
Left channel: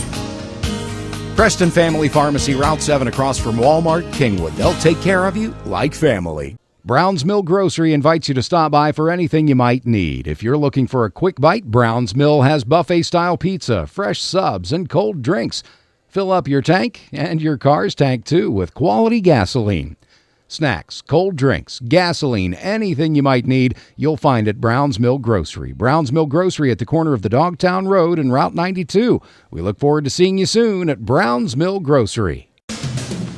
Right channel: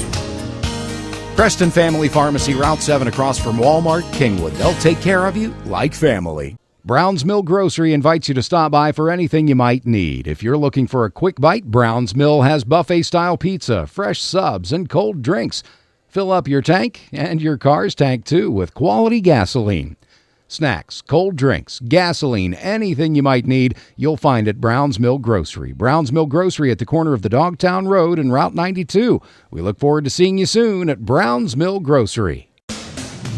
Preston Family Pharmacy, Route 7 across from Walmart, Kingwood. They'll take care of you like family. Brown's Mill Grocery invites you to stop by for anything you might need. If you're looking for a quick bite, Brown's Mill has buffet-style pizza, fresh subs, and cold drinks. Fill up your tank and your car's tank, too, with quality gasoline. Snacks, cold drinks, gasoline, anything you might need, you'll find at Brown's Mill Grocery. Brown's Mill Grocery at the corner of the Dogtown Road and Route 92. We look forward to seeing you soon at Brown's Mill Grocery.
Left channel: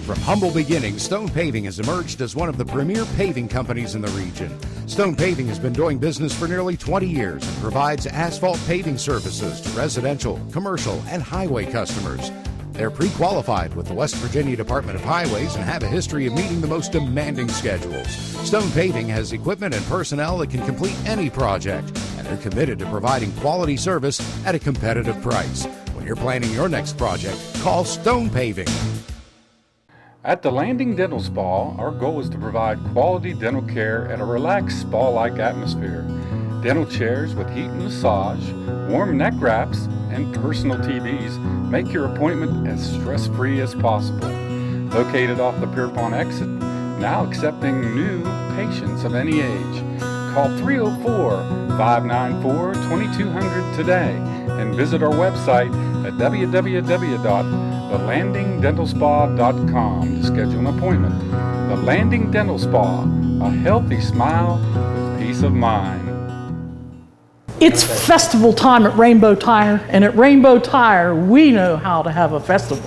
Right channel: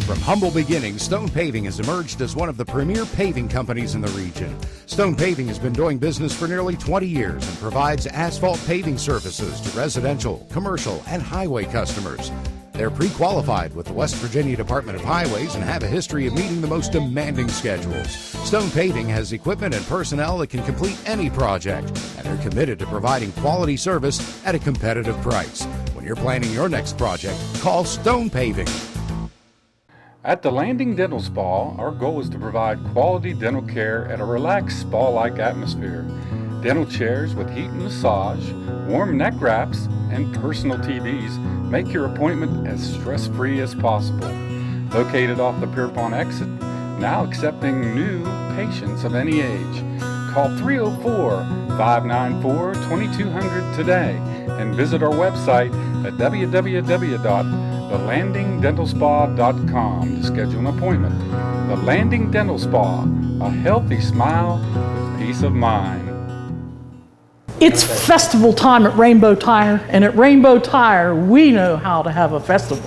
From humble beginnings, Stone Paving has emerged as one of the premier paving companies in the region. Stone Paving has been doing business for nearly 20 years and provides asphalt paving services to residential, commercial, and highway customers. They're pre-qualified with the West Virginia Department of Highways and have a history of meeting the most demanding schedules. Stone Paving has equipment and personnel that can complete any project, and they're committed to providing quality service at a competitive price. When you're planning your next project, call Stone Paving. At the Landing Dental Spa, our goal is to provide quality dental care at a relaxed spa-like atmosphere. Dental chairs with heat and massage, warm neck wraps, and personal TVs make your appointment as stress-free as possible. Located off the Pierpont exit, now accepting new patients of any age. Call 304-594-2200 today and visit our website at www.thelandingdentalspa.com to schedule an appointment. The Landing Dental Spa, a healthy smile with peace of mind. It's festival time at Rainbow Tire, and at Rainbow Tire, we know how to have a festival.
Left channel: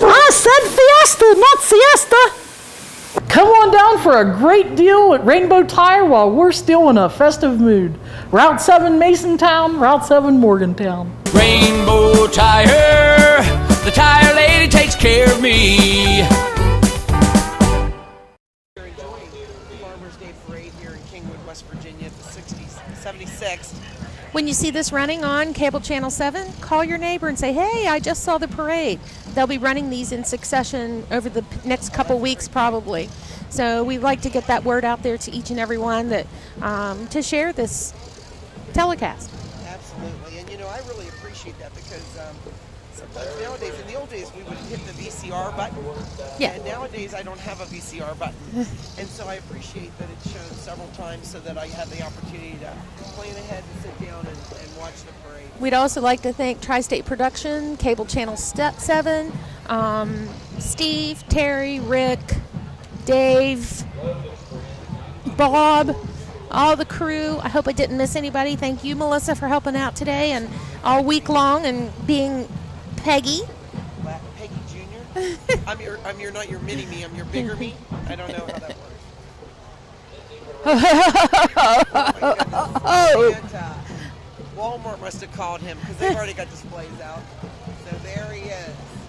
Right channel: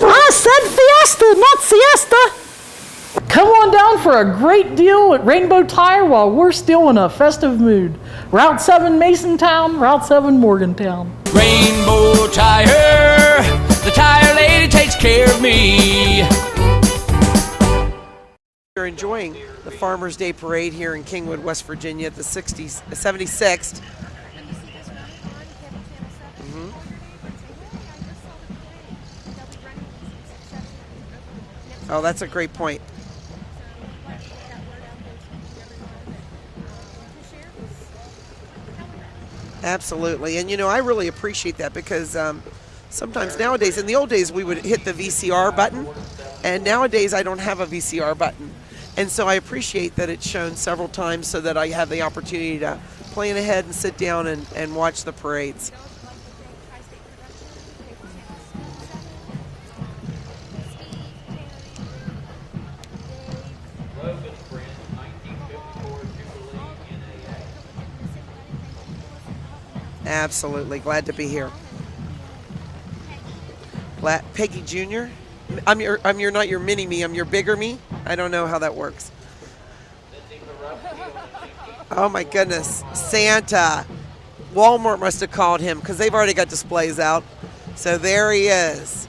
I said fiesta, not siesta. Come on down for a great deal at Rainbow Tire while we're still in a festive mood. Route 7 Masontown, Route 7 Morgantown. Rainbow Tire, the tire lady takes care of me. We're enjoying the Farmers Day Parade here in Kingwood, West Virginia at the 76th. When you see this running on Cable Channel 7, call your neighbor and say, hey, I just saw the parade. They'll be running these in succession over the next couple weeks probably. So we like to get that word out there to each and every one that to share this telecast. Absolutely. And, you know, I really appreciate that because sometimes nowadays, in the old days, we would hit the VCR button. Yeah. And nowadays, I don't have a VCR button. And so I appreciate that it's shown several times so that I have the opportunity to plan ahead and sit down and watch the parades. We'd also like to thank Tri-State Production, Cable Channel 7, Steve, Terry, Rick, Dave, Bob, all the crew. I hope I didn't miss anybody. Thank you, Melissa, for helping out today. Absolutely. And all week long and being Peggy. Peggy Jr. I'm not your mini me, I'm your bigger me. I don't know how that works. Oh my goodness. Santa. Walmart must have called him because they've already got displays out. So there he is.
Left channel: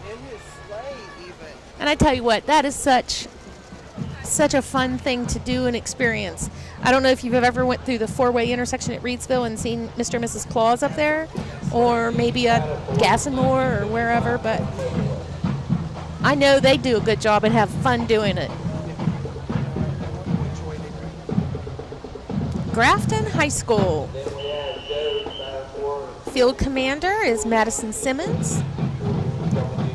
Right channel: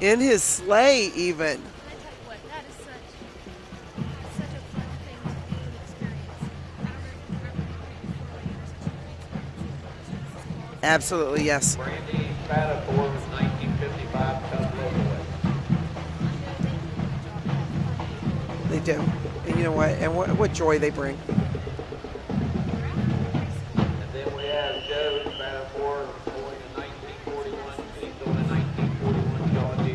In his sleigh even. And I tell you what, that is such a fun thing to do and experience. I don't know if you've ever went through the four-way intersection at Reedsville and seen Mr. and Mrs. Claus up there. Absolutely, yes. Or maybe a Gassenor or wherever, but I know they do a good job and have fun doing it. They do. And you know what? And what joy they bring. Grafton High School. Field commander is Madison Simmons.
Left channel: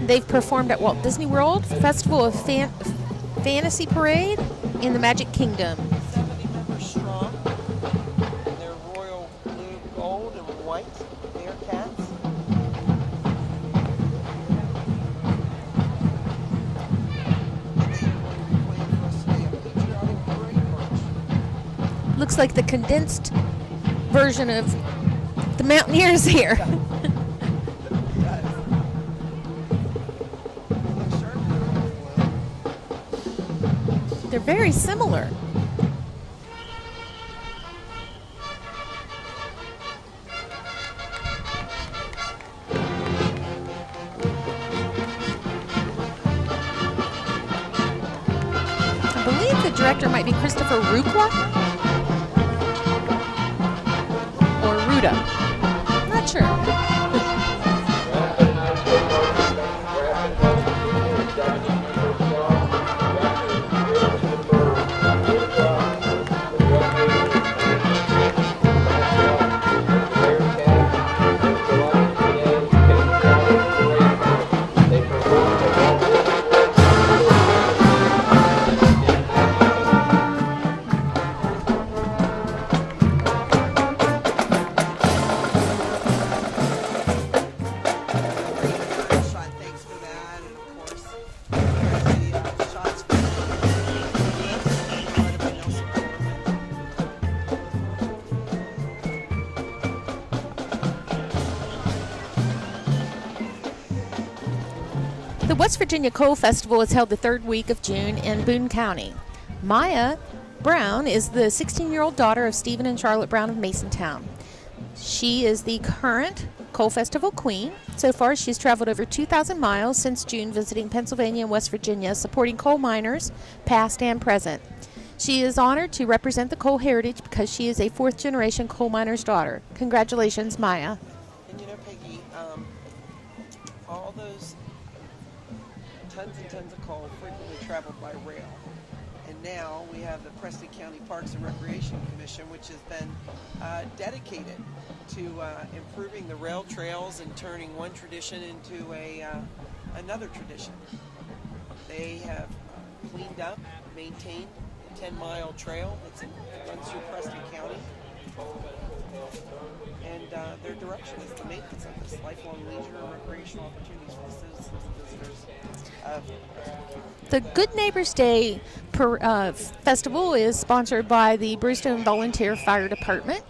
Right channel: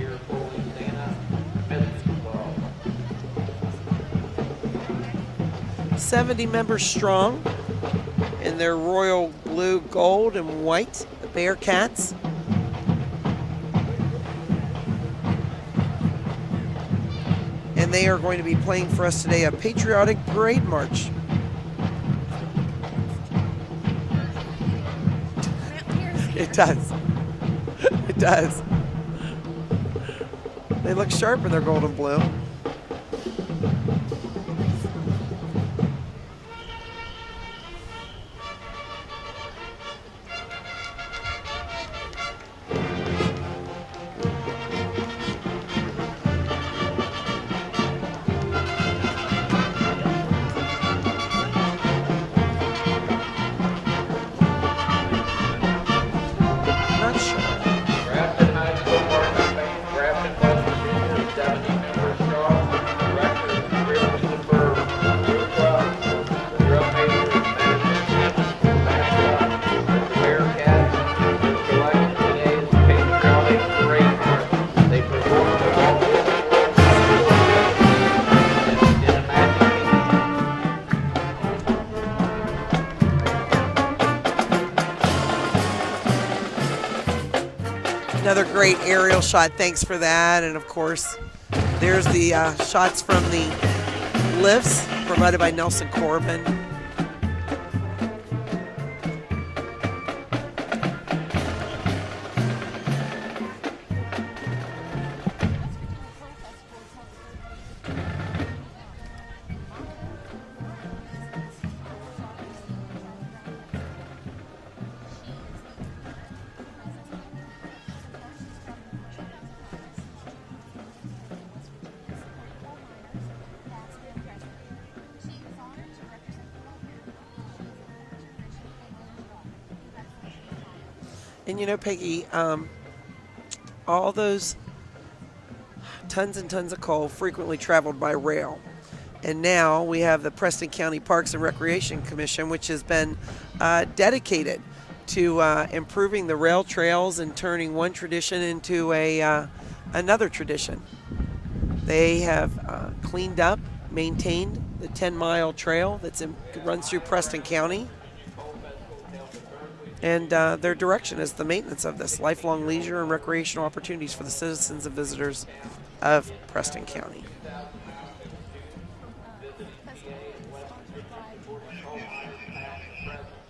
They've performed at Walt Disney World Festival of Fantasy Parade in the Magic Kingdom. 70 members strong in their royal blue, gold, and white Bearcats. And they are going to be playing for us today a patriotic parade march. Looks like the condensed version of the Mountaineers here. It does. It does. They look sharp in their gold and blue. They're very similar. I believe the director might be Christopher Rukwa or Ruda. Not sure. Another great aerial shot. Thanks for that. And of course, there's the shots from the lifts provided by Nelson Corbin. The West Virginia Coal Festival is held the third week of June in Boone County. Maya Brown is the 16-year-old daughter of Stephen and Charlotte Brown of Masontown. She is the current Coal Festival queen. So far, she's traveled over 2,000 miles since June, visiting Pennsylvania and West Virginia, supporting coal miners, past and present. She is honored to represent the coal heritage because she is a fourth-generation coal miner's daughter. Congratulations, Maya. And you know, Peggy, all those tons and tons of coal frequently traveled by rail. And now we have the Preston County Parks and Recreation Commission, which has been dedicated to improving the rail trails and turning one tradition into another tradition. They have cleaned up, maintained the 10-mile trail that runs through Preston County. And their direction is the maintenance of this lifelong leisure and recreational opportunities for the citizens and visitors. of Preston County. The Good Neighbors Day Festival is sponsored by the Brewstone Volunteer Fire Department.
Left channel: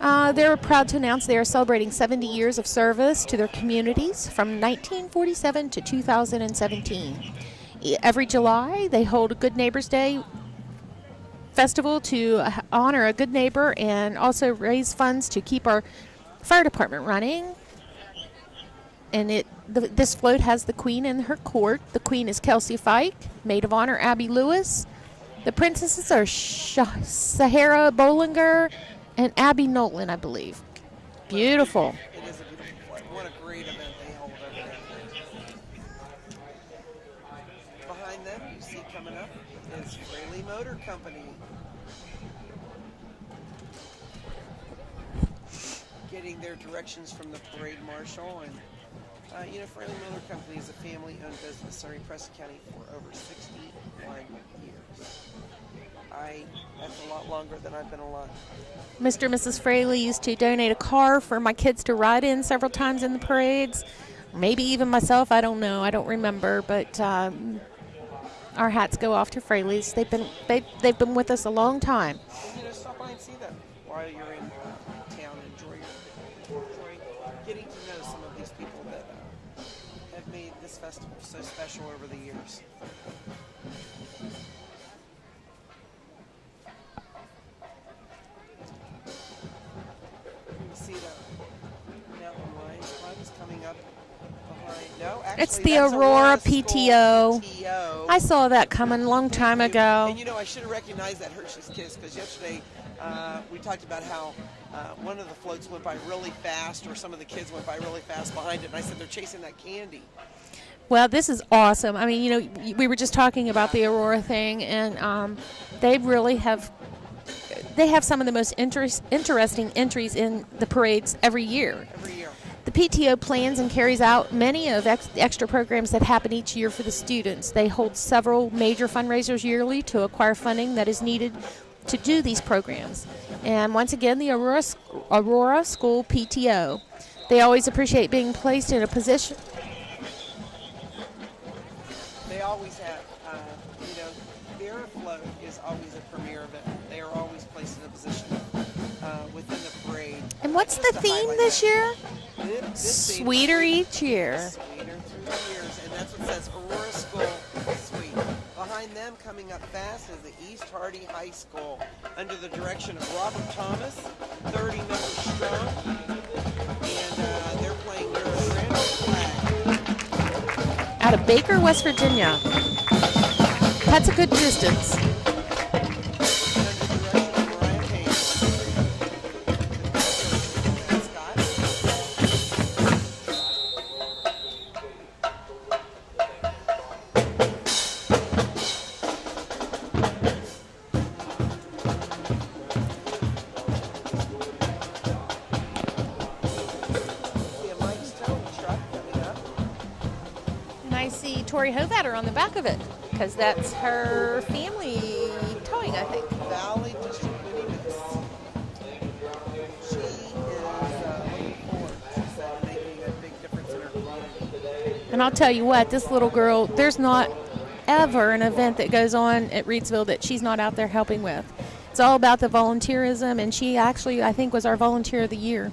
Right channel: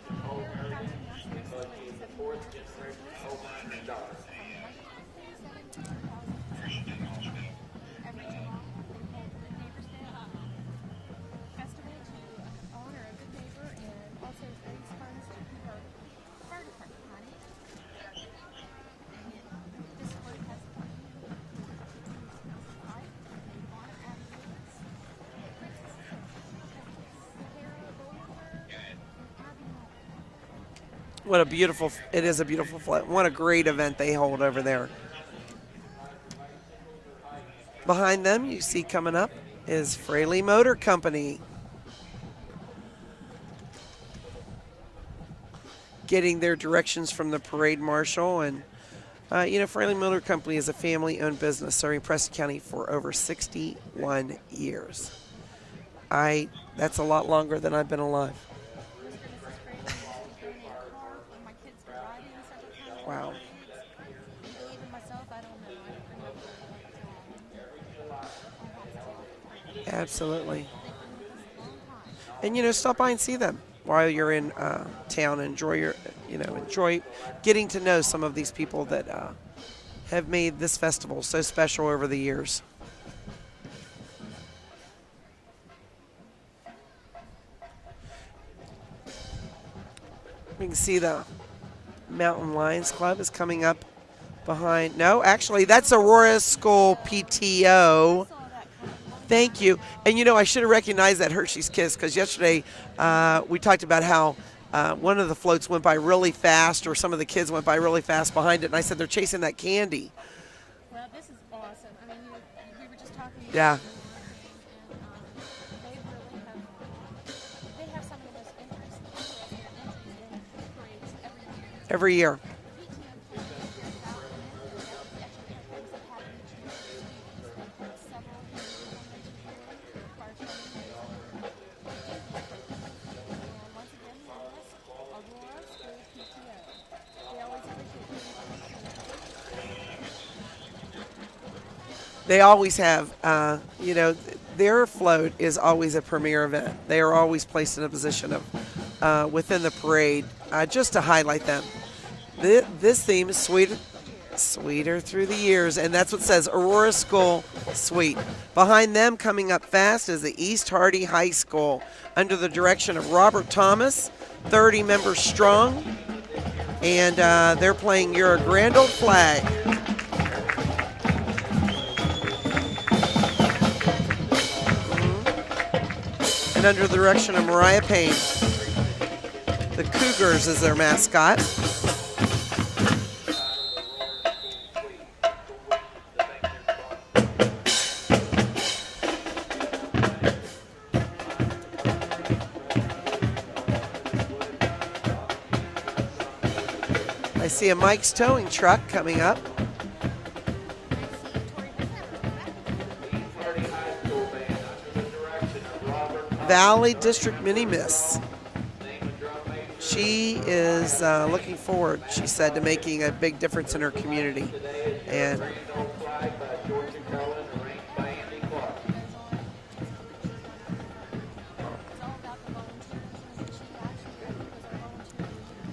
They're proud to announce they are celebrating 70 years of service to their communities from 1947 to 2017. Every July, they hold a Good Neighbors Day festival to honor a good neighbor and also raise funds to keep our fire department running. And this float has the Queen in her court. The Queen is Kelsey Fike, Maid of Honor Abby Lewis. The princesses are Sahara Bollinger and Abby Nolan, I believe. What beautiful. It is a beautiful float. What a great event they hold over there. Behind them, you see coming up is Fraley Motor Company. Getting their directions from the parade marshal. And, Fraley Motor Company is a family-owned business serving Preston County for over 61 years. That's a lot longer than I've been alive. Mr. and Mrs. Fraley used to donate a car for my kids to ride in several times in the parades. Maybe even myself, I don't know. I don't remember, but our hats go off to Fraley's. Absolutely. They've been with us a long time. And, stop by and see them while you're in town. Enjoy getting to know some of these people that have made this festival so special over the years. We can see the Mountain Lions Club is coming up behind. No, actually, that's Aurora School PTO. I saw that coming a long time ago. And, I should have recognized that Hershey's Kiss because yesterday we talked about how one of the floats went by really fast, or some of the kids went by really fast behind it, and I said they're chasing that candy. Well, this is awesome. I mean, we were just talking about the Aurora thing, and they really have some of the most interesting entries in the parades every year. Every year. The PTO plans and carries out many of the extra programs that happen each year for the students. They hold several major fundraisers yearly to acquire funding that is needed to do these programs. And once again, the Aurora School PTO. They always appreciate being placed in a position. They always have, their float is always a premier event. They are always placed in a position of within the parade. And what's just the to theme highlight this them. year? This theme, Sweeter each year. Sweeter through the years, and that's what says Aurora School Sweet. Behind them, coming up fast, is the East Hardy High School, under the direction of Robert Thomas, 30 members strong, and they're playing You're a Grand Old Flag. Out of Baker, West Virginia. That's a good distance. And under the direction of Mariah Payne. The Cougars is their mascot. I see a Mike's Towing truck coming up. And I see Tori Hovatter on the back of it, because that's her family towing, I think. Valley District Mini Miss. She is looking forward, she said, to making a big difference in her community. And I'll tell you what, this little girl, there's not ever an event that goes on at Reedsville that she's not out there helping with. It's all about the volunteerism, and she actually, I think, was our Volunteer of the Year.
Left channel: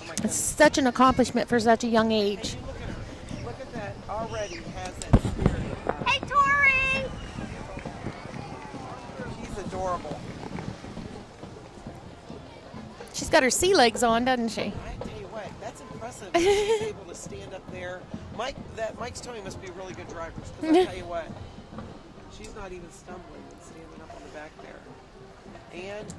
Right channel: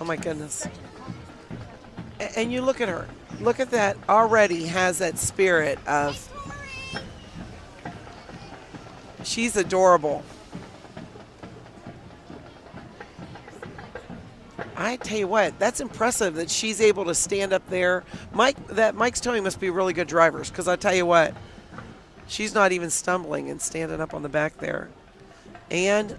Oh my goodness. It's such an accomplishment for such a young age. And you look at her. Look at that. Already has that spirit of... Hey, Tori! She's adorable. She's got her sea legs on, doesn't she? I tell you what, that's impressive that she's able to stand up there. Mike's Towing must be really good drivers, because I tell you what, she's not even stumbling and standing up on the back there. And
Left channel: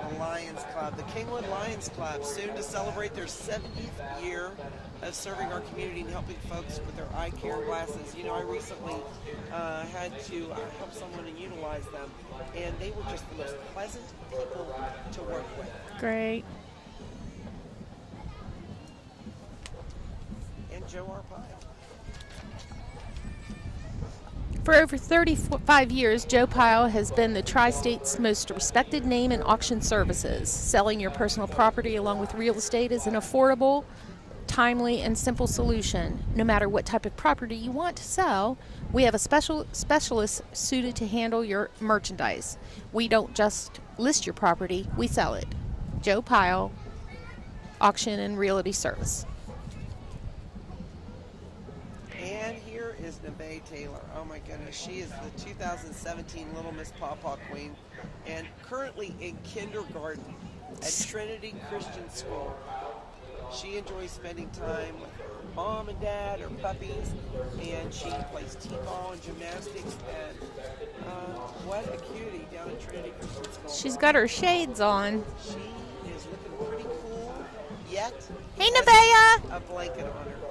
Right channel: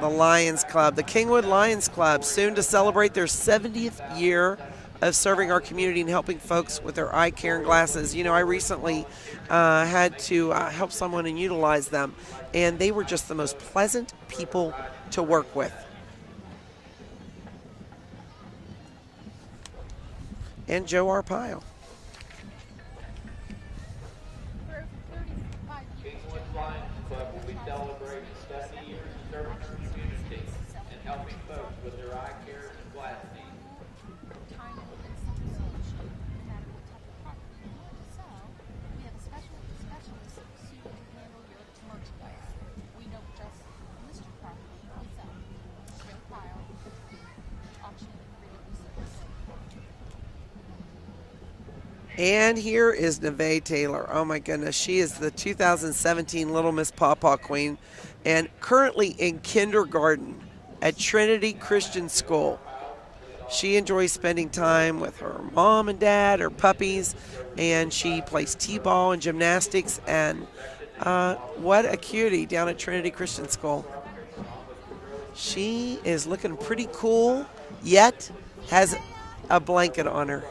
the Lions Club, the Kingwood Lions Club, soon to celebrate their 70th year of serving our community and helping folks with their eye care and glasses. I recently had to help someone and utilize them, and they were just the most pleasant people to work with. Great. And Joe Arpaio. For over 35 years, Joe Pyle has been the Tri-State's most respected name in auction services. Selling your personal property along with real estate is an affordable, timely, and simple solution. No matter what type of property you want to sell, we have a specialist suited to handle your merchandise. We don't just list your property, we sell it. Joe Pyle, Auction and Realty Service. And here is Neve Taylor. Oh my goodness, she is the 2017 Little Miss Pawpaw Queen and currently in kindergarten at Trinity Christian School. She enjoys spending time with her mom and dad, her puppies, and she plays t-ball and gymnastics. And what a cutie down at Trinity Christian School. She's got her shades on. She is looking pretty cool, yet Hey, has Nevaeh! a blanket on her.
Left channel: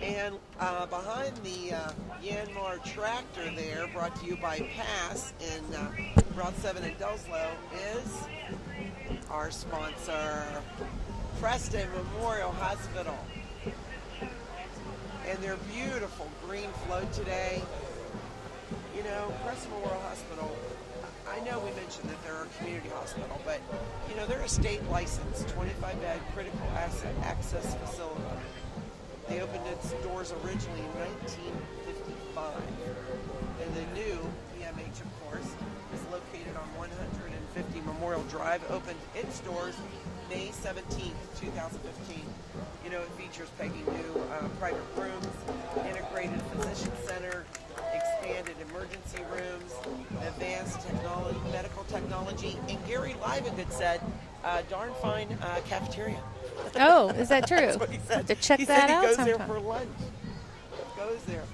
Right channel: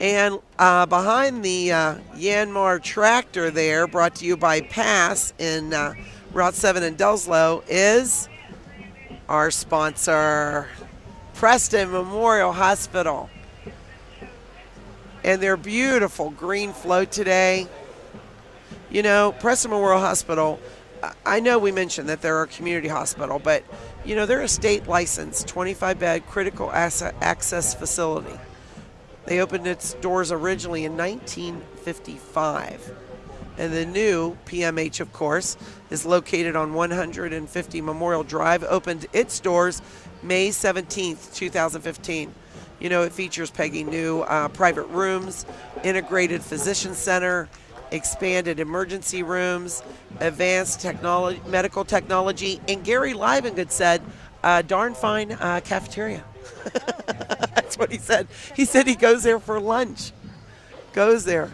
And behind the Yanmar tractor there, brought to you by Pass in Route 7 in Delslow, is our sponsor, Preston Memorial Hospital. And their beautiful green float today. You know, Preston Memorial Hospital, I know we mentioned that they're a community hospital, but, you know, they're a state-licensed 25-bed critical access facility. They opened its doors originally in 1955. And the new PMH, of course, is located on 150 Memorial Drive, opened its doors May 17th, 2015. You know, it features, Peggy, new private rooms, integrated physician center, expanded emergency rooms, advanced technology, medical technology, and Gary Livengood said, darn fine cafeteria. Oh, is that true? That's what he said. He said he goes there for lunch. Goes there.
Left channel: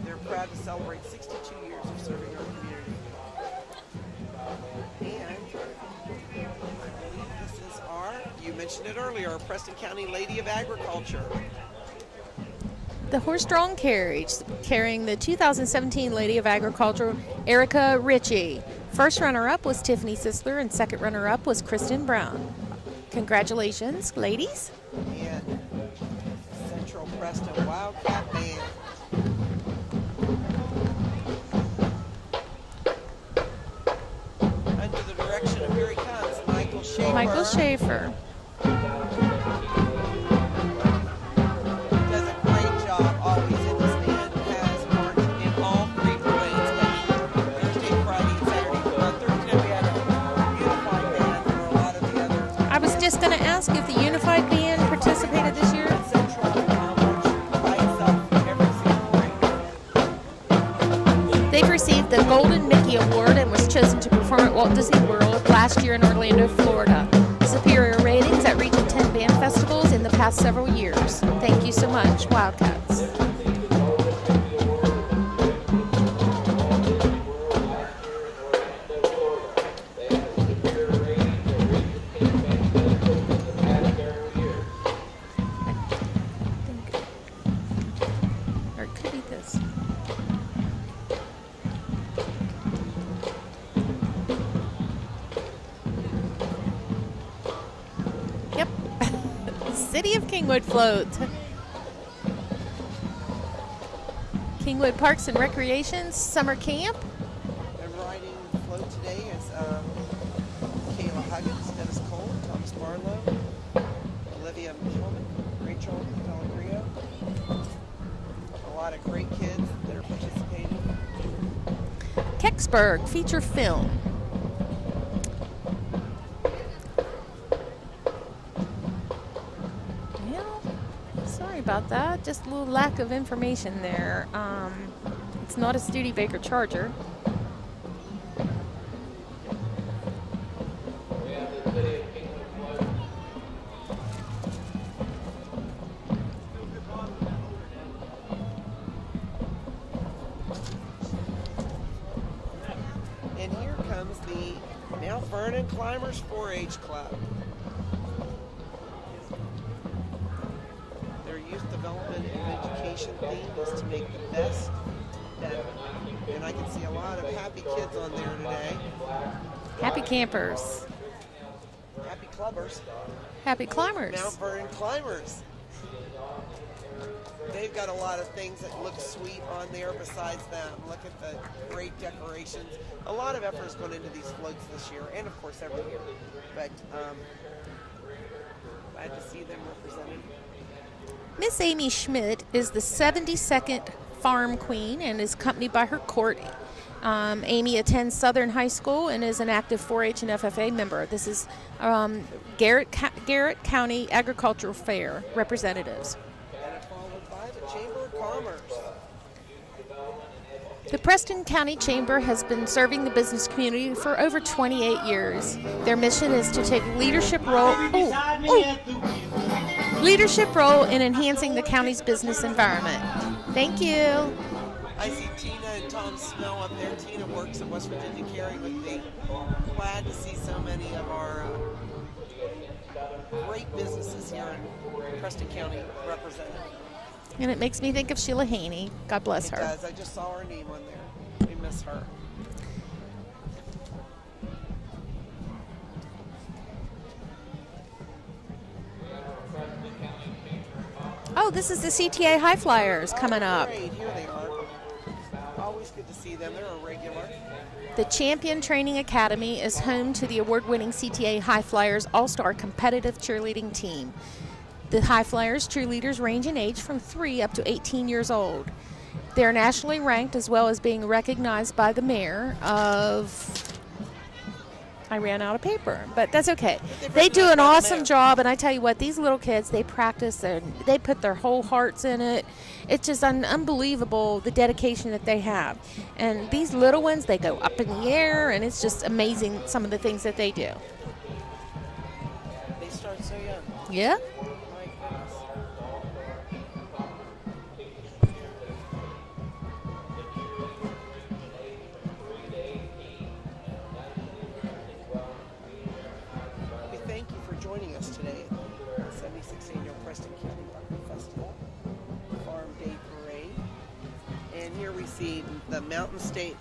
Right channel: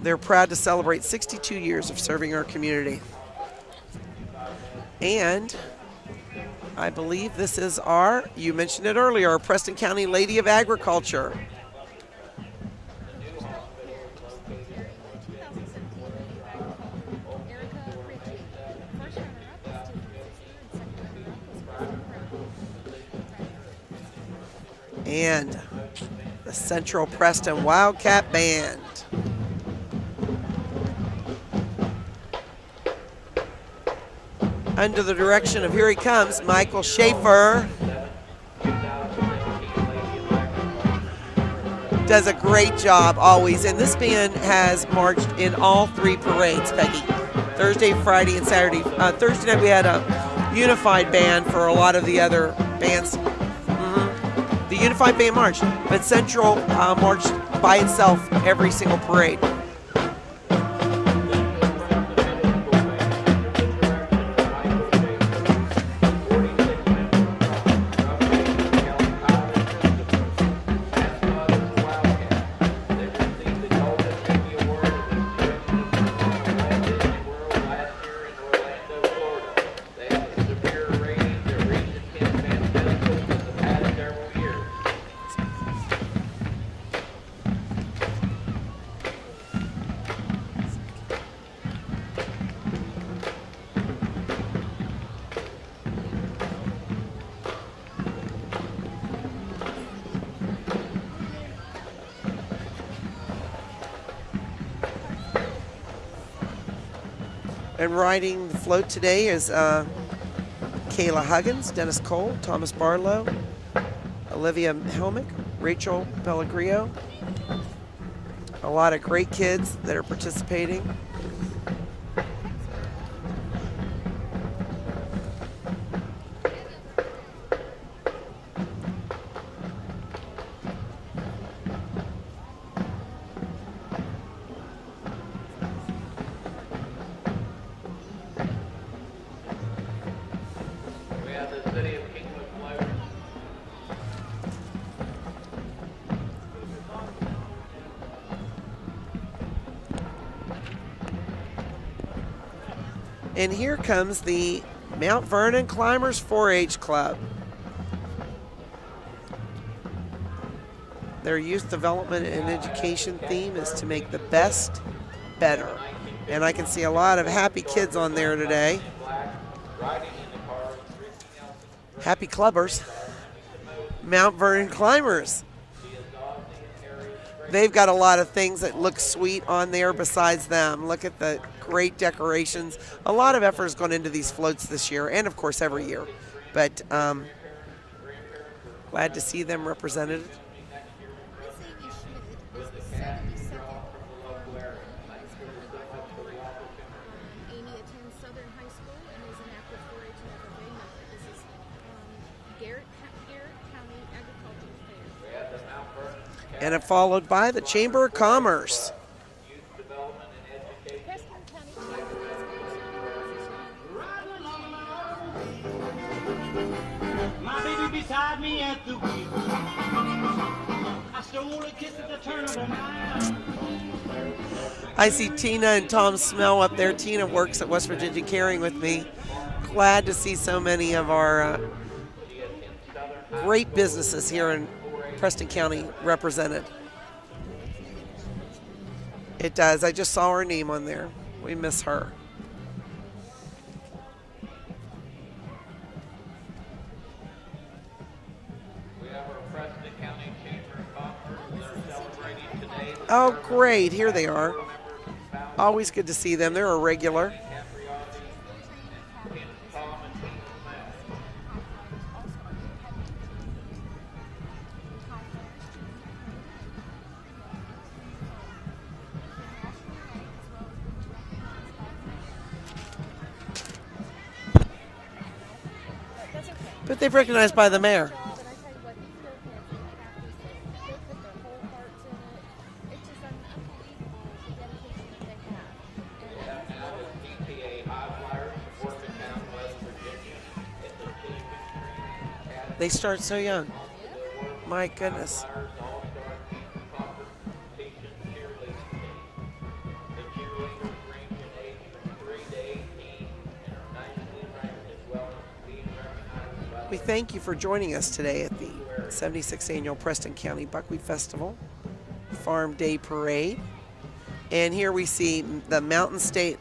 They're proud to celebrate 62 years of serving our community. And I believe this is you mentioned it earlier, our Preston County Lady of Agriculture. The horse-drawn carriage carrying the 2017 Lady of Agriculture, Erica Ritchie. First runner-up was Tiffany Sisler, and second runner-up was Kristen Brown. Congratulations, ladies. And the Central Preston Wildcat Band. Under the direction of, here he comes, Michael Schaefer. Does a great job always. And this band has marched in all 3 parades, Peggy. Thursday, Friday, and Saturday. Thursday night we had a unified band for a lot of the other I was bands. just going to ask if the unified band. The unified band marched, but Central marched by itself every single parade. They've received the Golden Mickey Award and was chosen to perform at Walt Disney World last year in Orlando, Florida. Superior ratings at Region 10 band festivals in the past several years. Thank you so much, Wildcats. City of Kingwood float. Kingwood Parks and Recreation Summer Camp. And riding the float today is Kayla Huggins, Dennis Cole, Thomas Barlow, Olivia Helmick, Rachel Pellegrio. A lot of great kids that are participating. Kecksburg feature film. Sorry about that. Just a little lack of information there. It's not a Studebaker Charger. And here comes the Mount Vernon Climbers 4-H Club. Their youth development and education theme is to make the best better. And I can see a lot of happy kids on there today. Happy campers. Happy clubbers. Happy climbers. Mount Vernon Climbers. They've got a lot of things that look sweet on there besides them. Look at the great decorations. A lot of effort has gone into these floats this year, and of course every year. But glad to see them represented. Miss Amy Schmidt is the 72nd Farm Queen and is accompanied by her court. Amy attends Southern High School and is an active 4-H and FFA member. This is Garrett County Agricultural Fair representatives. And followed by the Chamber of Commerce. The Preston County Chamber has been serving the business community for over 28 years. Their mission is to take leadership role in enhancing the county's business environment. Thank you. I see Tina and Tom Smell up there. Tina works at West Virginia Caring with me. Glad to see so many of our great businesses here in Preston County represented. And it makes me think of Sheila Haney. God bless her. It does. I just saw her name on there. We miss her. Oh, this is the CTA High Flyers coming up. Oh, great. Here they are. Always good to see them. They're a regular. The Champion Training Academy is home to the award-winning CTA High Flyers All-Star Competitive Cheerleading Team. The High Flyers cheerleaders range in age from 3 up to 18 years old. They're nationally ranked as well as being recognized by the mayor of... I ran out of paper, but that's okay. But they do an awesome job, and I tell you what, these little kids, they practice, they put their whole hearts in it. It's just unbelievable the dedication that they have. And these little ones, they go up in the air, and it's just amazing some of the things that they do. They start so young. Yeah. My goodness. We thank you for joining us today at the 76th Annual Preston County Buckwheat Festival Farm Day Parade. And here we see the Mountain State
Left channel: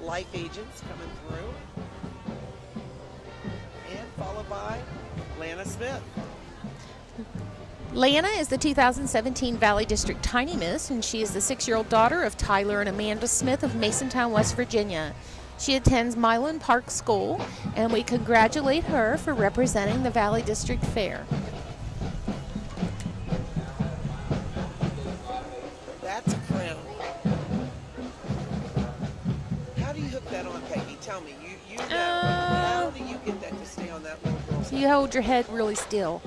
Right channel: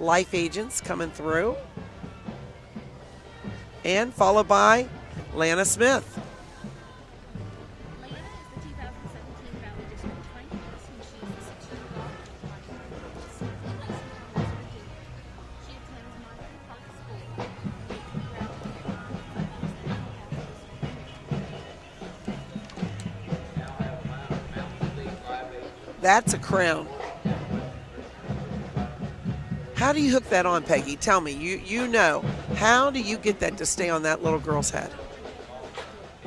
Life Agents coming through. And followed by Lana Smith. Lana is the 2017 Valley District Tiny Miss, and she is the 6-year-old daughter of Tyler and Amanda Smith of Masontown, West Virginia. She attends Milan Park School, and we congratulate her for representing the Valley District Fair. That's a crown. How do you hook that on, Peggy? Tell me. You know. How do you get that to stay on that little girl's head? You hold your head really still.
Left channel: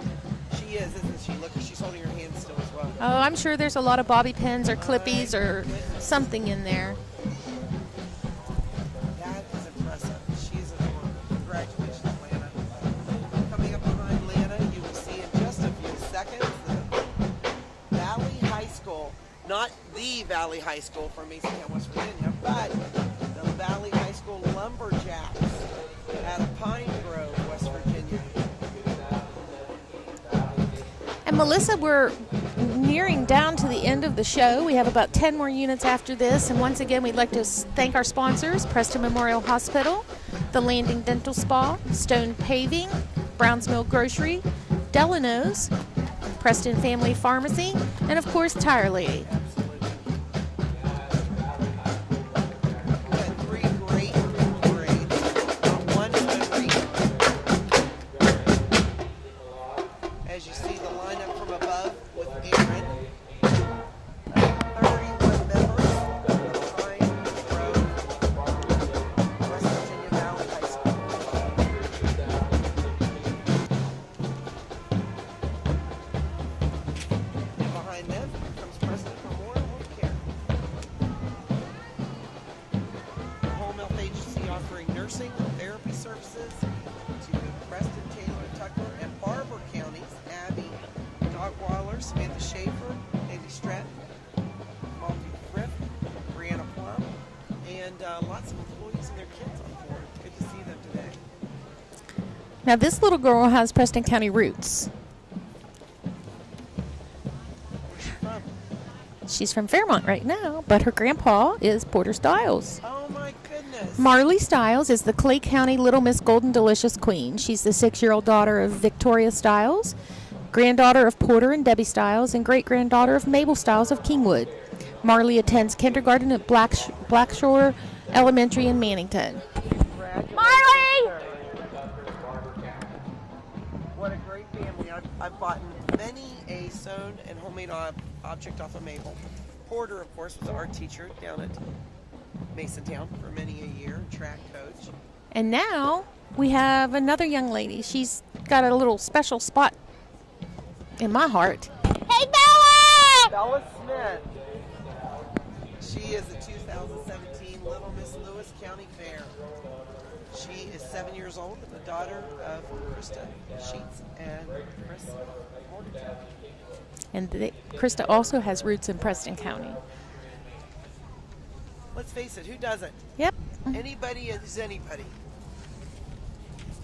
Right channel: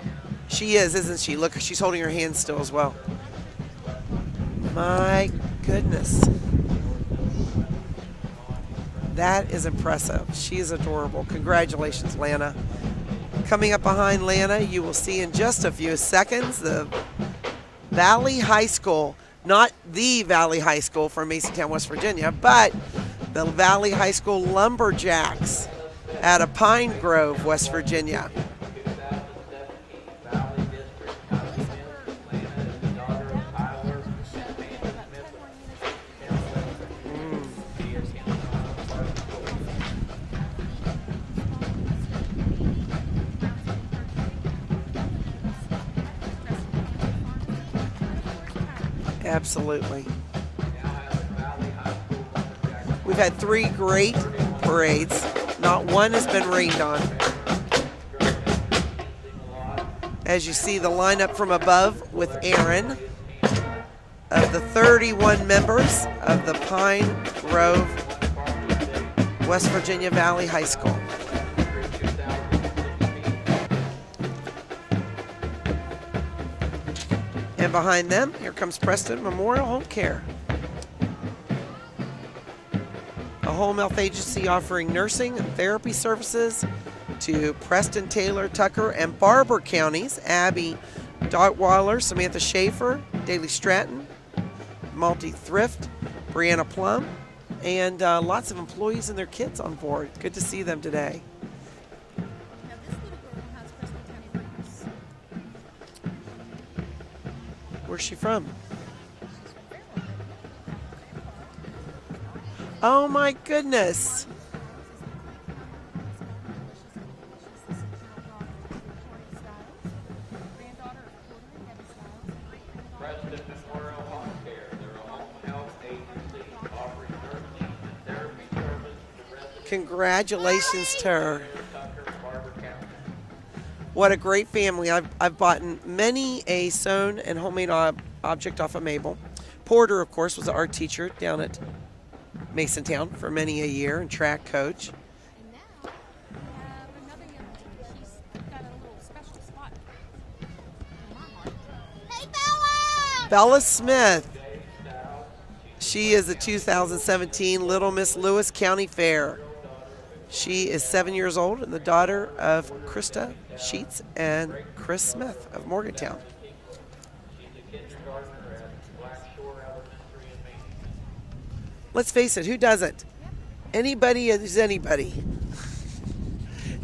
She is, isn't she? Look, she's holding her hand still as well. Oh, I'm sure there's a lot of bobby pins or clippies or something in there. That is impressive. She is adorable. Congratulations, Lana. Coming up behind Lana, you will see in just a few seconds the Valley High School. Not the Valley High School from Masontown, West Virginia, but the Valley High School Lumberjacks out of Pine Grove, West Virginia. And Melissa, we're nearing down to the end of the show. We have about 10 more units after this. And once again, we'd like to thank our sponsors, Preston Memorial Hospital, the Landing Dental Spa, Stone Paving, Browns Mill Grocery, Delano's, Preston Family Pharmacy, and of course, Tire Lady. Absolutely. We've had 3 great parades. Not one has been rained on. As you see the lineup from above with Aaron of the 31 members of the Pine Grove, West Virginia Valley High School. And behind them, here comes Preston Memorial Home Care, a home health agency offering nursing and therapy services to Preston, Taylor, Tucker, and Barber counties. Abby Dotweiler, Samantha Schaefer, Daly Stratton, Multi Thrift, Brianna Plum, and lots of employees and their kids on board. Good to see them today. Now this little girl has Preston County roots. Where's she from? She's from Fairmont right now, but her grandpa is Porter Stiles. Oh my goodness. Marley Stiles is the Clay County Little Miss Golden Delicious Queen. She's the 6-year-old daughter of Victoria Stiles, granddaughter of Porter and Debbie Stiles, and great-granddaughter of Mabel Stiles of Kingwood. Marley attends kindergarten at Blackshore Elementary in Mannington. Congratulations to her. What a great family. I've bought many a sewn and homemade object off of Mabel. Porter, of course, was an art teacher down at Masontown for many a year and track coach. And now we have another young lady. She's got a little special spot in my heart. Hey, Bella! Bella Smith. She is the 2017 Little Miss Lewis County Fair. She is 7 years old and the daughter of Krista Sheets and Chris Smith of Morgantown. And Krista also has roots in Preston County. Let's face it, who doesn't? Yep. Anybody is anybody.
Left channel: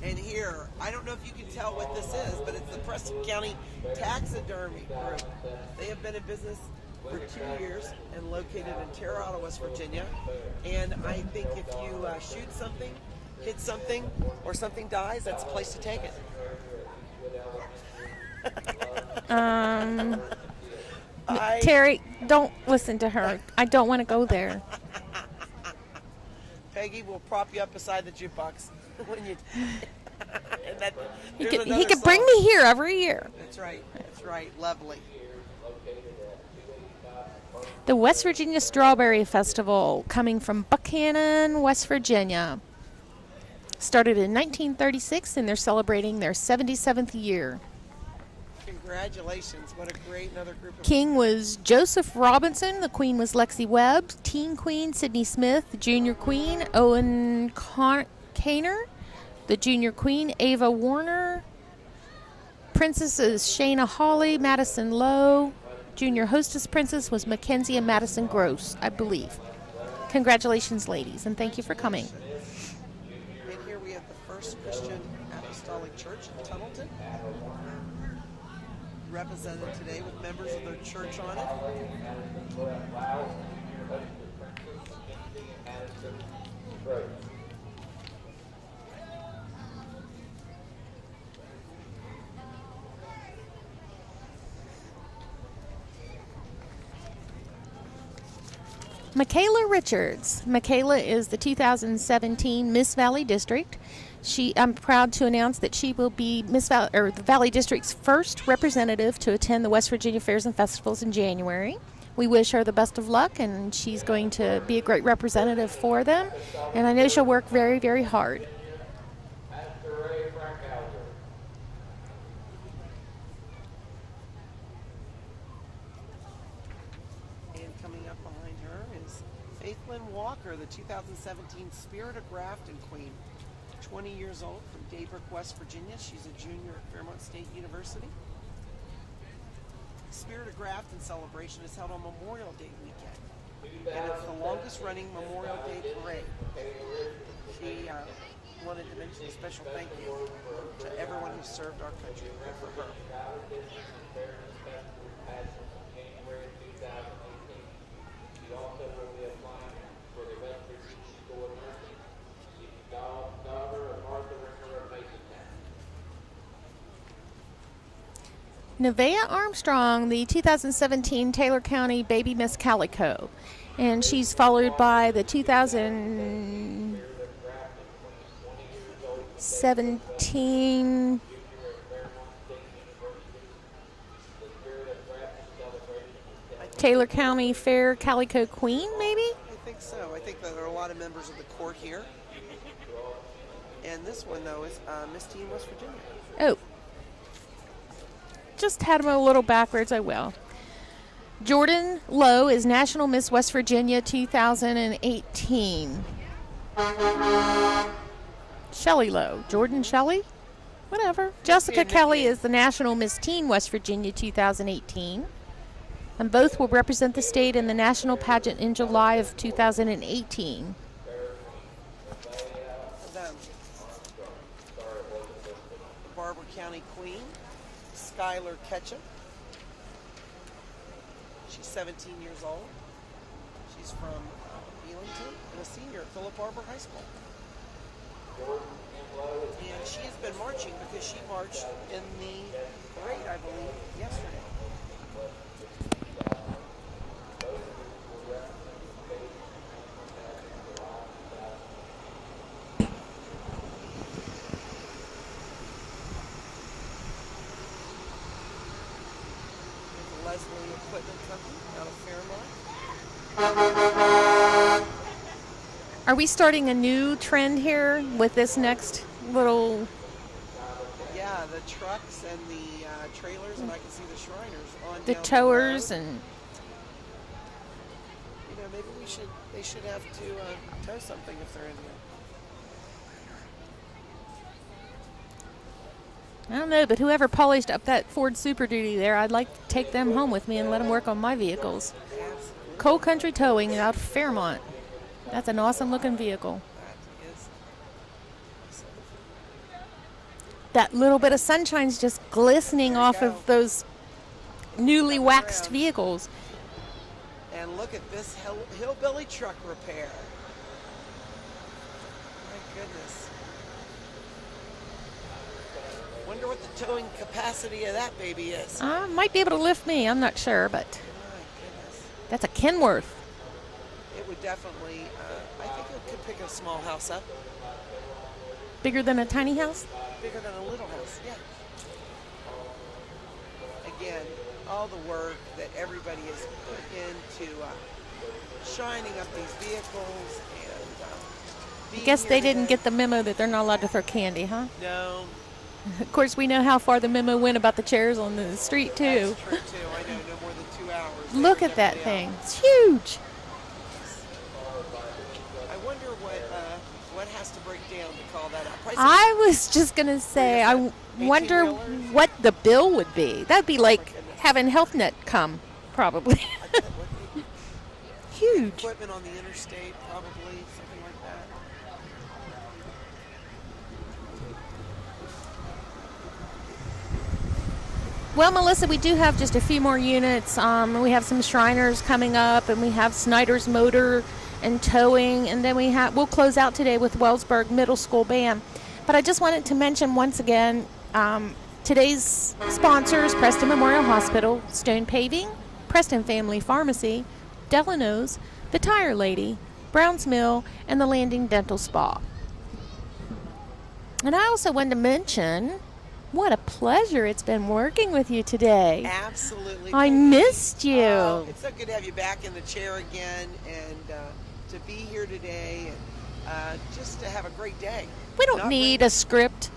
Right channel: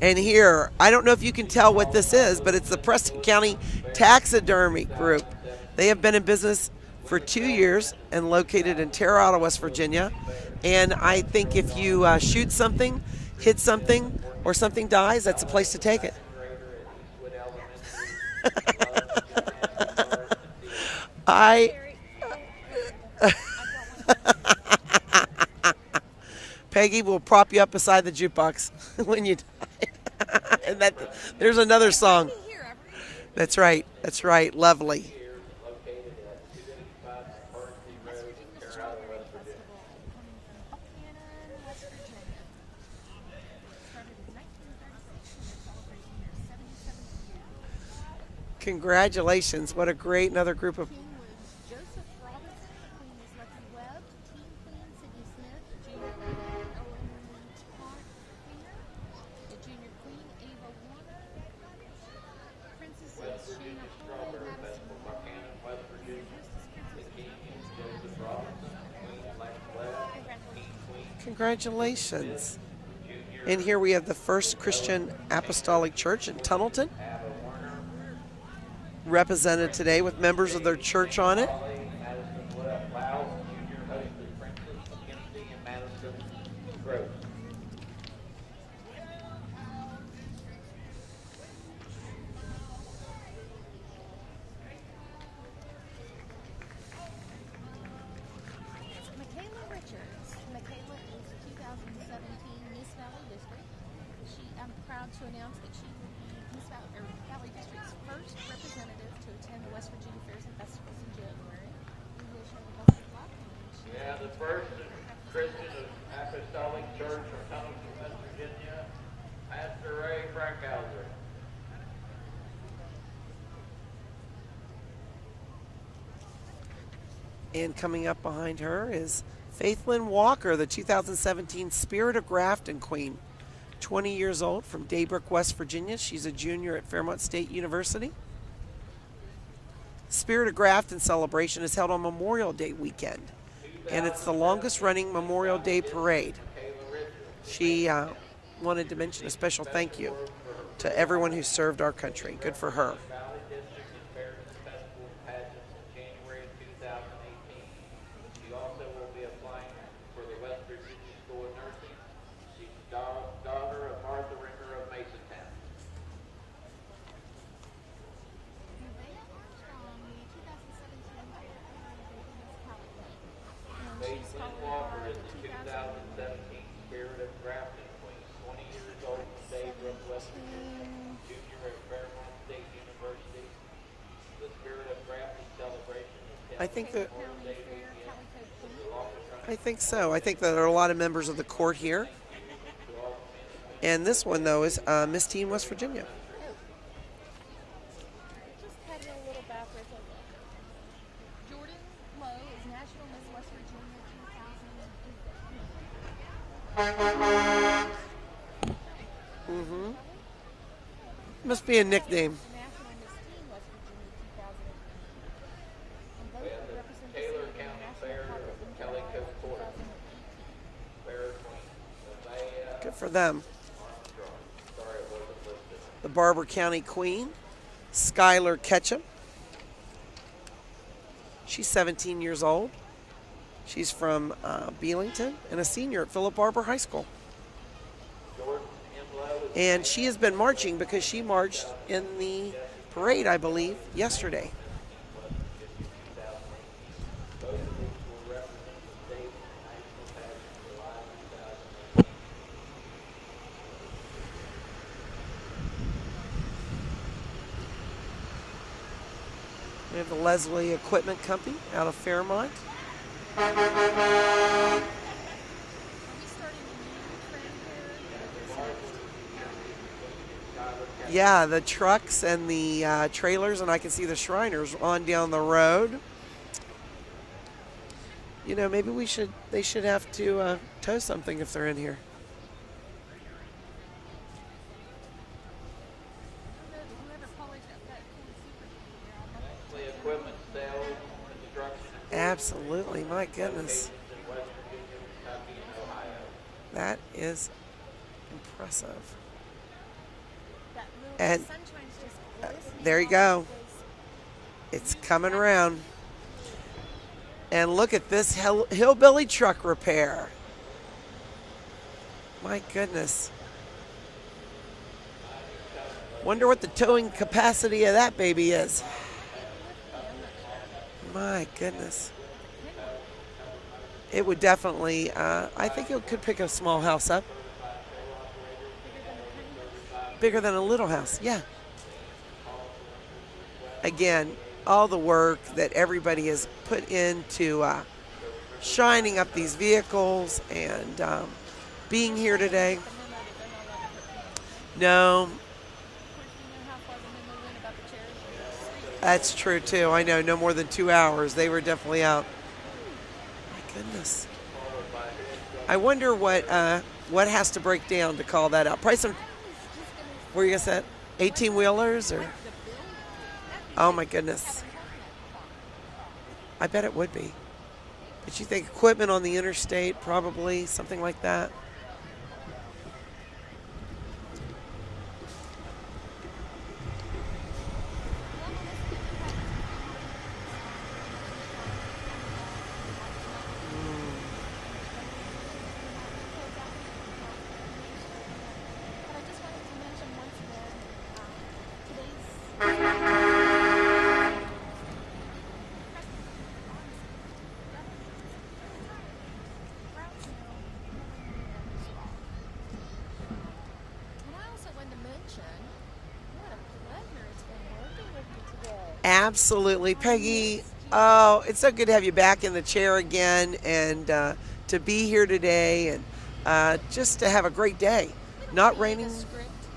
And here, I don't know if you can tell what this is, but it's the Preston County Taxidermy Group. They have been in business for 2 years and located in Terre Haute, West Virginia. And I think if you shoot something, hit something, or something dies, that's the place to take it. Terry, don't listen to her. I don't want to go there. Peggy will prop you up beside the jukebox when you. And there's another song. You can bring me here every year. That's right. That's right. Lovely. The West Virginia Strawberry Festival, coming from Buchanan, West Virginia. Started in 1936, and they're celebrating their 77th year. Congratulations. What a great another group of... King was Joseph Robinson. The queen was Lexi Webb. Teen queen, Sydney Smith. Junior queen, Owen Kaner. The junior queen, Ava Warner. Princesses, Shayna Hawley, Madison Lowe. Junior hostess princess was Mackenzie and Madison Gross, I believe. Congratulations, ladies, and thank you for coming. And here we have the First Christian Apostolic Church in Tunnelton, represented today with members of their church on it. Michaela Richards. Michaela is the 2017 Miss Valley District. I'm proud to announce that she will be the Valley District's first representative to attend the West Virginia Fairs and Festivals in January. We wish her the best of luck, and she's going to be a great representative for them. And I know she'll work very, very hard. And coming up behind her is Faithlyn Walker, the 2017 Spirit of Grafton Queen. 20 years old from Daybrook, West Virginia. She's a junior at Fairmont State University. Spirit of Grafton celebration is held on Memorial Day weekend, and it's the longest running Memorial Day parade. She wanted to mention a special thank you to everyone who served our country. Good for her. Nevaeh Armstrong, the 2017 Taylor County Baby Miss Calico. And she's followed by the 2017 Taylor County Fair Calico Queen, maybe? I think so. I think that there are a lot of members of the court here. And this one, though, is Miss Teen West Virginia. Oh. Just had them a little backwards, I will. Jordan Lowe is National Miss West Virginia 2018. Shelley Lowe. Jordan Shelley? Whatever. Jessica Kelly is the National Miss Teen West Virginia 2018. And both will represent the state in the national pageant in July of 2018. Good for them. The Barber County Queen, Skylar Ketchum. She's 17 years old. She's from Belington and a senior at Philip Barber High School. And she has been marching because she marched in the parade, I believe, yesterday. We have the Leslie Equipment Company out of Fairmont. Are we starting a new trend here with this next little? Yeah, the trucks and the trailers, and I can see the Shriners on The down the towers road. and You know, maybe they should have to tow something if they're in here. I don't know, but whoever polished up that Ford Super Duty there, I'd like to take them home with me and let them work on my vehicles. Absolutely. Coal Country My Towing goodness. out of Fairmont. That's an awesome looking vehicle. That is impressive. That little bit And of sunshine's just glistening there you off go. of those It's newly coming waxed around. vehicles. And look at this hillbilly truck repair. My goodness. Wonder what the towing capacity of that baby is. Might be able to lift me. I'm not sure, but My goodness. that's a Kenworth. It would definitely, I think it could pick a small house up. Bigger than a tiny house? Bigger than a little house, yeah. Again, all the work that everybody has put into shining up these vehicles and being Guess here they today. didn't get the memo that they're not allowed to throw candy, huh? No, Of course, we know how far the memo went about the chairs on the street, too. that's true too. I know, no more than 2 hours. They Look were at definitely that out. thing. It's huge. Goodness. I wonder what has to break down to call that out. Price of, I was just going to say, I wonder 18-wheelers or- what the bill would be. That'd be Oh, my like goodness. having HealthNet come, probably. I bet it would be. Did you think equipment on the interstate, probably something like that? Well, Melissa, we do have just a few more units. We have some Shriners coming up, and we have Snyder's Motor and Towing, and then we'll close out today with Wellsburg Middle School Band. But I just wanted to mention once again today's sponsors: Preston Memorial Hospital, Stone Paving, Preston Family Pharmacy, Delano's, The Tire Lady, Brown's Mill, and the Landing Dental Spa. And I also wanted to mention, what a pleasure it's been working with you today. Absolutely, I Peggy. missed you. Oh, it's so good to have you back in the chair again and to be here today and just to have a great day. We don't Not need raining. a script.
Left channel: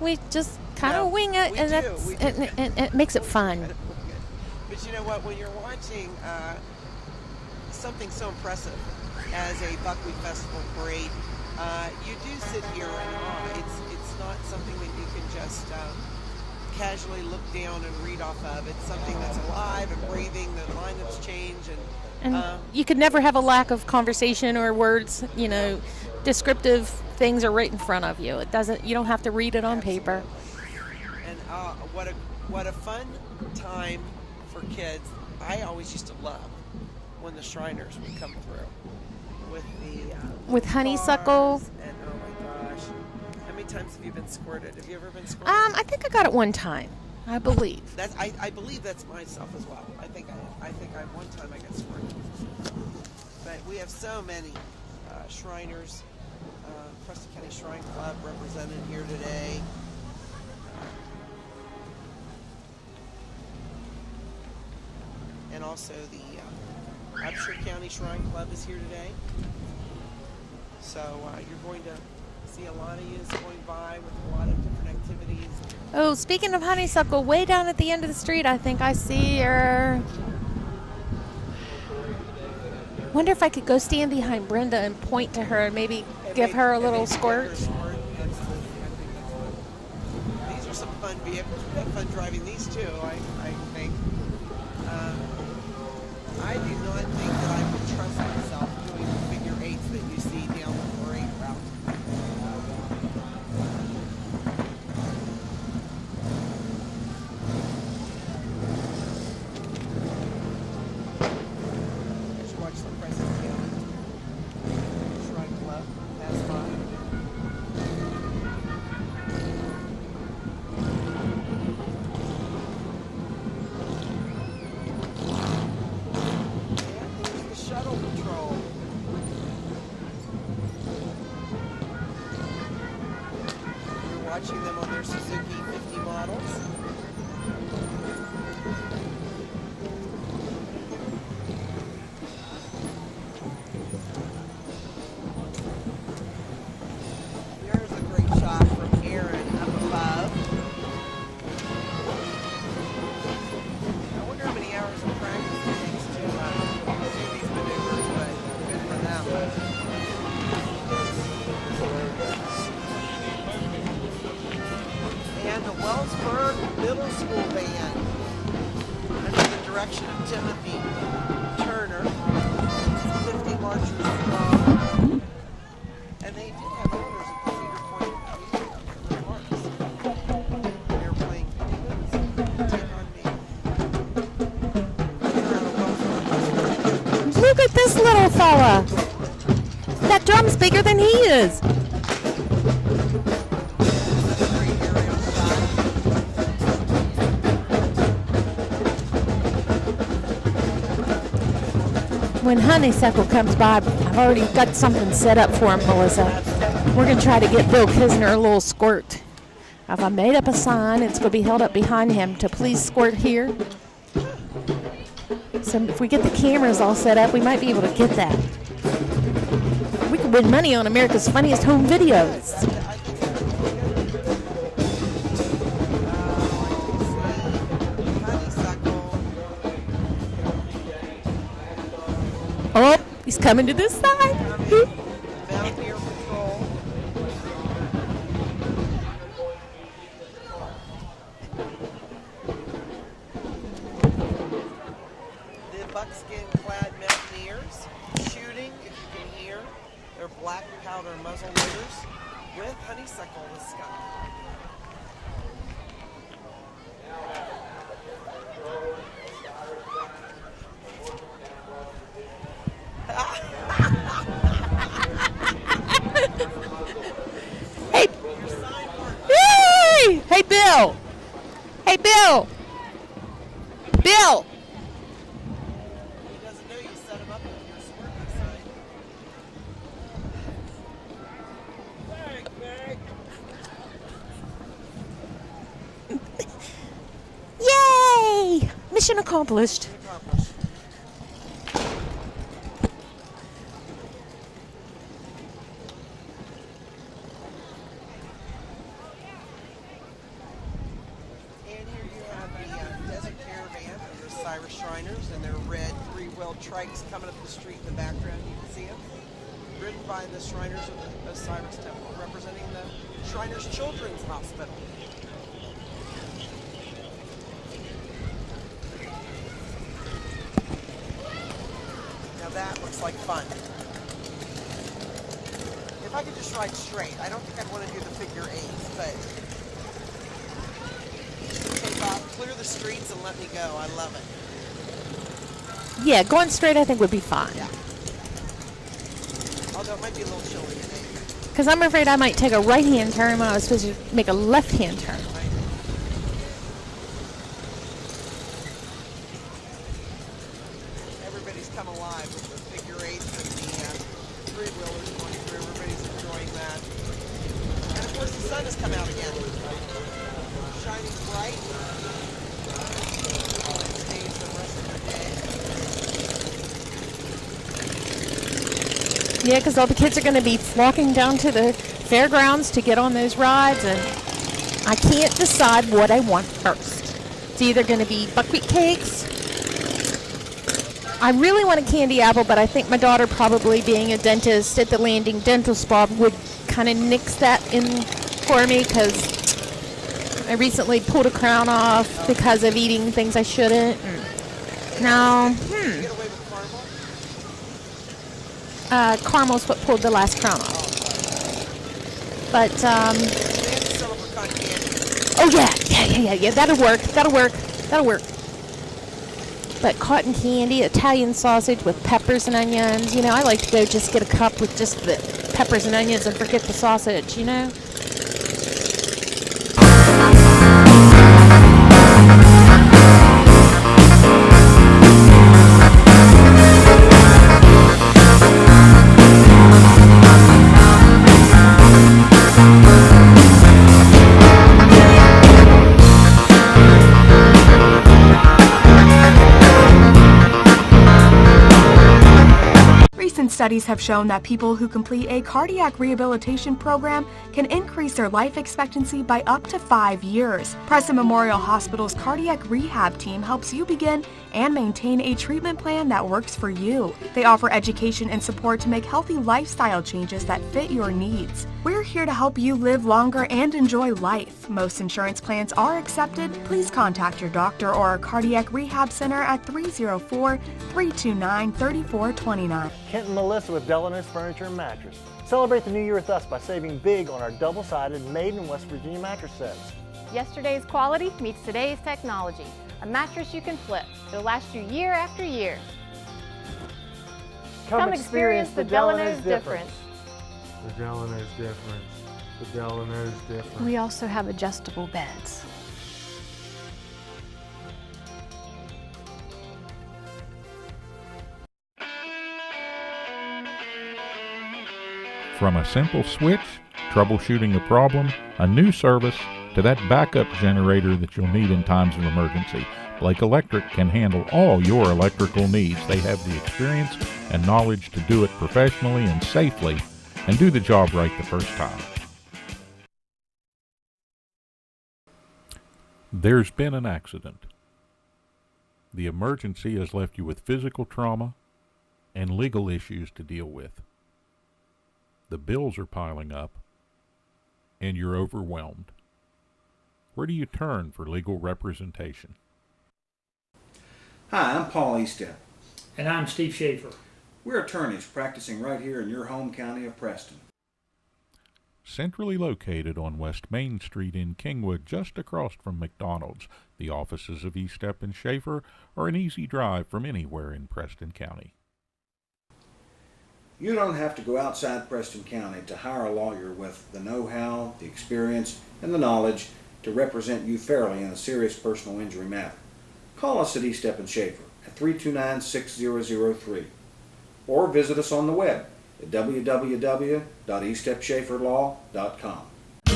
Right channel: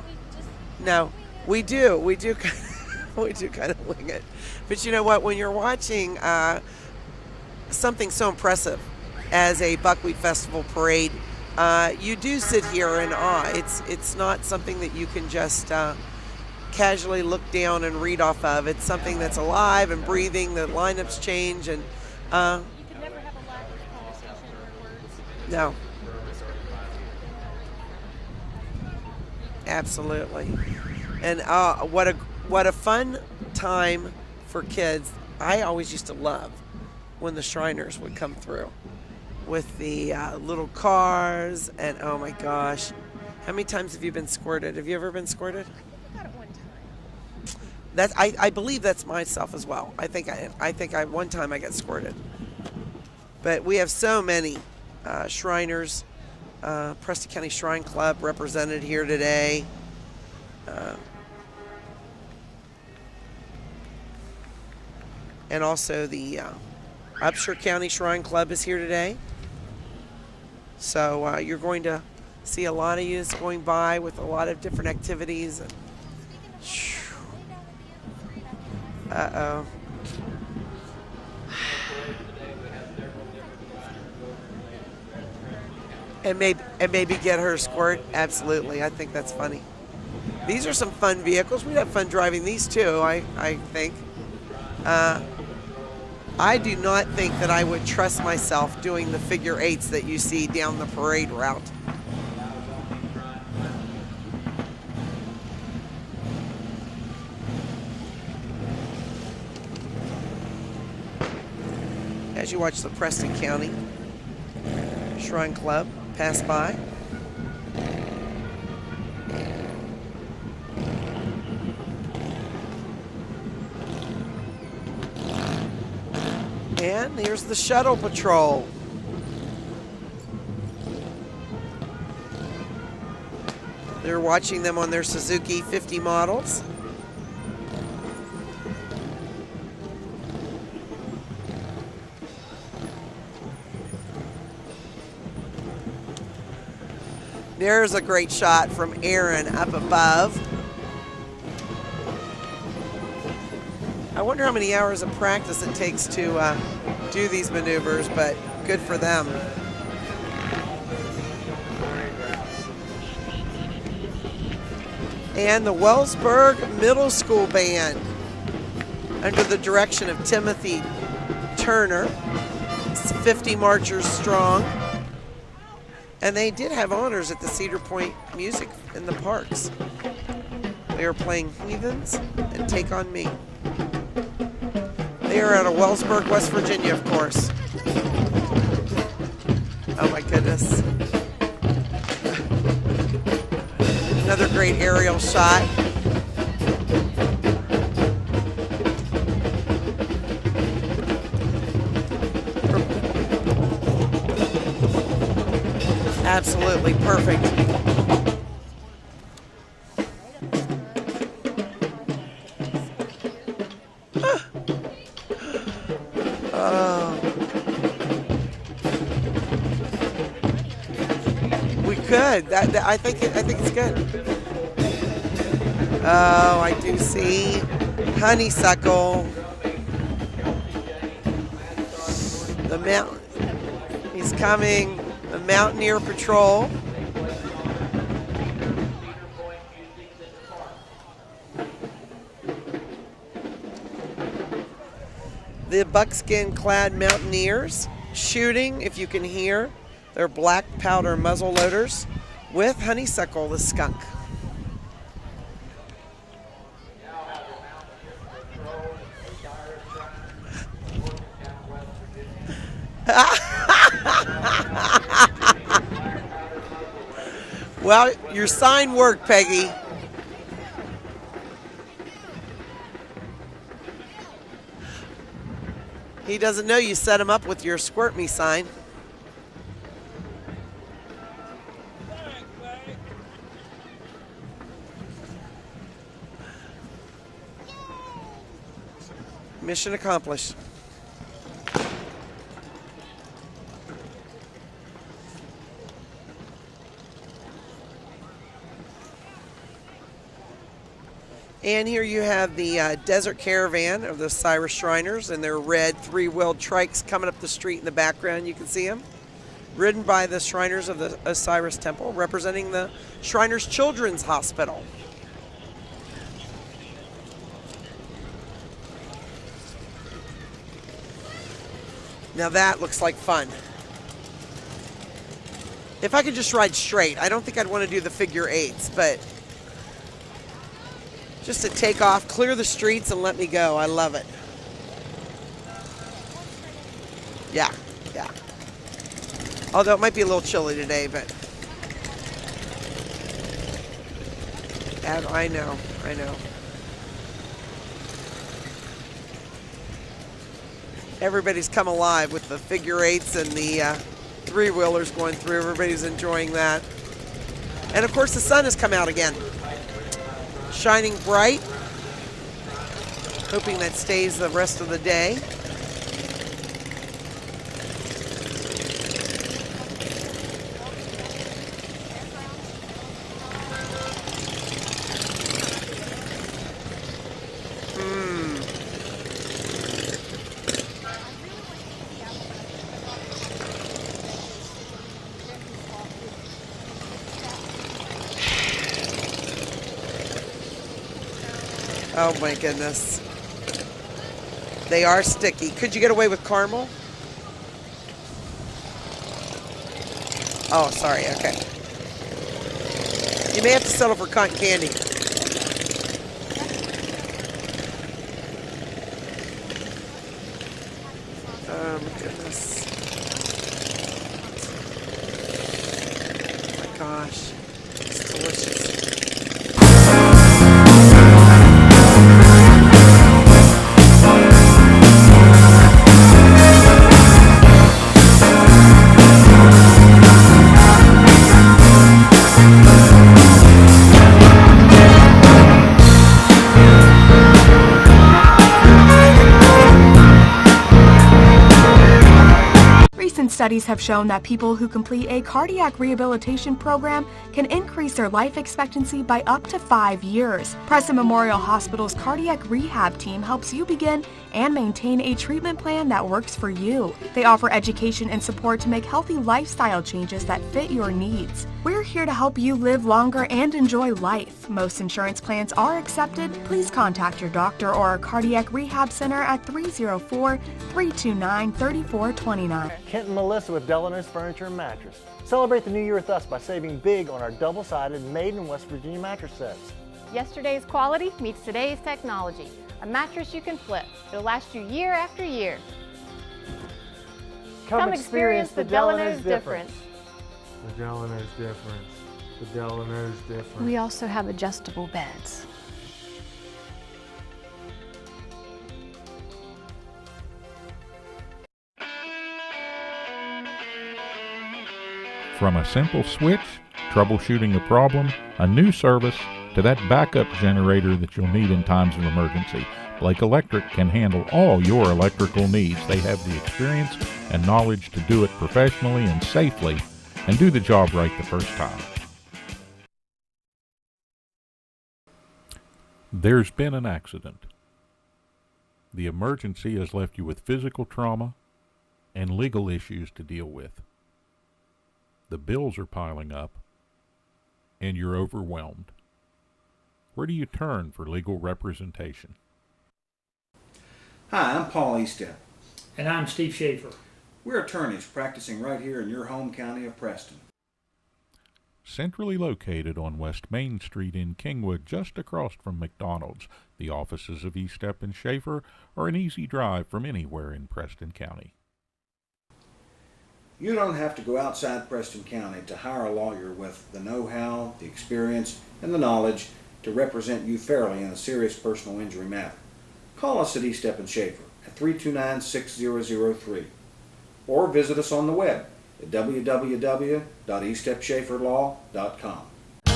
We just kind of No, wing it. we and do. that's- We do. And it makes it We do fun. kind of wing it. But you know what? When you're watching something so impressive as a Buckwheat Festival parade, you do sit here in awe. It's not something that you can just casually look down and read off of. It's something that's alive and breathing. The lineups change, and You could never have a lack of conversation or words. No. Descriptive things are right in front of you. It doesn't. You don't have to read it on paper. absolutely. And what a fun time for kids. I always used to love when the Shriners would come through with the little With honeysuckle. cars, and oh my gosh, how many times have you been squirted? Have you ever been squirted? I think I got it one time, I believe. I believe that's myself as well. I think one time I got squirted. But we have so many Shriners, Preston County Shrine Club represented here today. And also the Upshur County Shrine Club is here today. So you're going to see a lot of youths going by with a lot of different activities. Oh, speaking of honeysuckle, way down at the end of the street, I think I see her. Wonder if I could go stand behind Brenda and point to her and maybe give her a little maybe squirt. get her a squirt. Absolutely, I think that's funny. These are some fun vehicles. We'd have fun driving these too. I think. I do not think that I would trust myself doing the figure eights that you see down the parade route. As you watch the Preston County Shrine Club pass by. And here's the shuttle patrol. They're watching them on their Suzuki 50 models. There's a great shot from Aaron up above. I wonder how many hours of practice it takes to do these maneuvers, but good for them. And the Wellsburg Middle School Band, under the direction of Timothy Turner. It's 50 marchers strong. And they did have honors at the Cedar Point Music in the Parks. They were playing Heathens and Take On Me. They are out of Wellsburg, West Virginia, of course. Look at this little fella. That drum's bigger than he is. Another great aerial shot. When Honeysuckle comes by, I've already got something set up for him, Melissa. Absolutely. We're going to try to get Bill Kisner a little squirt. If I made up a sign, it's going to be held up behind him to please squirt here. So if we get the cameras all set up, we might be able to get that. We could win money on America's Funniest Home Videos. Good. I think it's good. Oh, I do see Honeysuckle. He's coming to this side. He's coming. The Mountaineer Patrol. The buckskin-clad Mountaineers shooting, if you can hear, their black powder muzzle loaders with Honeysuckle the skunk. Well, your sign worked, Peggy. Yay! Hey, Bill. Hey, Bill. Bill. He doesn't know you set him up with your Squirt Me sign. Yay! Mission accomplished. Mission accomplished. And here you have the Desert Caravan of the Osiris Shriners and their red three-wheeled trikes coming up the street in the background. You can see them. Ridden by the Shriners of the Osiris Temple, representing the Shriners Children's Hospital. Now that looks like fun. If I could just ride straight, I don't think I'd want to do the figure eights, but just to take off, clear the streets, and let me go. I love it. Yeah, going straight I think would be fine. Yeah, yeah. Although it might be a little chilly today, but. Because I'm afraid I might take a right-hand turn when I was supposed to make a left-hand turn. I know. Everybody's come alive with the figure eights and the three-wheelers going through. Everybody's enjoying that. And of course the sun has come out again. Shining bright. Hoping that stays the rest of the day. Yeah, because all the kids are going to be flocking down to the fairgrounds to get on those rides, and I can't decide what I want first. It's either going to be buckwheat cakes. I really want a candy apple, but I think my daughter, probably being a dentist at the Landing Dental Spa, would kind of nix that in for me, because I recently pulled a crown off because of eating things I shouldn't. They are sticky. Could you get away with caramel? Caramel's what pulled the last crown off. Oh, sorry. Okay. But you may have to settle for cotton candy. Oh yeah. That'll work. But cotton candy, Italian sausage with peppers and onions. You know, I like to go just get a cup with just the peppers and onions and forget the sausage. You know. Studies have shown that people who complete a cardiac rehabilitation program can increase their life expectancy by up to 5 years. Preston Memorial Hospital's cardiac rehab team helps you begin and maintain a treatment plan that works for you. They offer education and support to make healthy lifestyle changes that fit your needs. We're here to help you live longer and enjoy life. Most insurance plans are accepted. Please contact your doctor or our cardiac rehab center at 304-329-3429. Kent and Malisa with Delano's Furniture and Mattress. Celebrate the new year with us by saving big on our double-sided made in West Virginia mattress sets. Yesterday's quality meets today's technology. A mattress you can flip. It'll last you year after year. Come experience the Delano's difference. The Delano's difference. The Delano's difference. We also have adjustable beds. From a simple switch, troubleshooting a problem, a new service, to that backup generator that you'll need in times of emergency, Blake Electric can handle all your electrical needs. They have the experience and knowledge to do it professionally and safely and do the job right the first time. There's been an accident. The emergency has left you with physical trauma and legal issues to deal with. The bills are piling up and you're overwhelmed. Where do you turn for legal representation? Hi, I'm Paul Eastep. And I'm Steve Schaefer. We're attorneys practicing right here in your home county of Preston. Centrally located on West Main Street in Kingwood, just across from McDonald's, the offices of Eastep and Schaefer are an easy drive from anywhere in Preston County. You don't have to go outside Preston County to hire a lawyer with the know-how, the experience, and the knowledge to represent you fairly in a serious personal injury matter. Call us at Eastep and Schaefer at 329-6003 or visit us on the web at www.eastepschaeferlaw.com.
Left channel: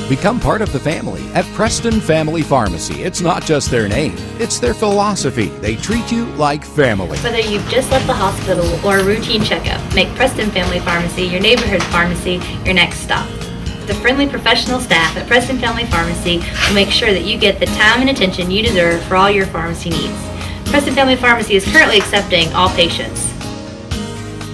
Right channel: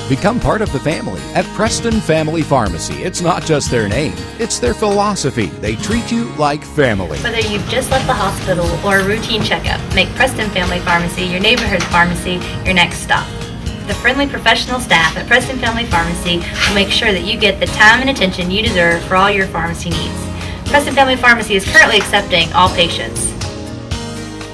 Become part of the family at Preston Family Pharmacy. It's not just their name, it's their philosophy. They treat you like family. Whether you've just left the hospital or a routine checkup, make Preston Family Pharmacy your neighborhood pharmacy your next stop. The friendly professional staff at Preston Family Pharmacy will make sure that you get the time and attention you deserve for all your pharmacy needs. Preston Family Pharmacy is currently accepting all patients.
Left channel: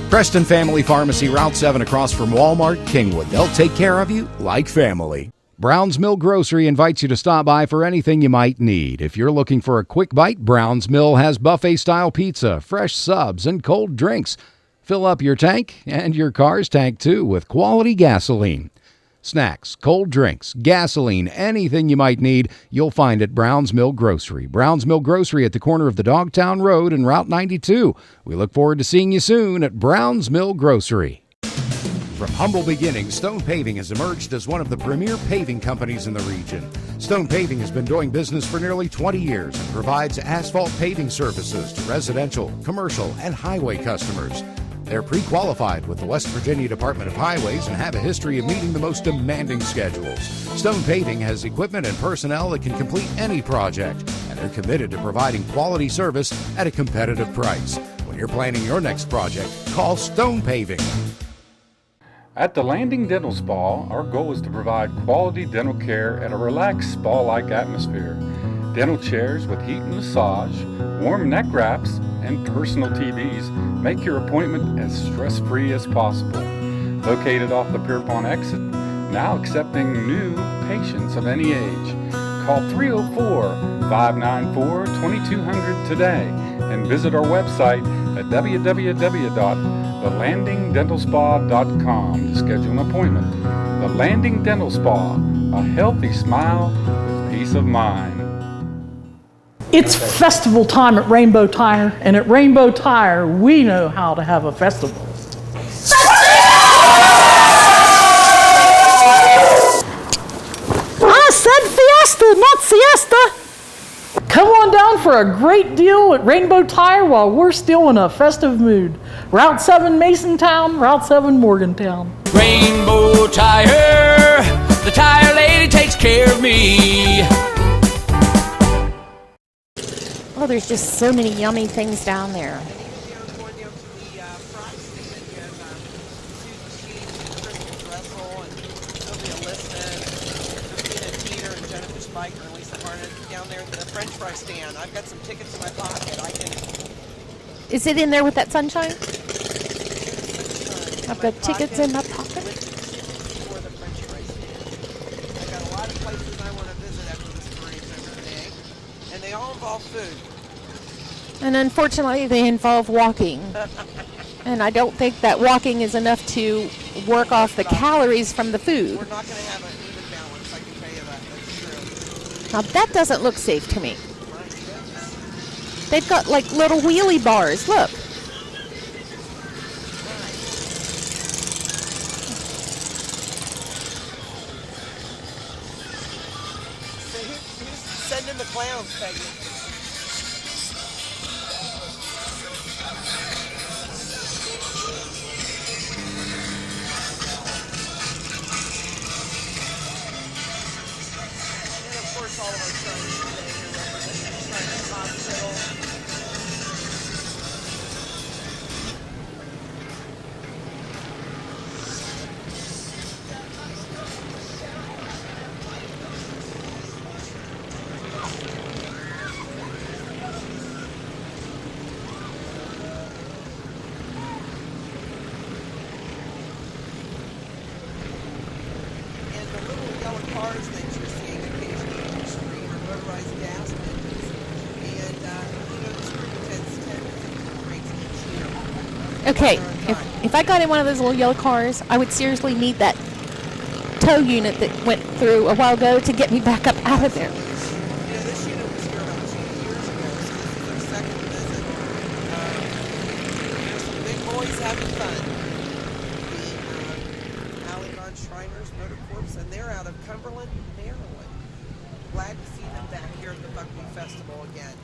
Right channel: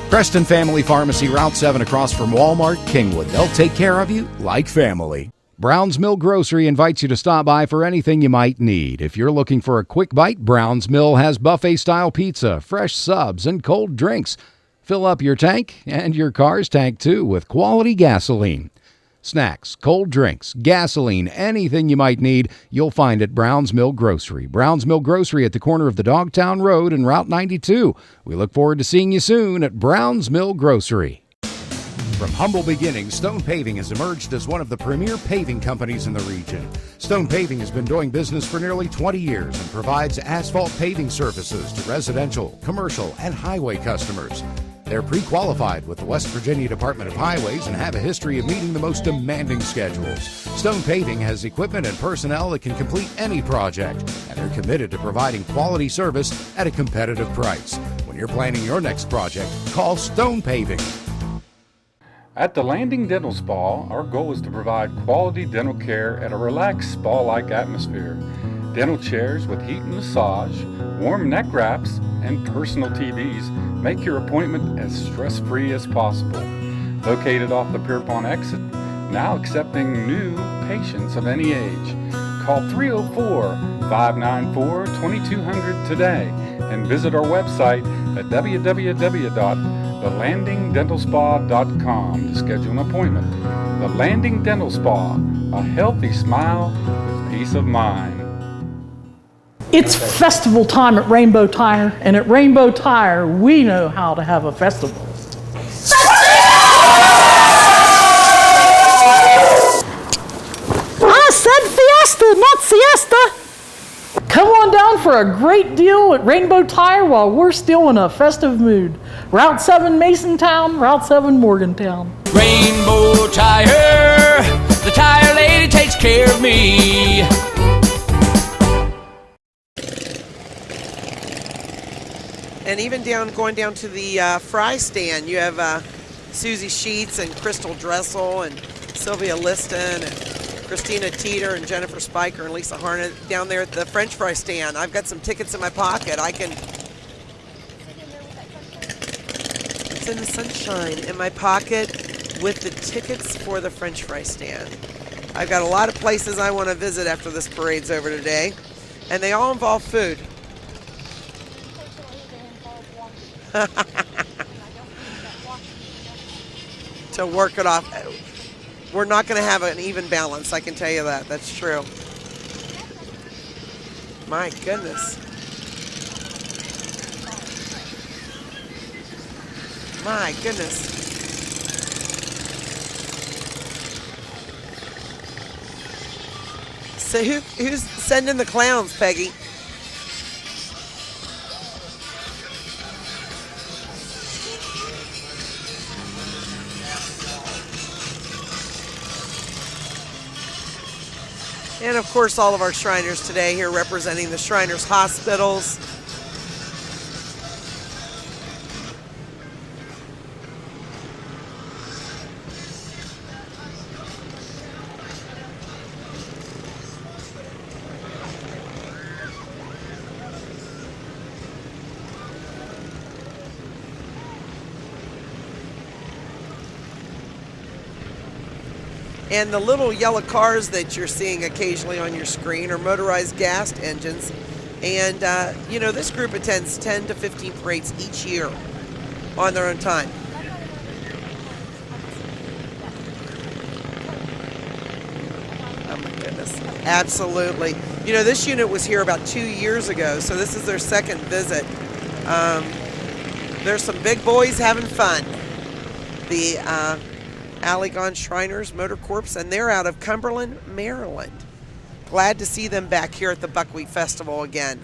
Preston Family Pharmacy, Route 7 across from Walmart, Kingwood. They'll take care of you like family. Brown's Mill Grocery invites you to stop by for anything you might need. If you're looking for a quick bite, Brown's Mill has buffet-style pizza, fresh subs, and cold drinks. Fill up your tank and your car's tank, too, with quality gasoline. Snacks, cold drinks, gasoline, anything you might need, you'll find at Brown's Mill Grocery. Brown's Mill Grocery at the corner of the Dogtown Road and Route 92. We look forward to seeing you soon at Brown's Mill Grocery. From humble beginnings, Stone Paving has emerged as one of the premier paving companies in the region. Stone Paving has been doing business for nearly 20 years and provides asphalt paving services to residential, commercial, and highway customers. They're pre-qualified with the West Virginia Department of Highways and have a history of meeting the most demanding schedules. Stone Paving has equipment and personnel that can complete any project, and they're committed to providing quality service at a competitive price. When you're planning your next project, call Stone Paving. At the Landing Dental Spa, our goal is to provide quality dental care at a relaxed spa-like atmosphere. Dental chairs with heat and massage, warm neck wraps, and personal TVs make your appointment as stress-free as possible. Located off the Pierpont exit, now accepting new patients of any age. Call 304-594-2200 today and visit our website at www.thelandingdentalspa.com to schedule an appointment. The Landing Dental Spa, a healthy smile with peace of mind. It's festival time at Rainbow Tire, and at Rainbow Tire, we know how to have a festival. I said fiesta, not siesta. Come on down for a great deal at Rainbow Tire while we're still in a festive mood. Route 7 Masontown, Route 7 Morgantown. Rainbow Tire, the tire lady takes care of me. Oh, there's just so many yummy things down there. And even going down to the fry stand, you have Susie Sheets and Crystal Dressel and Sylvia Liston and Christina Teeter and Jennifer Spiker and Lisa Harnett down there at the French fry stand. I've got some tickets in my pocket. Is it in there with that sunshine? It's in the sunshine in my pocket with the tickets for the French fry stand. I've got a lot of places I want to visit after this parade's over today, and they all involve food. And unfortunately, they involve walking. And I don't think that walking is enough to work off the calories from the food. We're not going to have an even balance, I can tell you that. That's true. Now, that doesn't look safe to me. My goodness. They've got like little wheelie bars. Look. My goodness. So who's sending the clowns, Peggy? And of course, all of our Shriners today here representing the Shriners hospitals. And the little yellow cars that you're seeing occasionally on your screen are motorized gas engines. And, this group attends 10 to 15 parades each year on their own time. If I got in one of those little yellow cars, I would seriously need that tow unit that went through a while ago to get me back up out of there. Absolutely. This unit was here about 2 years ago, so this is their second visit. There's some big boys having fun. The Allegan Shriners Motor Corps, and they're out of Cumberland, Maryland. Glad to see them back here at the Buckwheat Festival again.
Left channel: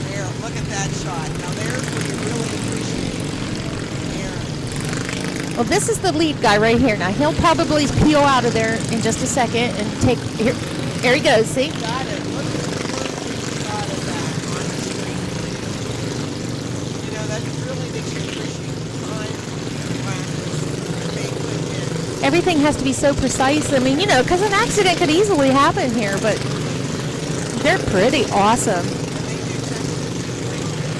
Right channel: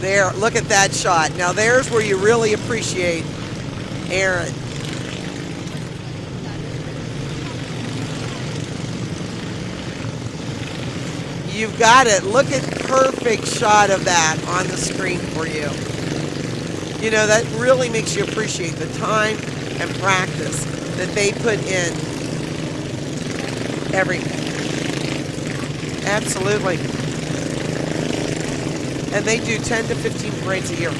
There, look at that shot. Now there's where you really appreciate Aaron. Well, this is the lead guy right here. Now, he'll probably peel out of there in just a second and take, here he goes. See? You got it. Look at perfect shot of that on the screen for you. That really makes you appreciate the time and practice that they put in. Everything has to be so precise. I mean, because an accident could easily happen here. Absolutely. But they're pretty awesome. And they do 10 to 15 parades a year.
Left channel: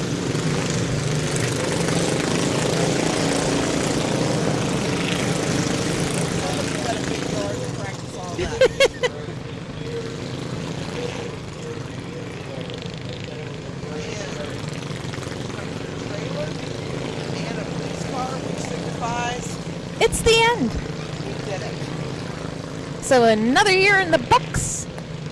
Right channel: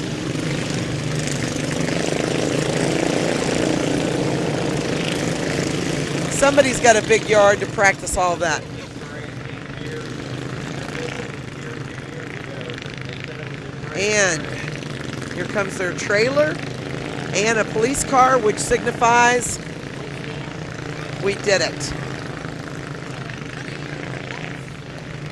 Somebody's got a big yard to practice all that. And here comes their trailer and a police car, which signifies it's the end. We did it. So another year in the books.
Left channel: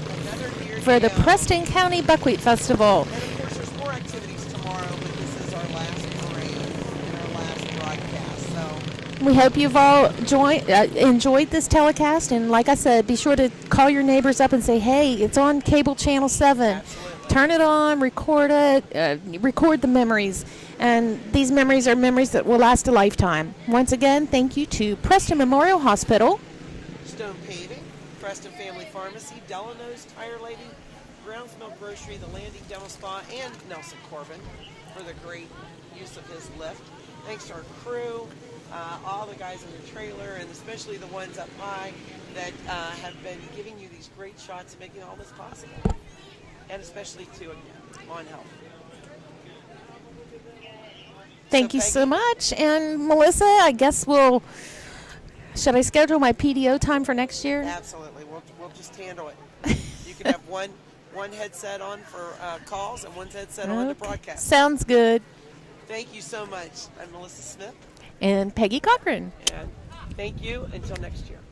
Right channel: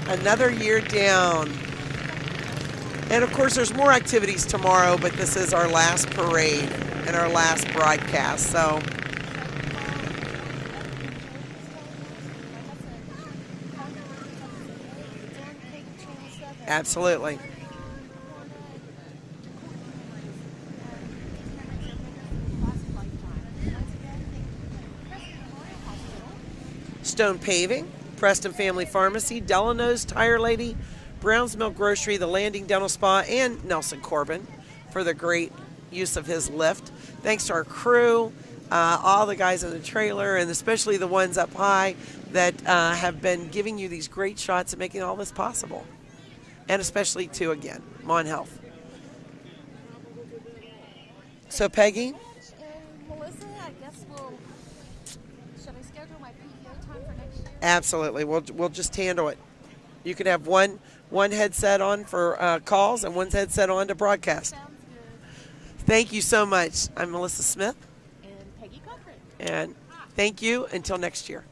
Another year for down. the Preston County Buckwheat Festival. And of course, there's more activities tomorrow, but this is our last parade and our last broadcast. So we hope you've all enjoyed this telecast. And like I said, be sure to call your neighbors up and say, hey, it's on cable channel 7. Absolutely. Turn it on, record it, record the memories. And these memories are memories that will last a lifetime. Once again, thank you to Preston Memorial Hospital, Stone Paving, Preston Family Pharmacy, Delano's Tire Lady, Brown's Mill Grocery, the Landing Dental Spa, and Nelson Corbin for the great use of his lift. Thanks to our crew, all the guys in the trailer, and especially the ones up high that have been giving you these great shots and making all this possible. And especially to, again, Mon Health. Thank you so much. And Melissa, I guess should I schedule my PDO time for next year? Absolutely. We'll just handle it. You can have one headset on for calls and one headset on to broadcast. Sounds good. Thank you so much. I'm Melissa Smith. And Peggy Cochran. And thank you until next year.